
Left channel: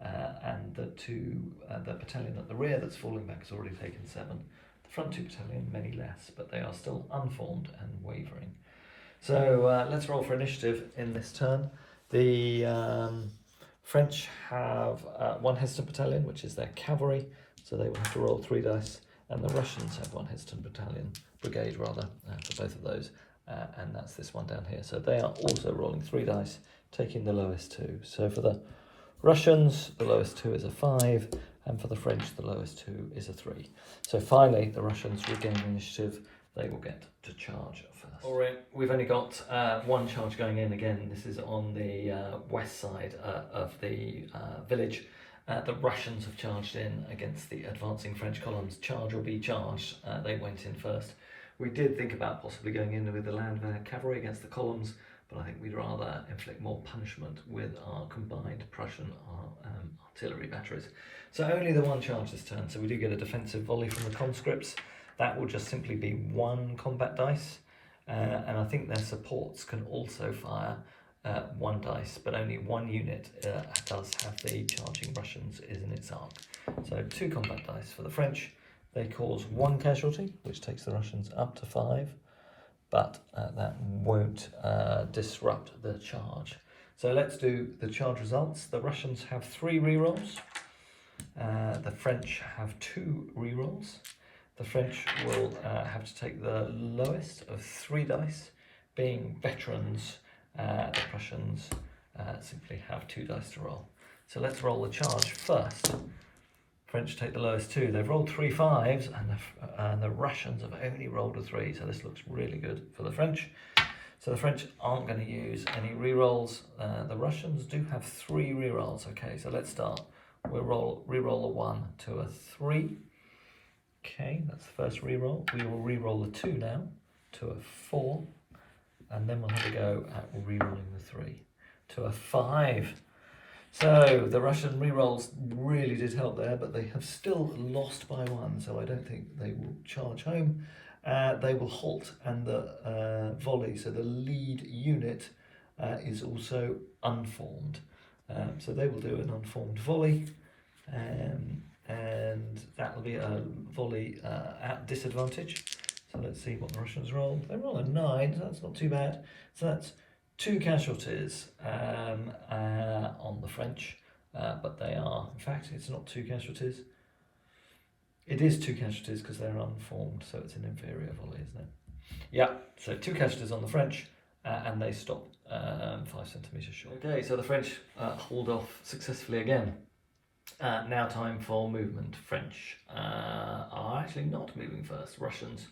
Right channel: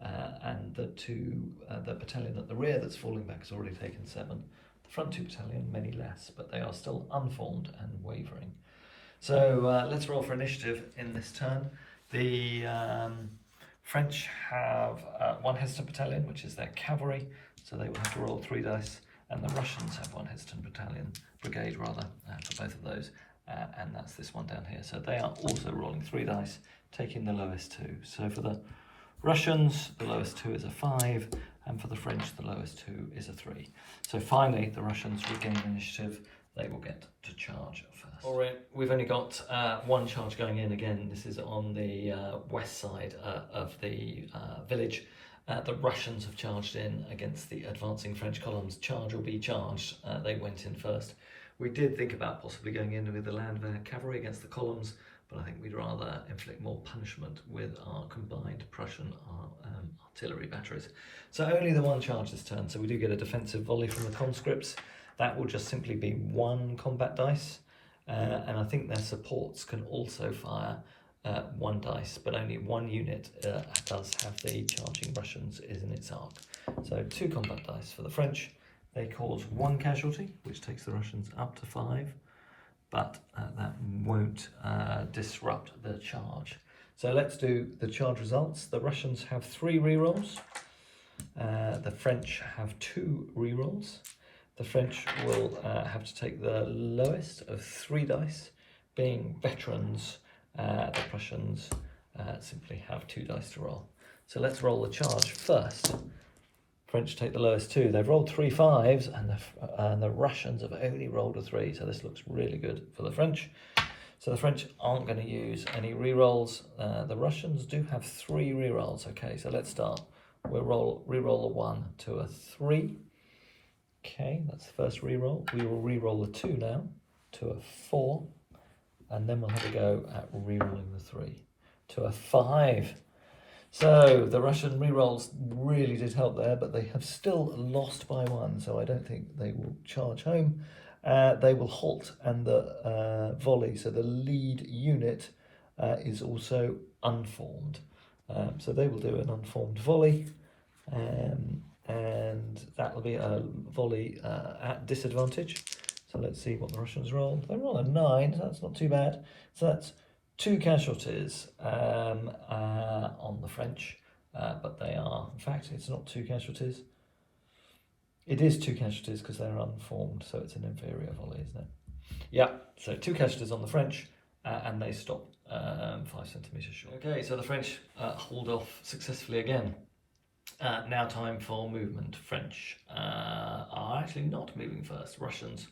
And the battalion at the rear that's falling back has already taken 7. The front 2 battalion, many less, but they are still unformed and wavering. So let's roll for initiative in this turn. The French have 1 hesitant battalion, which is their cavalry, so they will have to roll 3 dice, and the Russians have 1 hesitant brigade rather, for both of those. And that's this one down here. So they are also rolling 3 dice, taking the lowest 2. So for the Russians, the lowest 2 is a 5, and for the French, the lowest 2 is a 3. So finally, the Russians regain initiative. They will get to charge first. All right, we've only got 1 charge going in. Again, this is on the west side of the village. The Russians have charged in against the advancing French columns. Charge or be charged. They went in first. We did think about possibly going in with the Landwehr cavalry against the columns, but I think we'd rather inflict more punishment with our combined Prussian artillery batteries. So only the one charge this turn, so we do get a defensive volley from the conscripts. That will just simply be 1 combat dice, and I think their supports can also fire 1 dice, but only 1 unit does have the charging Russians is in its arc. So 2 combat dice for the French. They cause 1 casualty, which takes the Russians up to 5, but that won't disrupt the charge. So let's do the charge results. The Russians have 3 rerolls. The French have 2 rerolls. The French will have to take the lowest of 3 dice, being veterans. The Prussians simply have 2 dice to roll. So let's roll the charge first. French take the lowest 2. They've rolled 3 5s, and the Russians have only rolled a 3. So this looks really good for the French. So the French aren't going to use any rerolls. The Russians do have 3 rerolls. Okay, so let's start. We'll reroll a 1 to a 3. Okay, that's the first reroll. We will reroll the 2 now to a 4. And then we'll have a go at rerolling the 3 to a 5. So the Russian rerolls really did help there, but they have still lost by 1, so I don't think they will charge home. They will halt, and the volley, so the lead unit is also unformed. So they will do an unformed volley, and that will be a volley at disadvantage. So let's see what the Russians roll. They roll a 9, so that's not too bad. So that's 2 casualties on the French, but they are, in fact, it's not 2 casualties. It is 2 casualties because they're unformed, so it's an inferior volley, isn't it? Yeah, so 2 casualties on the French, and they stop 5 centimetres short. Okay, so the French hold off successfully again. Now time for movement. French are actually not moving first. Russians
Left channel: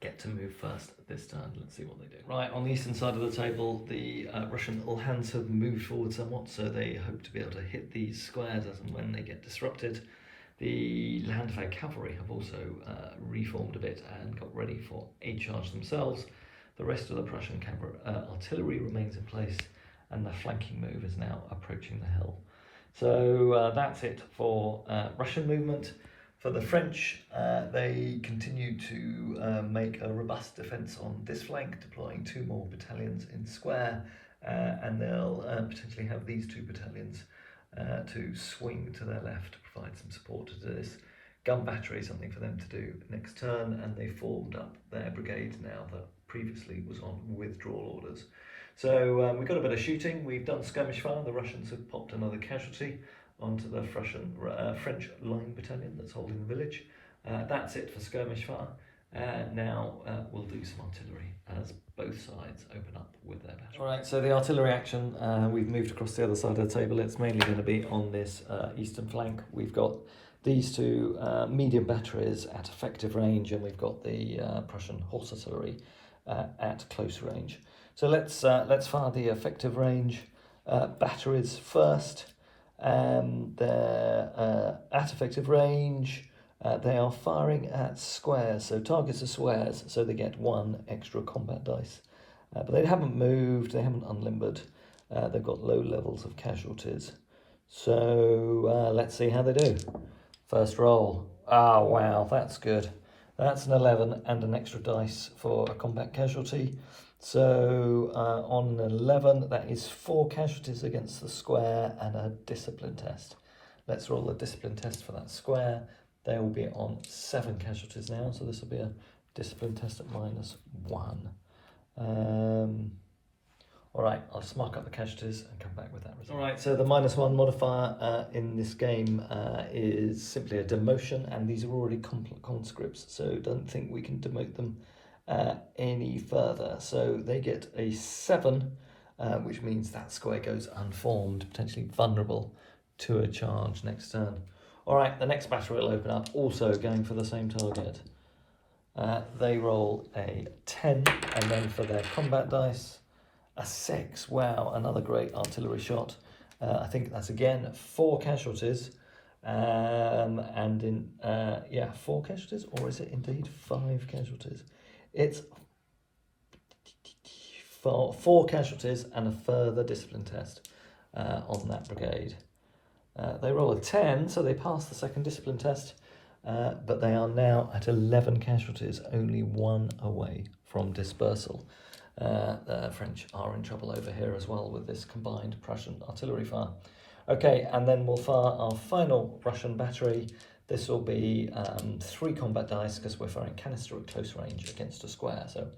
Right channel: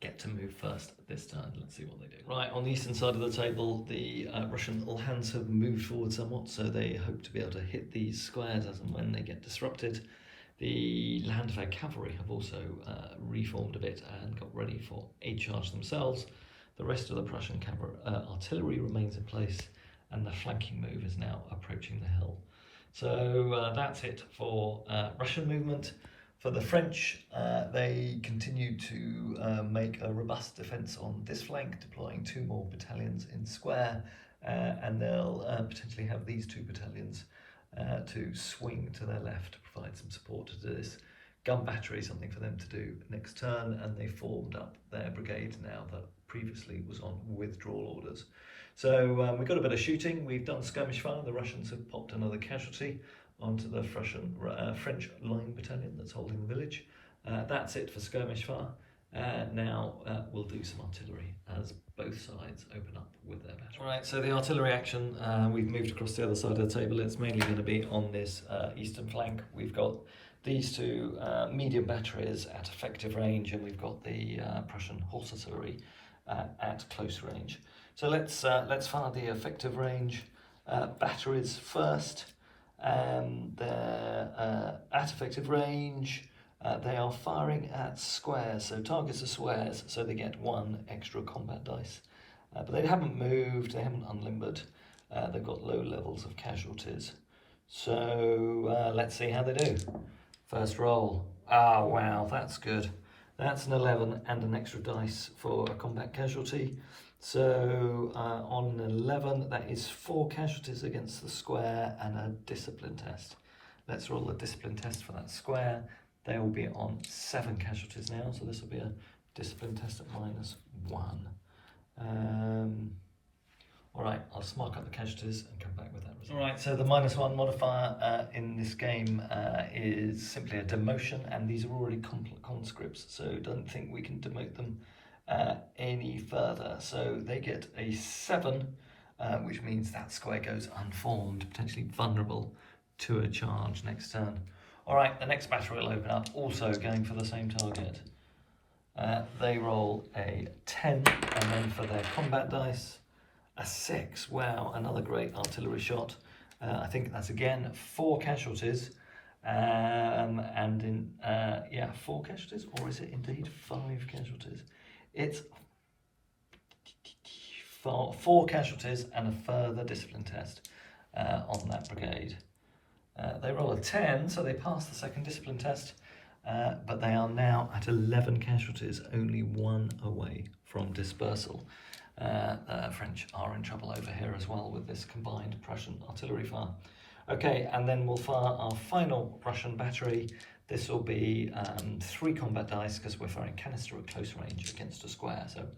get to move first this turn. Let's see what they do. Right, on the eastern side of the table, the Russian Uhlans have moved forward somewhat, so they hope to be able to hit these squares as and when they get disrupted. The Landwehr Cavalry have also reformed a bit and got ready for a charge themselves. The rest of the Prussian artillery remains in place, and the flanking move is now approaching the hill. So that's it for Russian movement. For the French, they continue to make a robust defence on this flank, deploying 2 more battalions in square, and they'll potentially have these 2 battalions to swing to their left to provide some support to this gun battery, something for them to do next turn, and they formed up their brigade now that previously was on withdrawal orders. So we've got a bit of shooting. We've done skirmish fire. The Russians have popped another casualty onto the French line battalion that's holding the village. That's it for skirmish fire. Now we'll do some artillery as both sides open up with their battery. Right, so the artillery action, we've moved across the other side of the table. It's mainly going to be on this eastern flank. We've got these 2 medium batteries at effective range, and we've got the Prussian horse artillery at close range. So let's fire the effective range batteries first. They're at effective range. They are firing at squares, so targets are squares, so they get 1 extra combat dice. But they haven't moved, they haven't unlimbered, they've got low levels of casualties. So let's see how they do. First roll. Oh wow, that's good. That's an 11 and an extra dice for a combat casualty. So on an 11, that is 4 casualties against the square and a discipline test. Let's roll the discipline test for that square. They will be on 7 casualties now, so this will be a discipline test at -1. All right, I'll just mark up the casualties and come back with that result. All right, so the -1 modifier in this game is simply a demotion, and these are already conscripts, so don't think we can demote them any further. So they get a 7, which means that square goes unformed, potentially vulnerable to a charge next turn. All right, the next battery will open up, also going for the same target. They roll a 10, and then for their combat dice, a 6. Wow, another great artillery shot. I think that's again 4 casualties. And in, 4 casualties, or is it indeed 5 casualties? It's four casualties and a further discipline test on that brigade. They roll a 10, so they pass the second discipline test, but they are now at 11 casualties, only one away from dispersal. The French are in trouble over here as well with this combined Prussian artillery fire. Okay, and then we'll fire our final Russian battery. This will be 3 combat dice because we're firing canister at close range against a square. So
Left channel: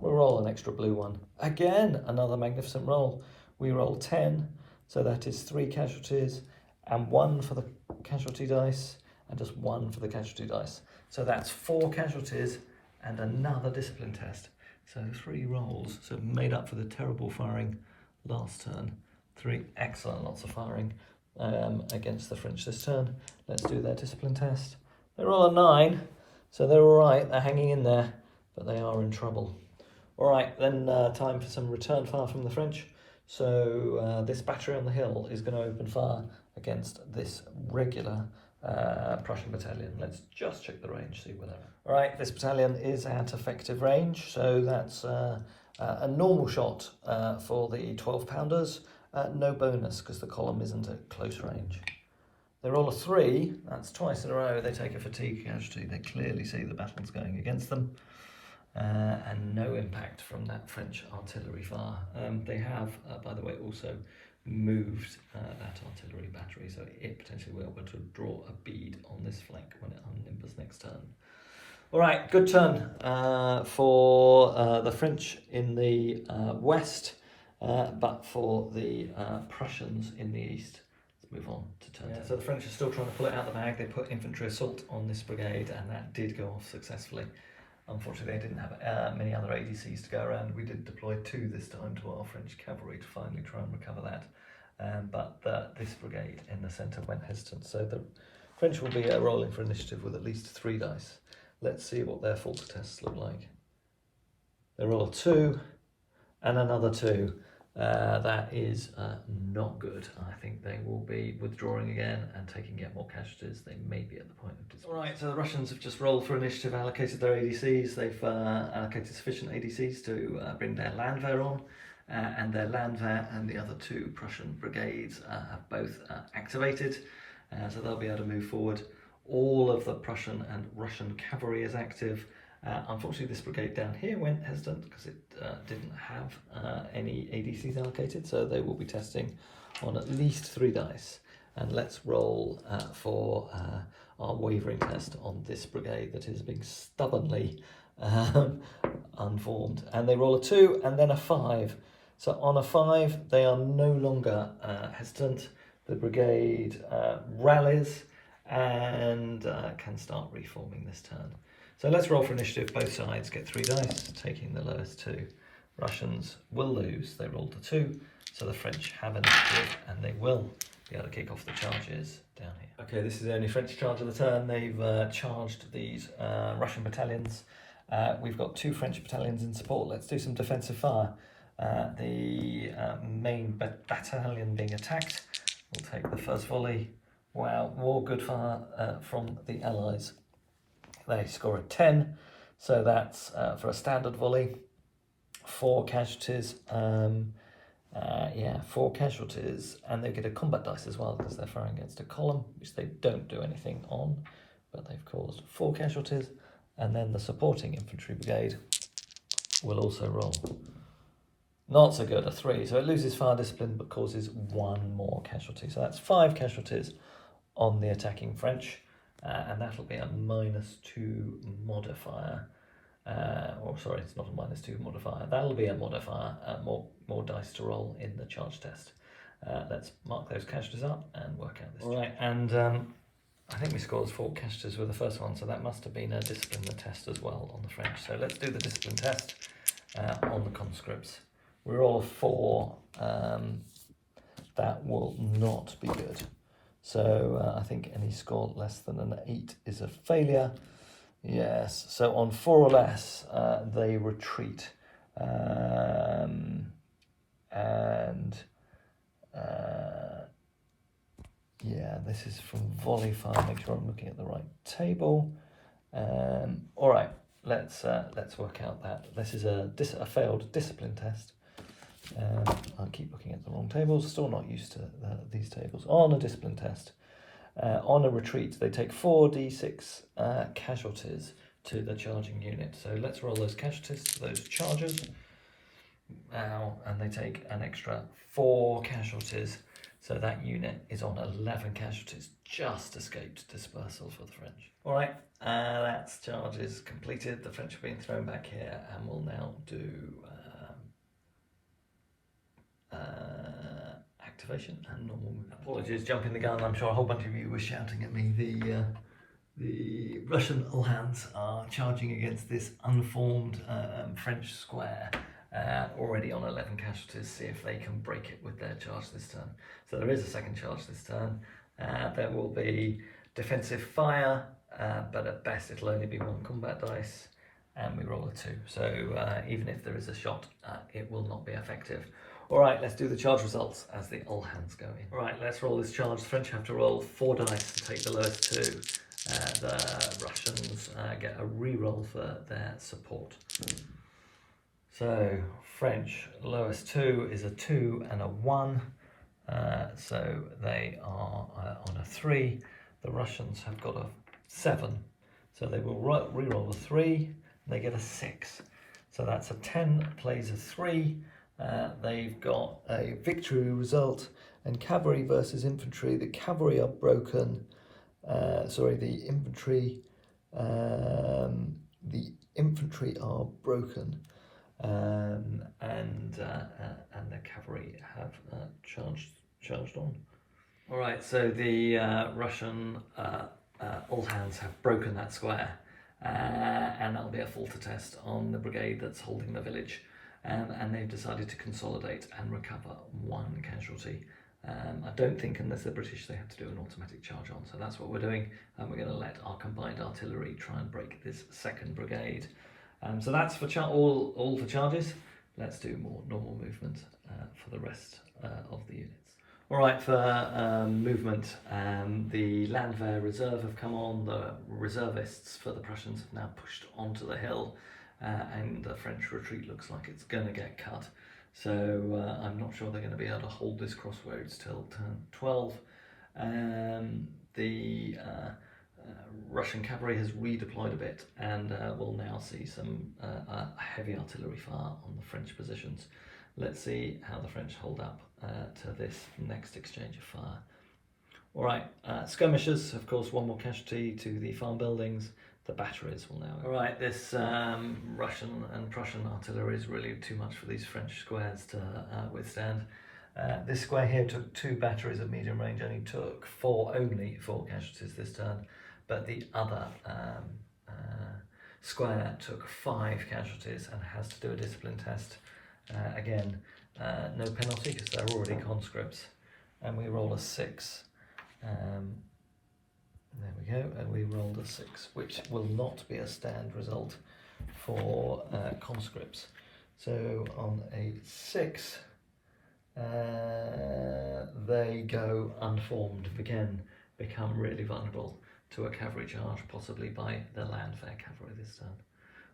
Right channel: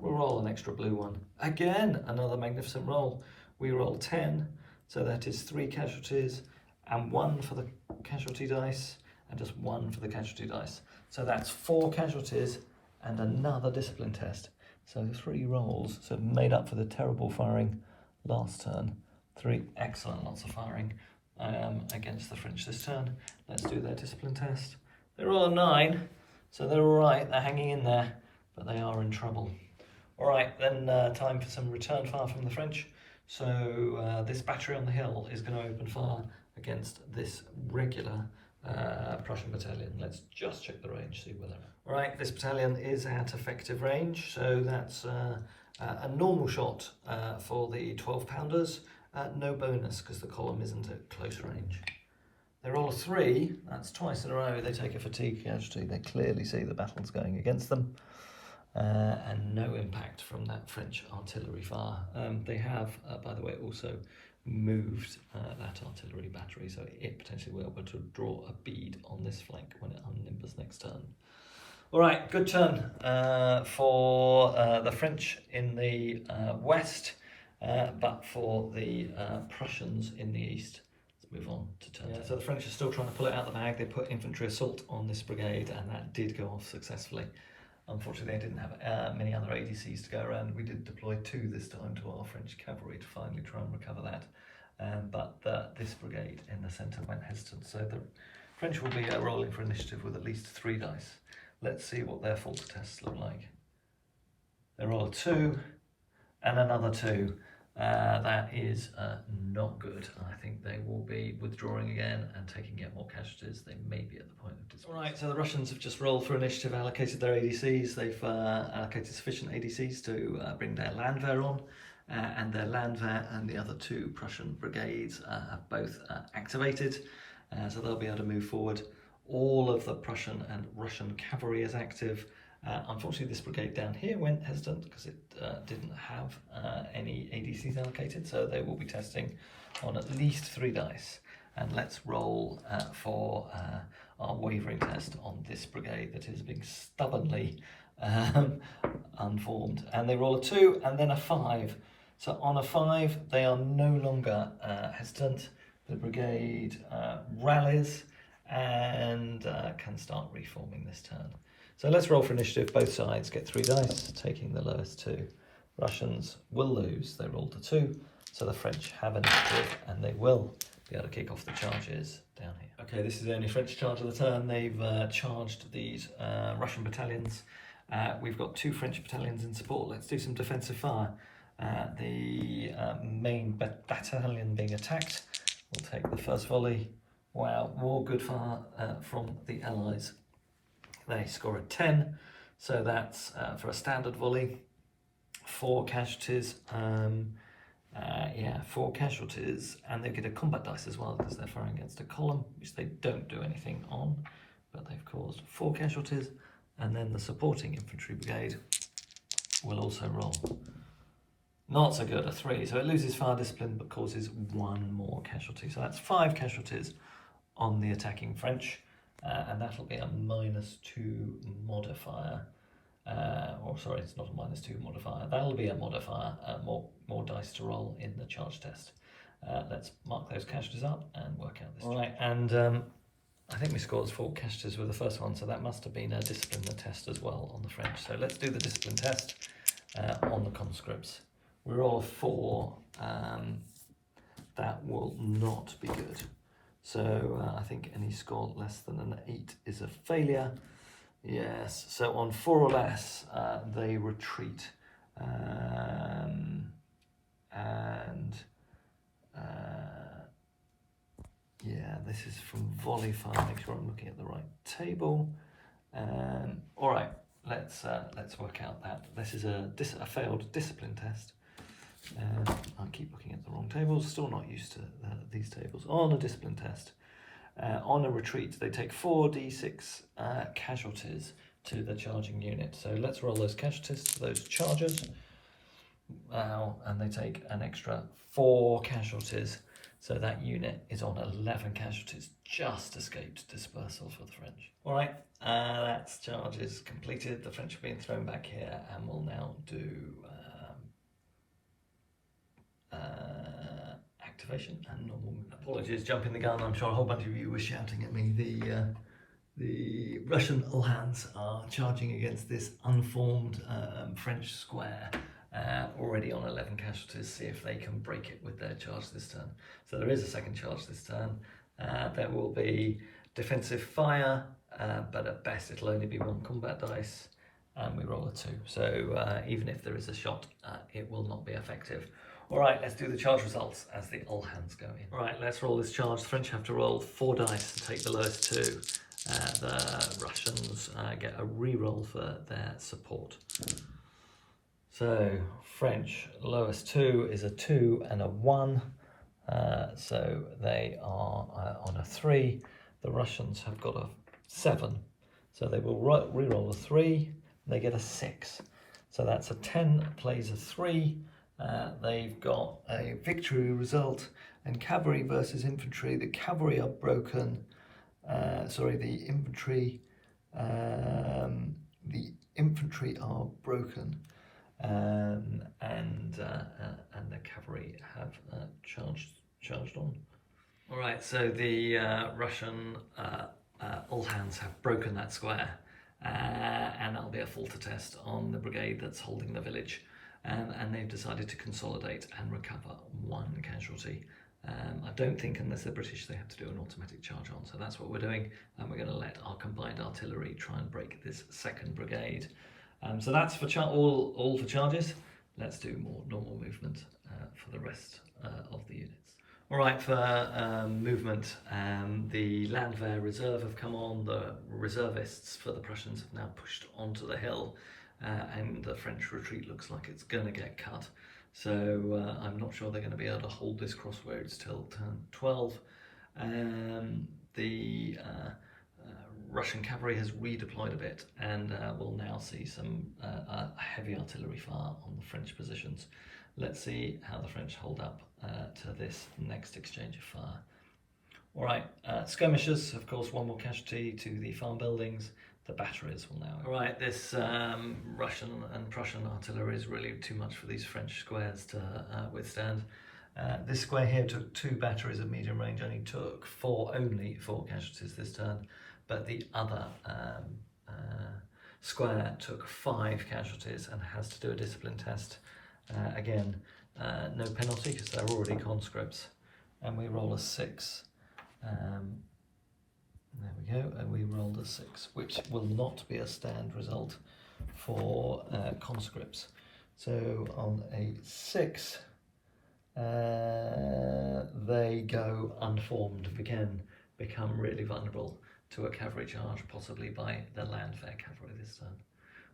we'll roll an extra blue one. Again, another magnificent roll. We roll 10, so that is 3 casualties and 1 for the casualty dice and just 1 for the casualty dice. So that's 4 casualties and another discipline test. So 3 rolls, so made up for the terrible firing last turn. 3 excellent lots of firing against the French this turn. Let's do their discipline test. They roll a 9, so they're all right. They're hanging in there, but they are in trouble. All right, then time for some return fire from the French. So this battery on the hill is going to open fire against this regular Prussian battalion. Let's just check the range, see where they're at. All right, this battalion is at effective range, so that's a normal shot for the 12-pounders. No bonus because the column isn't at close range. They roll a 3, that's twice in a row. They take a fatigue casualty. They clearly see the battle's going against them. And no impact from that French artillery fire. They have, by the way, also moved that artillery battery, so it potentially will be able to draw a bead on this flank when it unlimbers next turn. All right, good turn for the French in the west, but for the Prussians in the east. Let's move on to turn 10. So the French are still trying to pull it out of the bag. They put infantry assault on this brigade, and that did go off successfully. Unfortunately, they didn't have many other ADCs to go around. We did deploy 2 this time to our French cavalry to finally try and recover that. But this brigade in the centre went hesitant. So the French will be rolling for initiative with at least 3 dice. Let's see what their false tests look like. They roll a 2 and another 2. That is not good. I think they will be withdrawing again and taking yet more casualties. They may be at the point of dispersal. All right, so the Russians have just rolled for initiative, allocated their ADCs. They've allocated sufficient ADCs to bring their Landwehr on, and their Landwehr and the other 2 Prussian brigades have both activated, so they'll be able to move forward. All of the Prussian and Russian cavalry is active. Unfortunately, this brigade down here went hesitant because it didn't have any ADCs allocated, so they will be testing on at least 3 dice. And let's roll for our wavering test on this brigade that is being stubbornly unformed. And they roll a 2 and then a 5. So on a 5, they are no longer hesitant. The brigade rallies and can start reforming this turn. So let's roll for initiative. Both sides get 3 dice, taking the lowest 2. Russians will lose. They rolled a 2, so the French have initiative, and they will be able to kick off the charges down here. Okay, this is the only French charge of the turn. They've charged these Russian battalions. We've got 2 French battalions in support. Let's do some defensive fire. The main battalion being attacked will take the first volley. Wow, more good fire from the Allies. They score a 10, so that's for a standard volley. 4 casualties, 4 casualties, and they get a combat dice as well because they're firing against a column, which they don't do anything on, but they've caused 4 casualties, and then the supporting infantry brigade will also roll. Not so good, a 3, so it loses fire discipline but causes 1 more casualty, so that's 5 casualties on the attacking French. And that'll be a -2 modifier, it's not a -2 modifier, that'll be a modifier, more dice to roll in the charge test. Let's mark those casualties up and work out this. All right, and I think we scored 4 casualties with the first one, so that must have been a discipline test as well on the French. So let's do the discipline test on the conscripts. We roll a 4, that will not be good. So I think any score less than an 8 is a failure. Yes, so on 4 or less, they retreat. This is from volley fire. Make sure I'm looking at the right table. All right, let's work out that. This is a failed discipline test. I keep looking at the wrong tables, still not used to these tables. On a discipline test, on a retreat, they take 4d6 casualties to the charging unit. So let's roll those casualties to those chargers. And they take an extra 4 casualties. So that unit is on 11 casualties, just escaped dispersal for the French. All right, that's charges completed. The French have been thrown back here and will now do activation and normal movement. Apologies, jumping the gun. I'm sure a whole bunch of you were shouting at me. The Russian Uhlans are charging against this unformed French square, already on 11 casualties. See if they can break it with their charge this turn. So there is a second charge this turn. There will be defensive fire, but at best it'll only be 1 combat dice, and we roll a 2. So even if there is a shot, it will not be effective. All right, let's do the charge results as the Uhlans go in. All right, let's roll this charge. The French have to roll 4 dice and take the lowest 2. The Russians get a re-roll for their support. So French lowest 2 is a 2 and a 1. So they are on a 3. The Russians have got a 7. So they will re-roll a 3. And they get a 6. So that's a 10 plays a 3. They've got a victory result, and cavalry versus infantry. The cavalry are broken. The infantry are broken, and the cavalry have charged on. All right, so the Russian Uhlans have broken that square, and that'll be a falter test on the brigade that's holding the village. And they've decided to consolidate and recover 1 casualty. I don't think, unless they're British, they have to do an automatic charge on. So that's what we're doing. And we're going to let our combined artillery try and break this 2nd brigade. So that's for all for charges. Let's do more normal movement for the rest of the units. All right, for movement, the Landwehr Reserve have come on. The reservists for the Prussians have now pushed onto the hill. And the French retreat looks like it's going to get cut. So I'm not sure they're going to be able to hold this crossroads till turn 12. The Russian cavalry has redeployed a bit, and we'll now see some heavy artillery fire on the French positions. Let's see how the French hold up to this next exchange of fire. All right, skirmishers, of course, 1 more casualty to the farm buildings. The batteries will now. All right, this Russian and Prussian artillery is really too much for these French squares to withstand. This square here took 2 batteries at medium range, only took only 4 casualties this turn, but the other square took 5 casualties and has to do a discipline test. Again, no penalty because they're already conscripts, and we roll a 6. There we go, and we rolled a 6, which will not be a stand result for conscripts. So on a 6, they go unformed, again, become really vulnerable to a cavalry charge, possibly by the Landwehr cavalry this turn.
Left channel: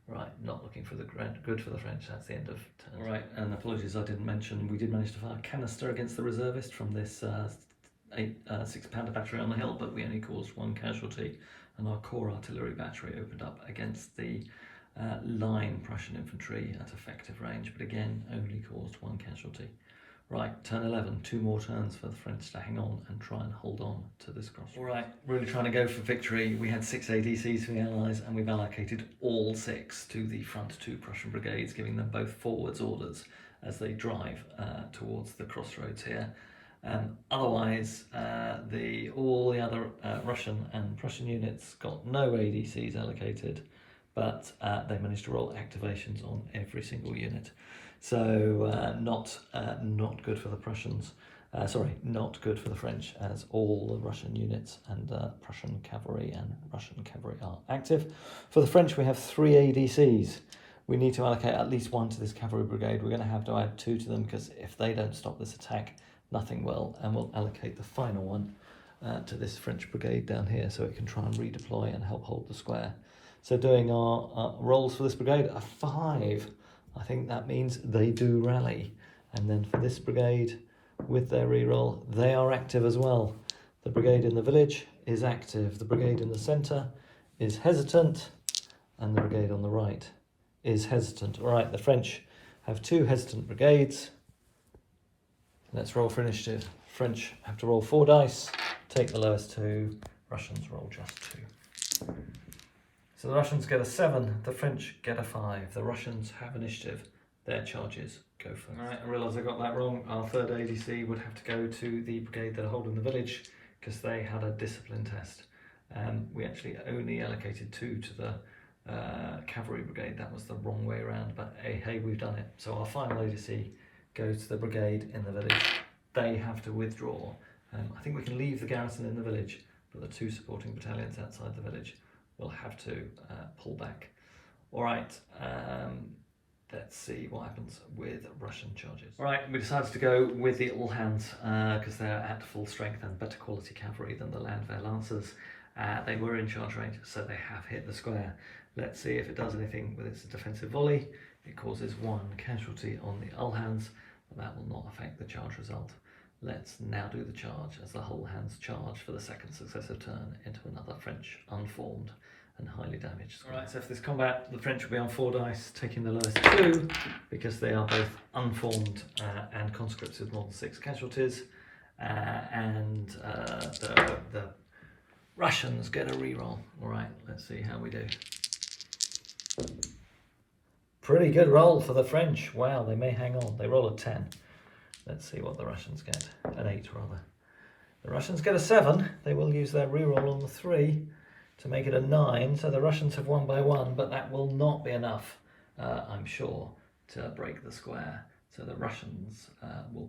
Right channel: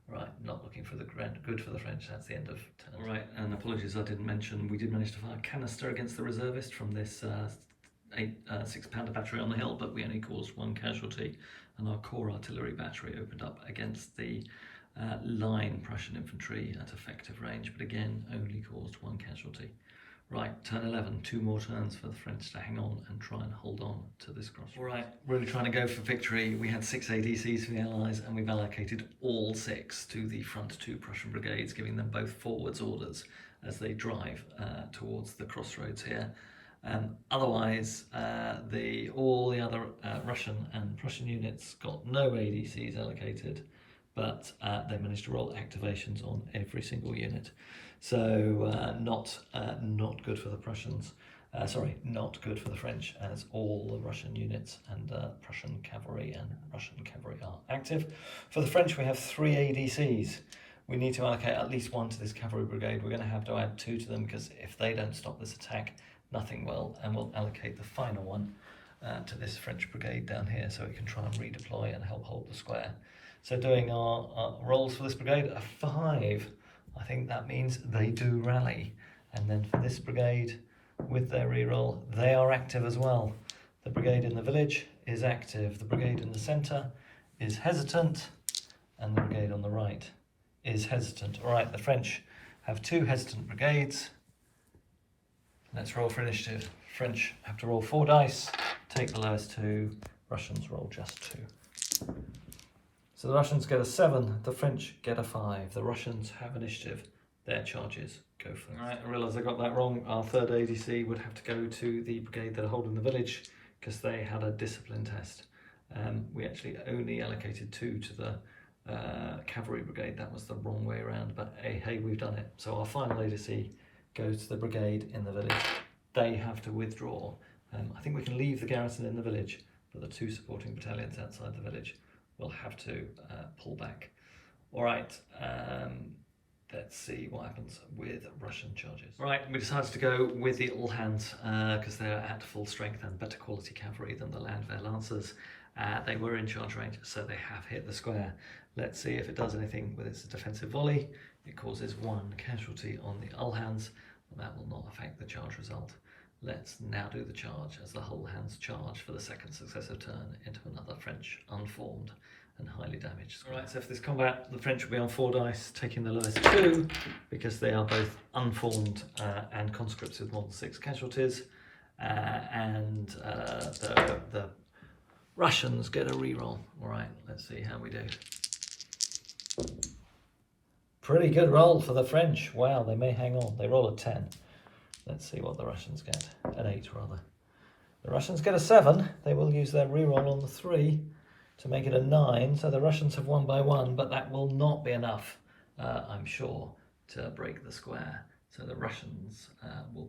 Right, not looking for the good for the French. That's the end of turn. All right, and apologies, I didn't mention, we did manage to fire a canister against the reservist from this 6-pounder battery on the hill, but we only caused 1 casualty, and our core artillery battery opened up against the line Prussian infantry at effective range, but again only caused 1 casualty. Right, turn 11, 2 more turns for the French to hang on and try and hold on to this cross. All right, really trying to go for victory. We had 6 ADCs for the Allies, and we've allocated all 6 to the front 2 Prussian brigades, giving them both forwards orders as they drive towards the crossroads here. Otherwise, all the other Russian and Prussian units got no ADCs allocated, but they managed to roll activations on every single unit. So not good for the Prussians. Not good for the French, as all the Russian units and Prussian cavalry are active. For the French, we have 3 ADCs. We need to allocate at least 1 to this cavalry brigade. We're going to have to add 2 to them, because if they don't stop this attack, nothing will, and we'll allocate the final one to this French brigade down here so it can try and redeploy and help hold the square. So doing our rolls for this brigade, a 5. I think that means they do rally. And then for this brigade, with their reroll, they are active as well. The brigade in the village is active. The brigade in the centre is hesitant, and the brigade on the right is hesitant. All right, the French have 2 hesitant brigades. Let's roll for initiative. French have to roll 4 dice, take the lowest 2. Russians roll just 2. So the Russians get a 7, the French get a 5. The Russians have initiative. Their charges go first. All right, I realise I got that wrong. Our 3rd ADC would have to go to the brigade that are holding the village because they had a discipline test. We actually only allocated 2 to the cavalry brigade. That was the wrong way around, but hey, we've done it. So our final ADC goes to the brigade in the village. They have to withdraw. I think we can leave the garrison in the village, but the 2 supporting battalions outside the village will have to pull back. All right, let's see what happens with Russian charges. All right, we decided to go with the all hands because they're at full strength and better quality cavalry than the Landwehr Lancers. They were in charge range, so they have hit the square. Let's see if it does anything with its defensive volley. It causes 1 casualty on the Uhlans, but that will not affect the charge result. Let's now do the charge as the whole hands charge for the 2nd successive turn into another French unformed and highly damaged square. Right, so for this combat, the French will be on 4 dice, taking the lowest 2 because they are both unformed and conscripts with more than 6 casualties, and the Russians get a reroll. All right, let's see how we do. Pretty good roll for the French. Wow, they may hang on. They roll a 10. Let's see what the Russians get. An 8 rather. The Russians get a 7. They will use their reroll on the 3 to make it a 9. So the Russians have won by 1, but that will not be enough, I'm sure, to break the square. So the Russians will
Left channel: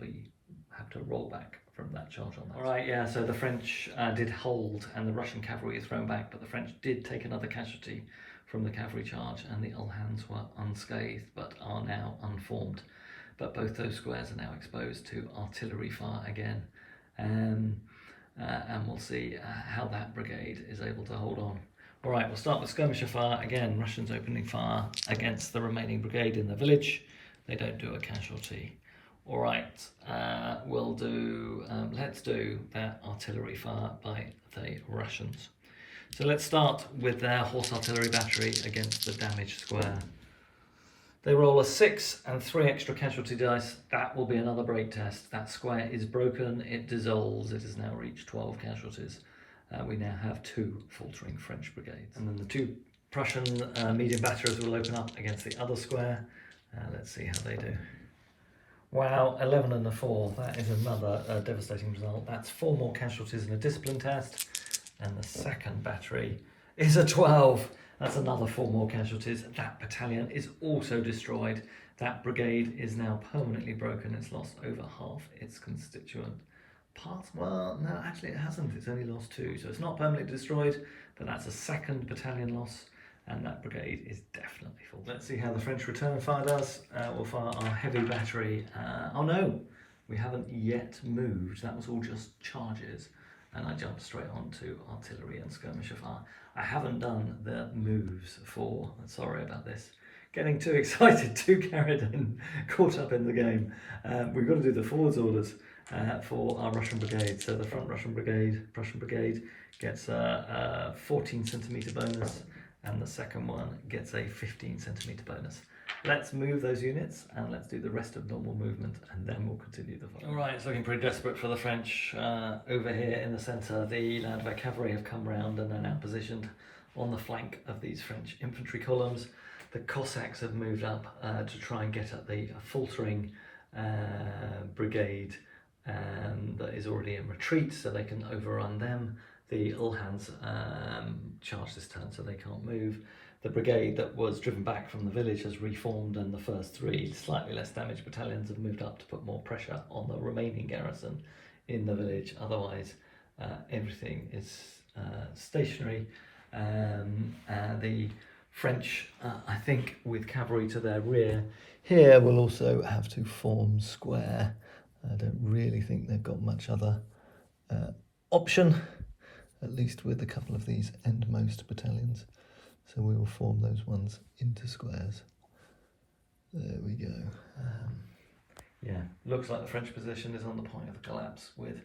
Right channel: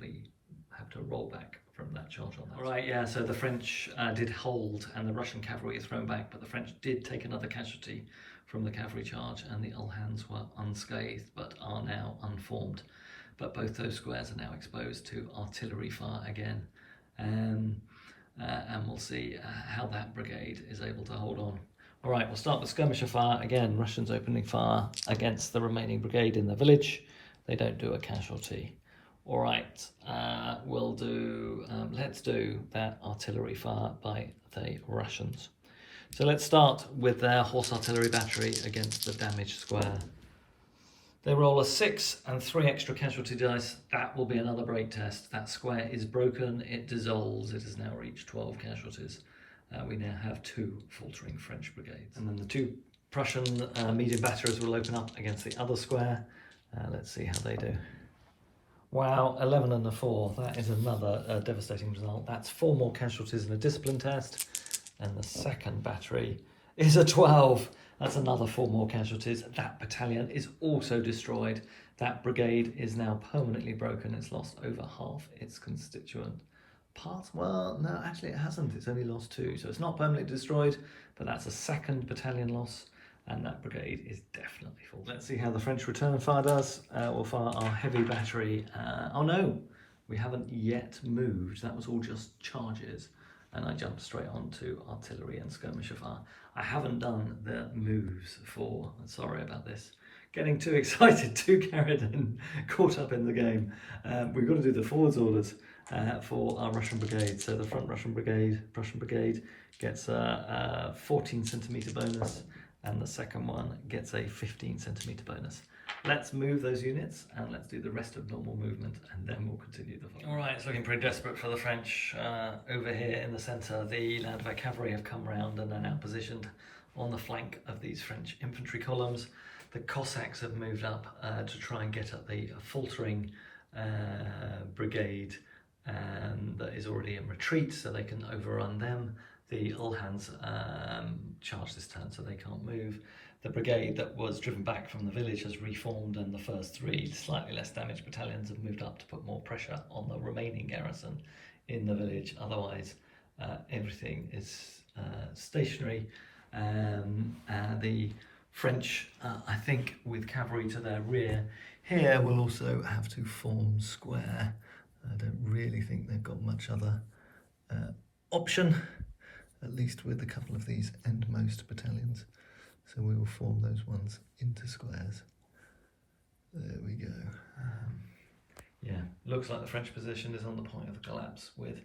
have to roll back from that charge on that. All right, yeah, so the French did hold and the Russian cavalry is thrown back, but the French did take another casualty from the cavalry charge, and the Uhlans were unscathed but are now unformed. But both those squares are now exposed to artillery fire again. And we'll see how that brigade is able to hold on. All right, we'll start with skirmisher fire. Again, Russians opening fire against the remaining brigade in the village. They don't do a casualty. All right, let's do that artillery fire by the Russians. So let's start with their horse artillery battery against the damaged square. They roll a 6 and 3 extra casualty dice. That will be another break test. That square is broken, it dissolves, it has now reached 12 casualties. We now have 2 faltering French brigades. And then the 2 Prussian medium batterers will open up against the other square. Let's see how they do. Wow, 11 and a 4. That is another devastating result. That's 4 more casualties in a discipline test. And the 2nd battery is a 12. That's another 4 more casualties. That battalion is also destroyed. That brigade is now permanently broken. It's lost over half its constituent parts. Well, no, actually it hasn't. It's only lost 2. So it's not permanently destroyed, but that's a 2nd battalion loss. And that brigade is definitely full. Let's see how the French return fire does. We'll fire our heavy battery. Oh no, we haven't yet moved. That was all just charges. And I jumped straight onto artillery and skirmisher fire. I haven't done the moves for, sorry about this, getting too excited, too carried in, caught up in the game. We've got to do the forwards orders for our Russian brigade. So the front Prussian brigade gets a 14 centimetre bonus, and the second one gets a 15 centimetre bonus. Let's move those units and let's do the rest of normal movement, and then we'll continue the fight. All right, it's looking pretty desperate for the French. Over here in the centre, the Landwehr cavalry have come round and are now positioned on the flank of these French infantry columns. The Cossacks have moved up to try and get at the faltering brigade that is already in retreat, so they can overrun them. The Uhlans charge this turn, so they can't move. The brigade that was driven back from the village has reformed, and the first 3 slightly less damaged battalions have moved up to put more pressure on the remaining garrison in the village. Otherwise, everything is stationary. The French, I think, with cavalry to their rear here, will also have to form square. I don't really think they've got much other option, at least with a couple of these endmost battalions. So we will form those ones into squares. There we go. Yeah, looks like the French position is on the point of collapse, with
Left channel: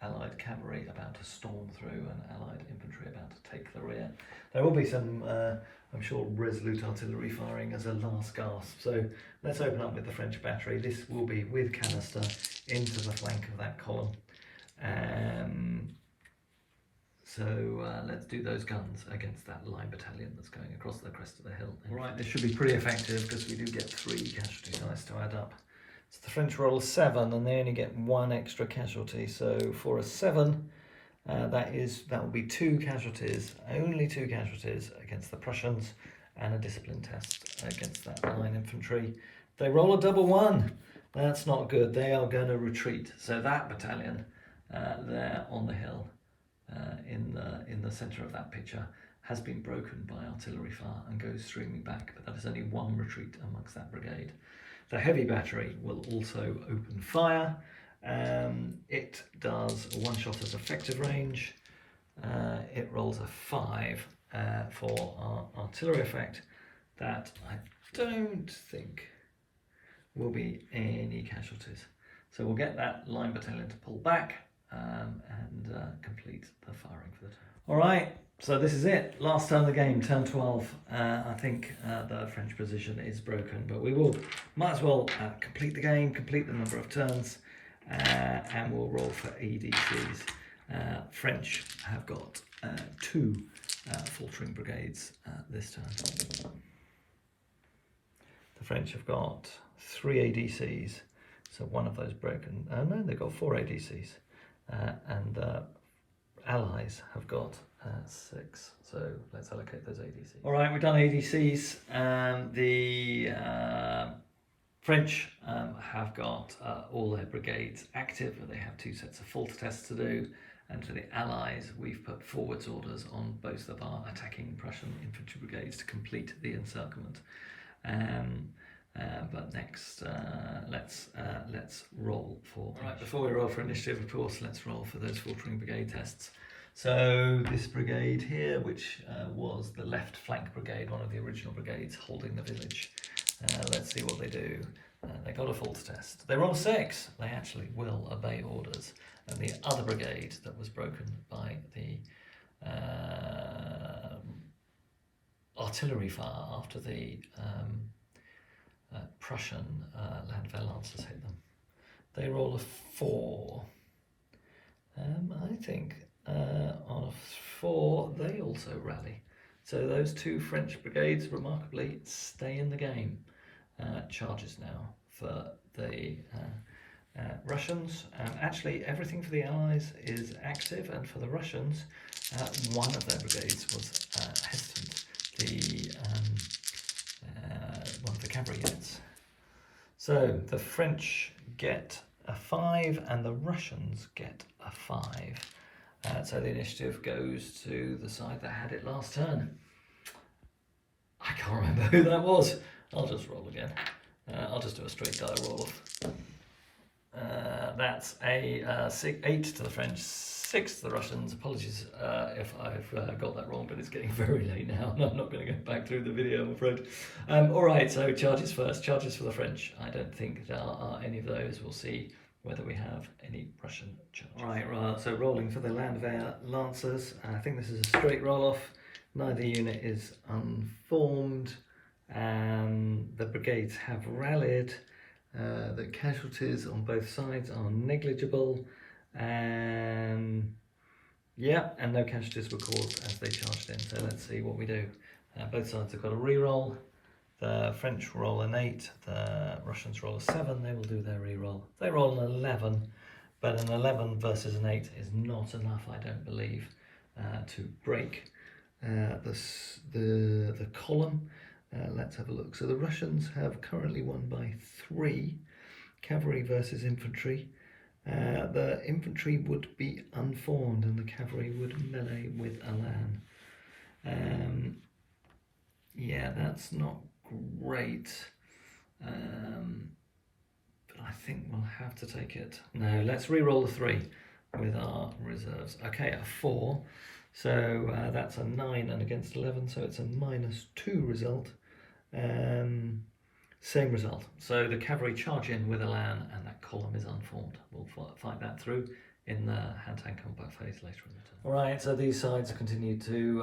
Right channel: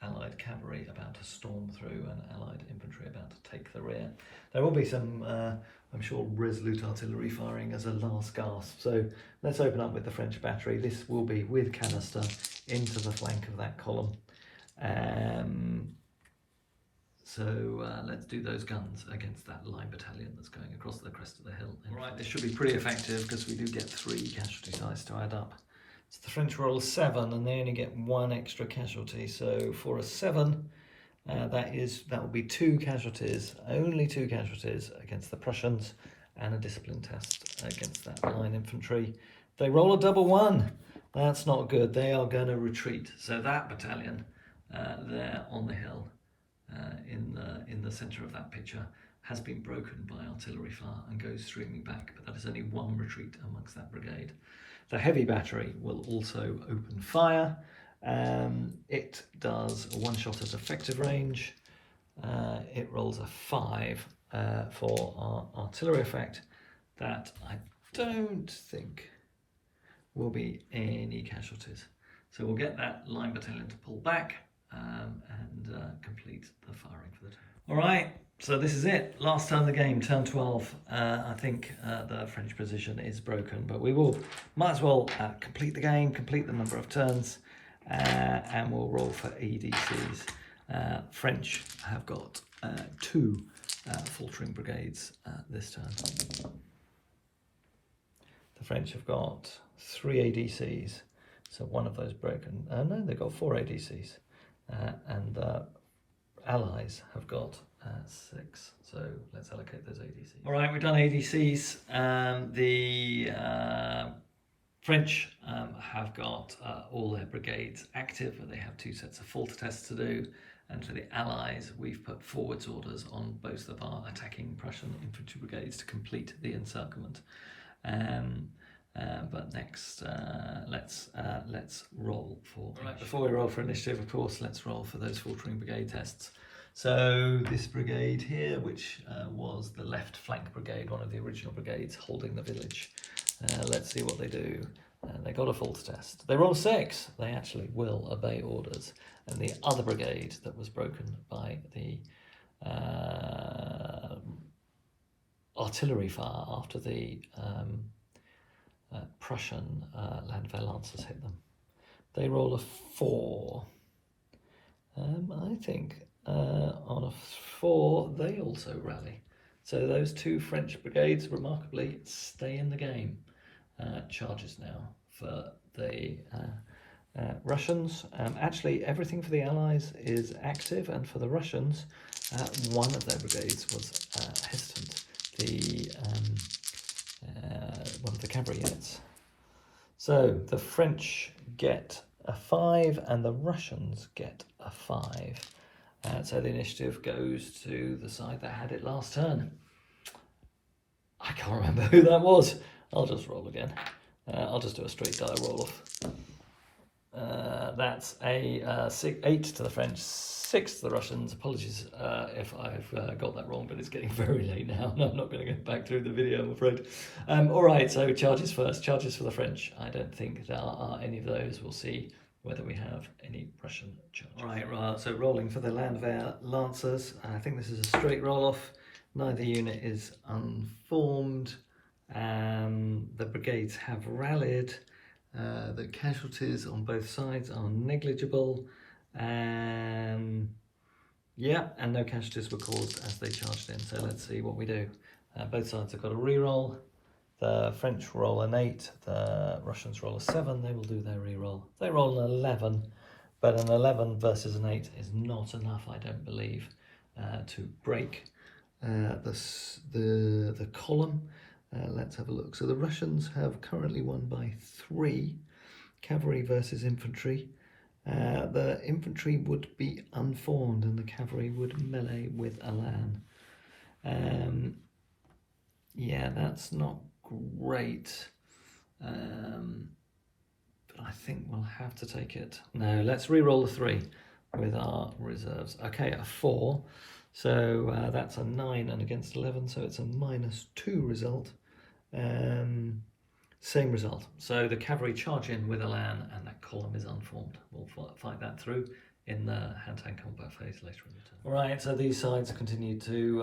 Allied cavalry about to storm through and Allied infantry about to take the rear. There will be some, I'm sure, resolute artillery firing as a last gasp. So let's open up with the French battery. This will be with canister into the flank of that column. Let's do those guns against that line battalion that's going across the crest of the hill. All right, this should be pretty effective because we do get 3 casualty dice to add up. So the French roll a 7 and they only get 1 extra casualty. So for a 7, that will be 2 casualties, only 2 casualties against the Prussians, and a discipline test against that line infantry. They roll a double 1. That's not good. They are going to retreat. So that battalion there on the hill, in the centre of that picture, has been broken by artillery fire and goes streaming back, but that is only 1 retreat amongst that brigade. The heavy battery will also open fire. It does a 1 shot at effective range. It rolls a 5 for our artillery effect. That I don't think will be any casualties. So we'll get that line battalion to pull back and complete the firing for the turn. All right, so this is it. Last turn of the game, turn 12. I think the French position is broken, but we might as well complete the game, complete the number of turns, and we'll roll for ADCs. French have got 2 faltering brigades this turn. The French have got 3 ADCs, so 1 of those broken. No, they've got 4 ADCs. And Allies have got 6, so let's allocate those ADCs. All right, we've done ADCs. The French have got all their brigades active, but they have 2 sets of falter tests to do. And for the Allies, we've put forwards orders on both of our attacking Prussian infantry brigades to complete the encirclement. But next, let's roll for. Right, before we roll for initiative, of course, let's roll for those faltering brigade tests. So this brigade here, which was the left flank brigade, one of the original brigades holding the village. Let's see what they do. They got a false test. They roll 6. They actually will obey orders. And the other brigade that was broken by the artillery fire after the Prussian Landwehr Lancers hit them. They roll a 4. I think on a 4 they also rally. So those 2 French brigades remarkably stay in the game. Charges now for the Russians. Actually, everything for the Allies is active, and for the Russians, one of their brigades was hesitant. One of the cavalry units. So the French get a 5 and the Russians get a 5. So the initiative goes to the side that had it last turn. I can't remember who that was. I'll just roll again. I'll just do a straight die roll off. That's a 8 to the French, 6 to the Russians. Apologies if I've got that wrong, but it's getting very late now and I'm not going to go back through the video, I'm afraid. All right, so charges first. Charges for the French. I don't think there are any of those. We'll see whether we have any Prussian charges. All right, so rolling for the Landwehr Lancers. I think this is a straight roll off. Neither unit is unformed. The brigades have rallied. The casualties on both sides are negligible. And no casualties were caused as they charged in. So let's see what we do. Both sides have got a re-roll. The French roll an 8, the Russians roll a 7. They will do their re-roll. They roll an 11, but an 11 versus an 8 is not enough, I don't believe, to break the column. Let's have a look. So the Russians have currently won by 3, cavalry versus infantry. The infantry would be unformed and the cavalry would melee with Alan. That's not great. But I think we'll have to take it. No, let's re-roll the 3 with our reserves. Okay, a 4. So that's a 9 and against 11, so it's a -2 result. Same result. So the cavalry charge in with Elan, and that column is unformed. We'll fight that through in the hand-to-hand combat phase later in the turn. All right, so these sides continue to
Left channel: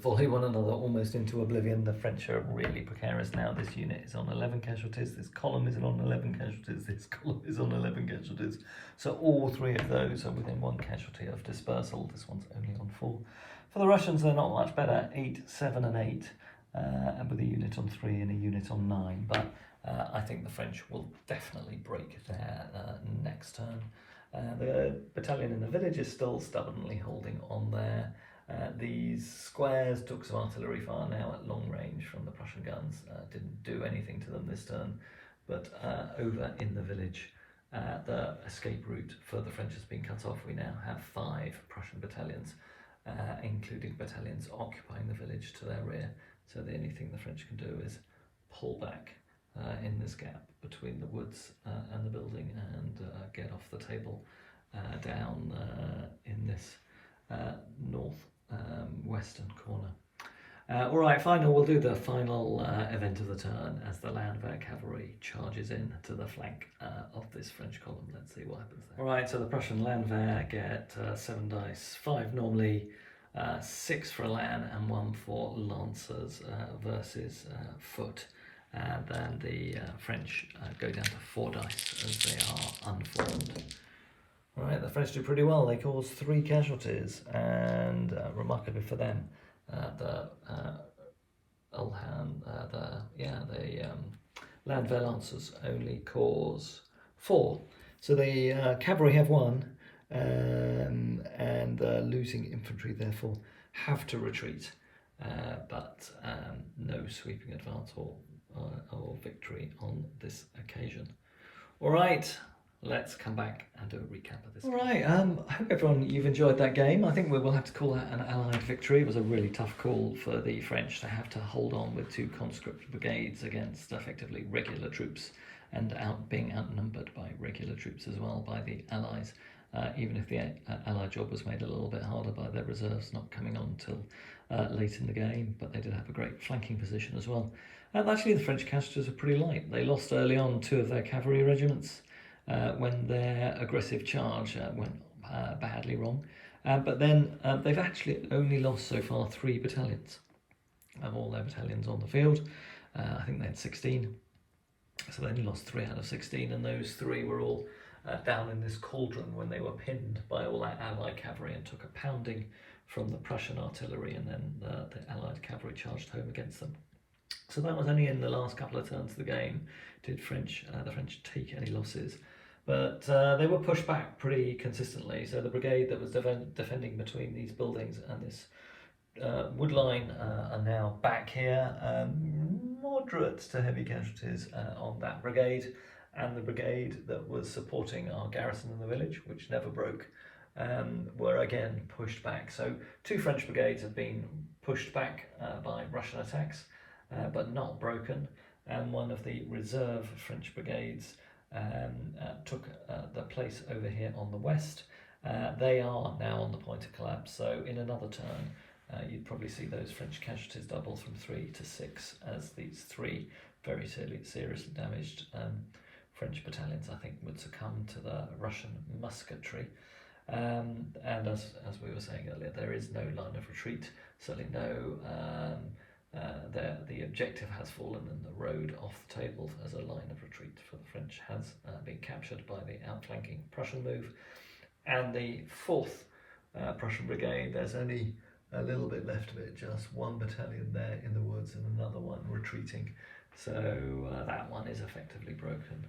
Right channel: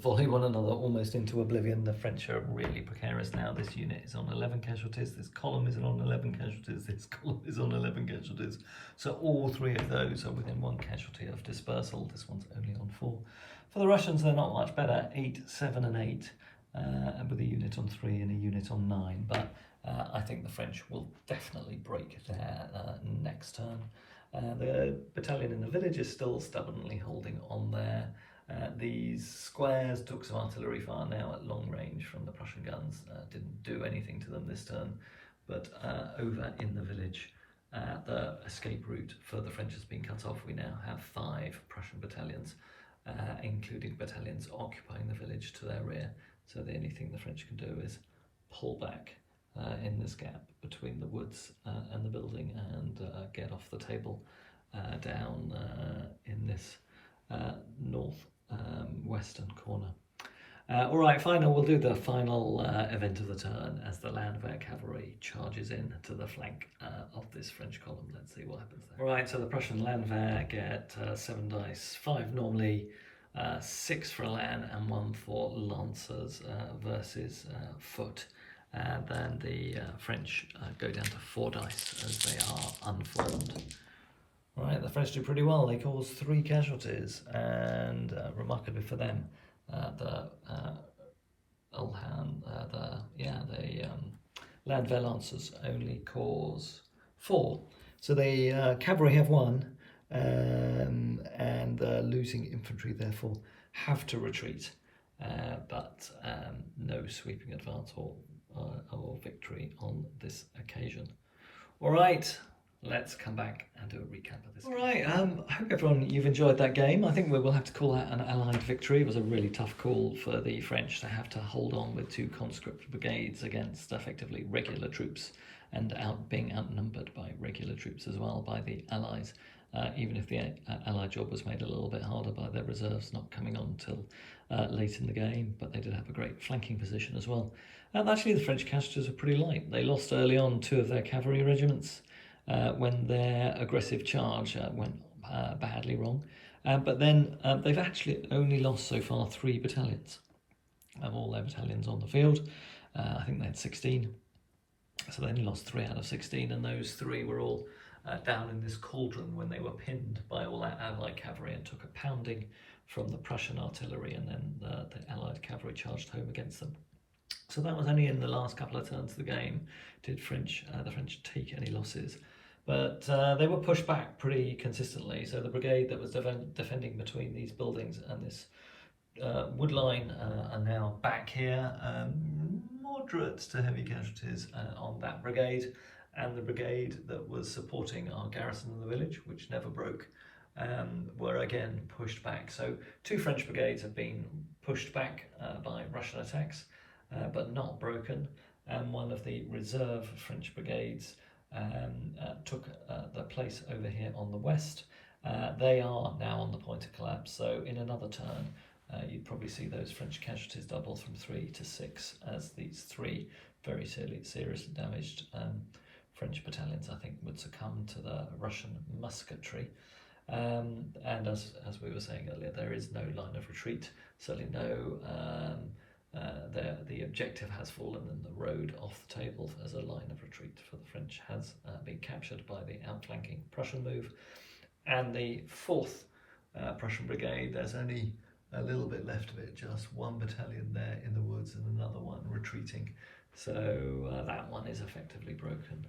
volley one another almost into oblivion. The French are really precarious now. This unit is on 11 casualties. This column is on 11 casualties. This column is on 11 casualties. So all three of those are within 1 casualty of dispersal. This one's only on 4. For the Russians, they're not much better. 8, 7, and 8. And with a unit on 3 and a unit on 9, but I think the French will definitely break their next turn. The battalion in the village is still stubbornly holding on there. These squares took some artillery fire now at long range from the Prussian guns. Didn't do anything to them this turn, but over in the village, the escape route for the French has been cut off. We now have 5 Prussian battalions, including battalions occupying the village to their rear. So the only thing the French can do is pull back in this gap between the woods and the building and get off the table down in this western corner. All right, we'll do the final event of the turn as the Landwehr cavalry charges in to the flank of this French column. Let's see what happens there. All right, so the Prussian Landwehr get 7 dice, 5 normally, 6 for Elan and 1 for Lancers versus foot. And then the French go down to 4 dice as they are unformed. Right, the French do pretty well. They cause 3 casualties, and remarkably for them, the Landwehr Lancers only cause 4. So the cavalry have 1. And the losing infantry therefore have to retreat, but no sweeping advance or victory on this occasion. All right, let's come back and do a recap of this. All right, I hope everyone you've enjoyed that game. I think we will have to call that an Allied victory. It was a really tough call for the French to have to hold on with 2 conscript brigades against effectively regular troops, and being outnumbered by regular troops as well by the Allies. Even if the Allied job was made a little bit harder by their reserves not coming on until late in the game, but they did have a great flanking position as well. And actually the French casualties were pretty light. They lost early on 2 of their cavalry regiments when their aggressive charge went badly wrong. But then they've actually only lost so far 3 battalions of all their battalions on the field. I think they had 16. So they only lost 3 out of 16, and those 3 were all down in this cauldron when they were pinned by all that Allied cavalry and took a pounding from the Prussian artillery, and then the Allied cavalry charged home against them. So that was only in the last couple of turns of the game did the French take any losses. But they were pushed back pretty consistently. So the brigade that was defending between these buildings and this wood line are now back here. Moderate to heavy casualties on that brigade. And the brigade that was supporting our garrison in the village, which never broke, were again pushed back. So 2 French brigades have been pushed back by Russian attacks, but not broken. And one of the reserve French brigades took the place over here on the west. They are now on the point of collapse. So in another turn, you'd probably see those French casualties double from 3 to 6 as these 3 very seriously damaged French battalions, I think, would succumb to the Russian musketry. And as we were saying earlier, there is no line of retreat, certainly no, the objective has fallen and the road off the table as a line of retreat for the French has been captured by the outflanking Prussian move. And the 4th Prussian brigade, there's only a little bit left of it, just 1 battalion there in the woods and another one retreating. So that one is effectively broken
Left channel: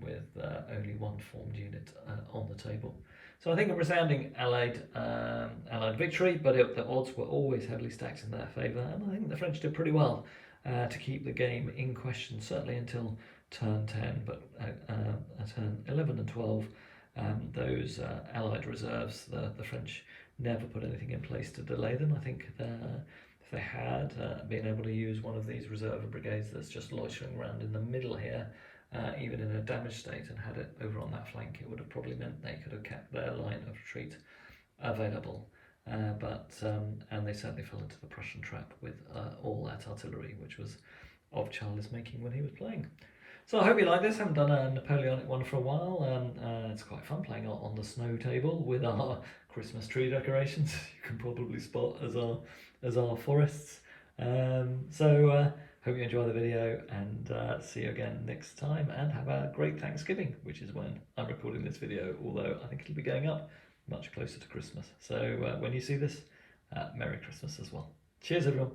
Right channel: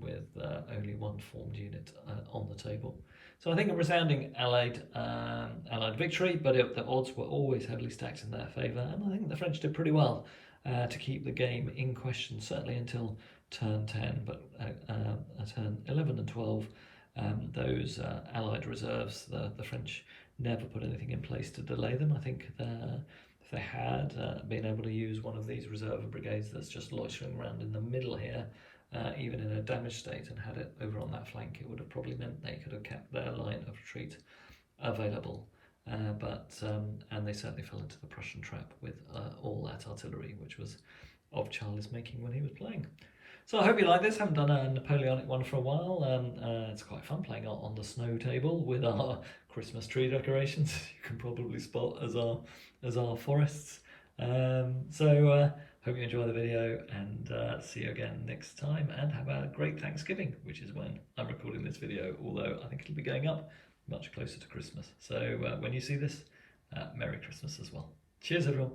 with only 1 formed unit on the table. So I think a resounding Allied victory, but the odds were always heavily stacked in their favour, and I think the French did pretty well to keep the game in question, certainly until turn 10, but turn 11 and 12, those Allied reserves, the French never put anything in place to delay them. I think if they had been able to use one of these reserve brigades that's just loitering around in the middle here, even in a damaged state, and had it over on that flank, it would have probably meant they could have kept their line of retreat available. And they certainly fell into the Prussian trap with all that artillery, which was of Charles making when he was playing. So I hope you like this. I haven't done a Napoleonic one for a while. It's quite fun playing on the snow table with our Christmas tree decorations. You can probably spot as our forests. Hope you enjoy the video, and see you again next time, and have a great Thanksgiving, which is when I'm recording this video, although I think it'll be going up much closer to Christmas. So when you see this, Merry Christmas as well. Cheers everyone.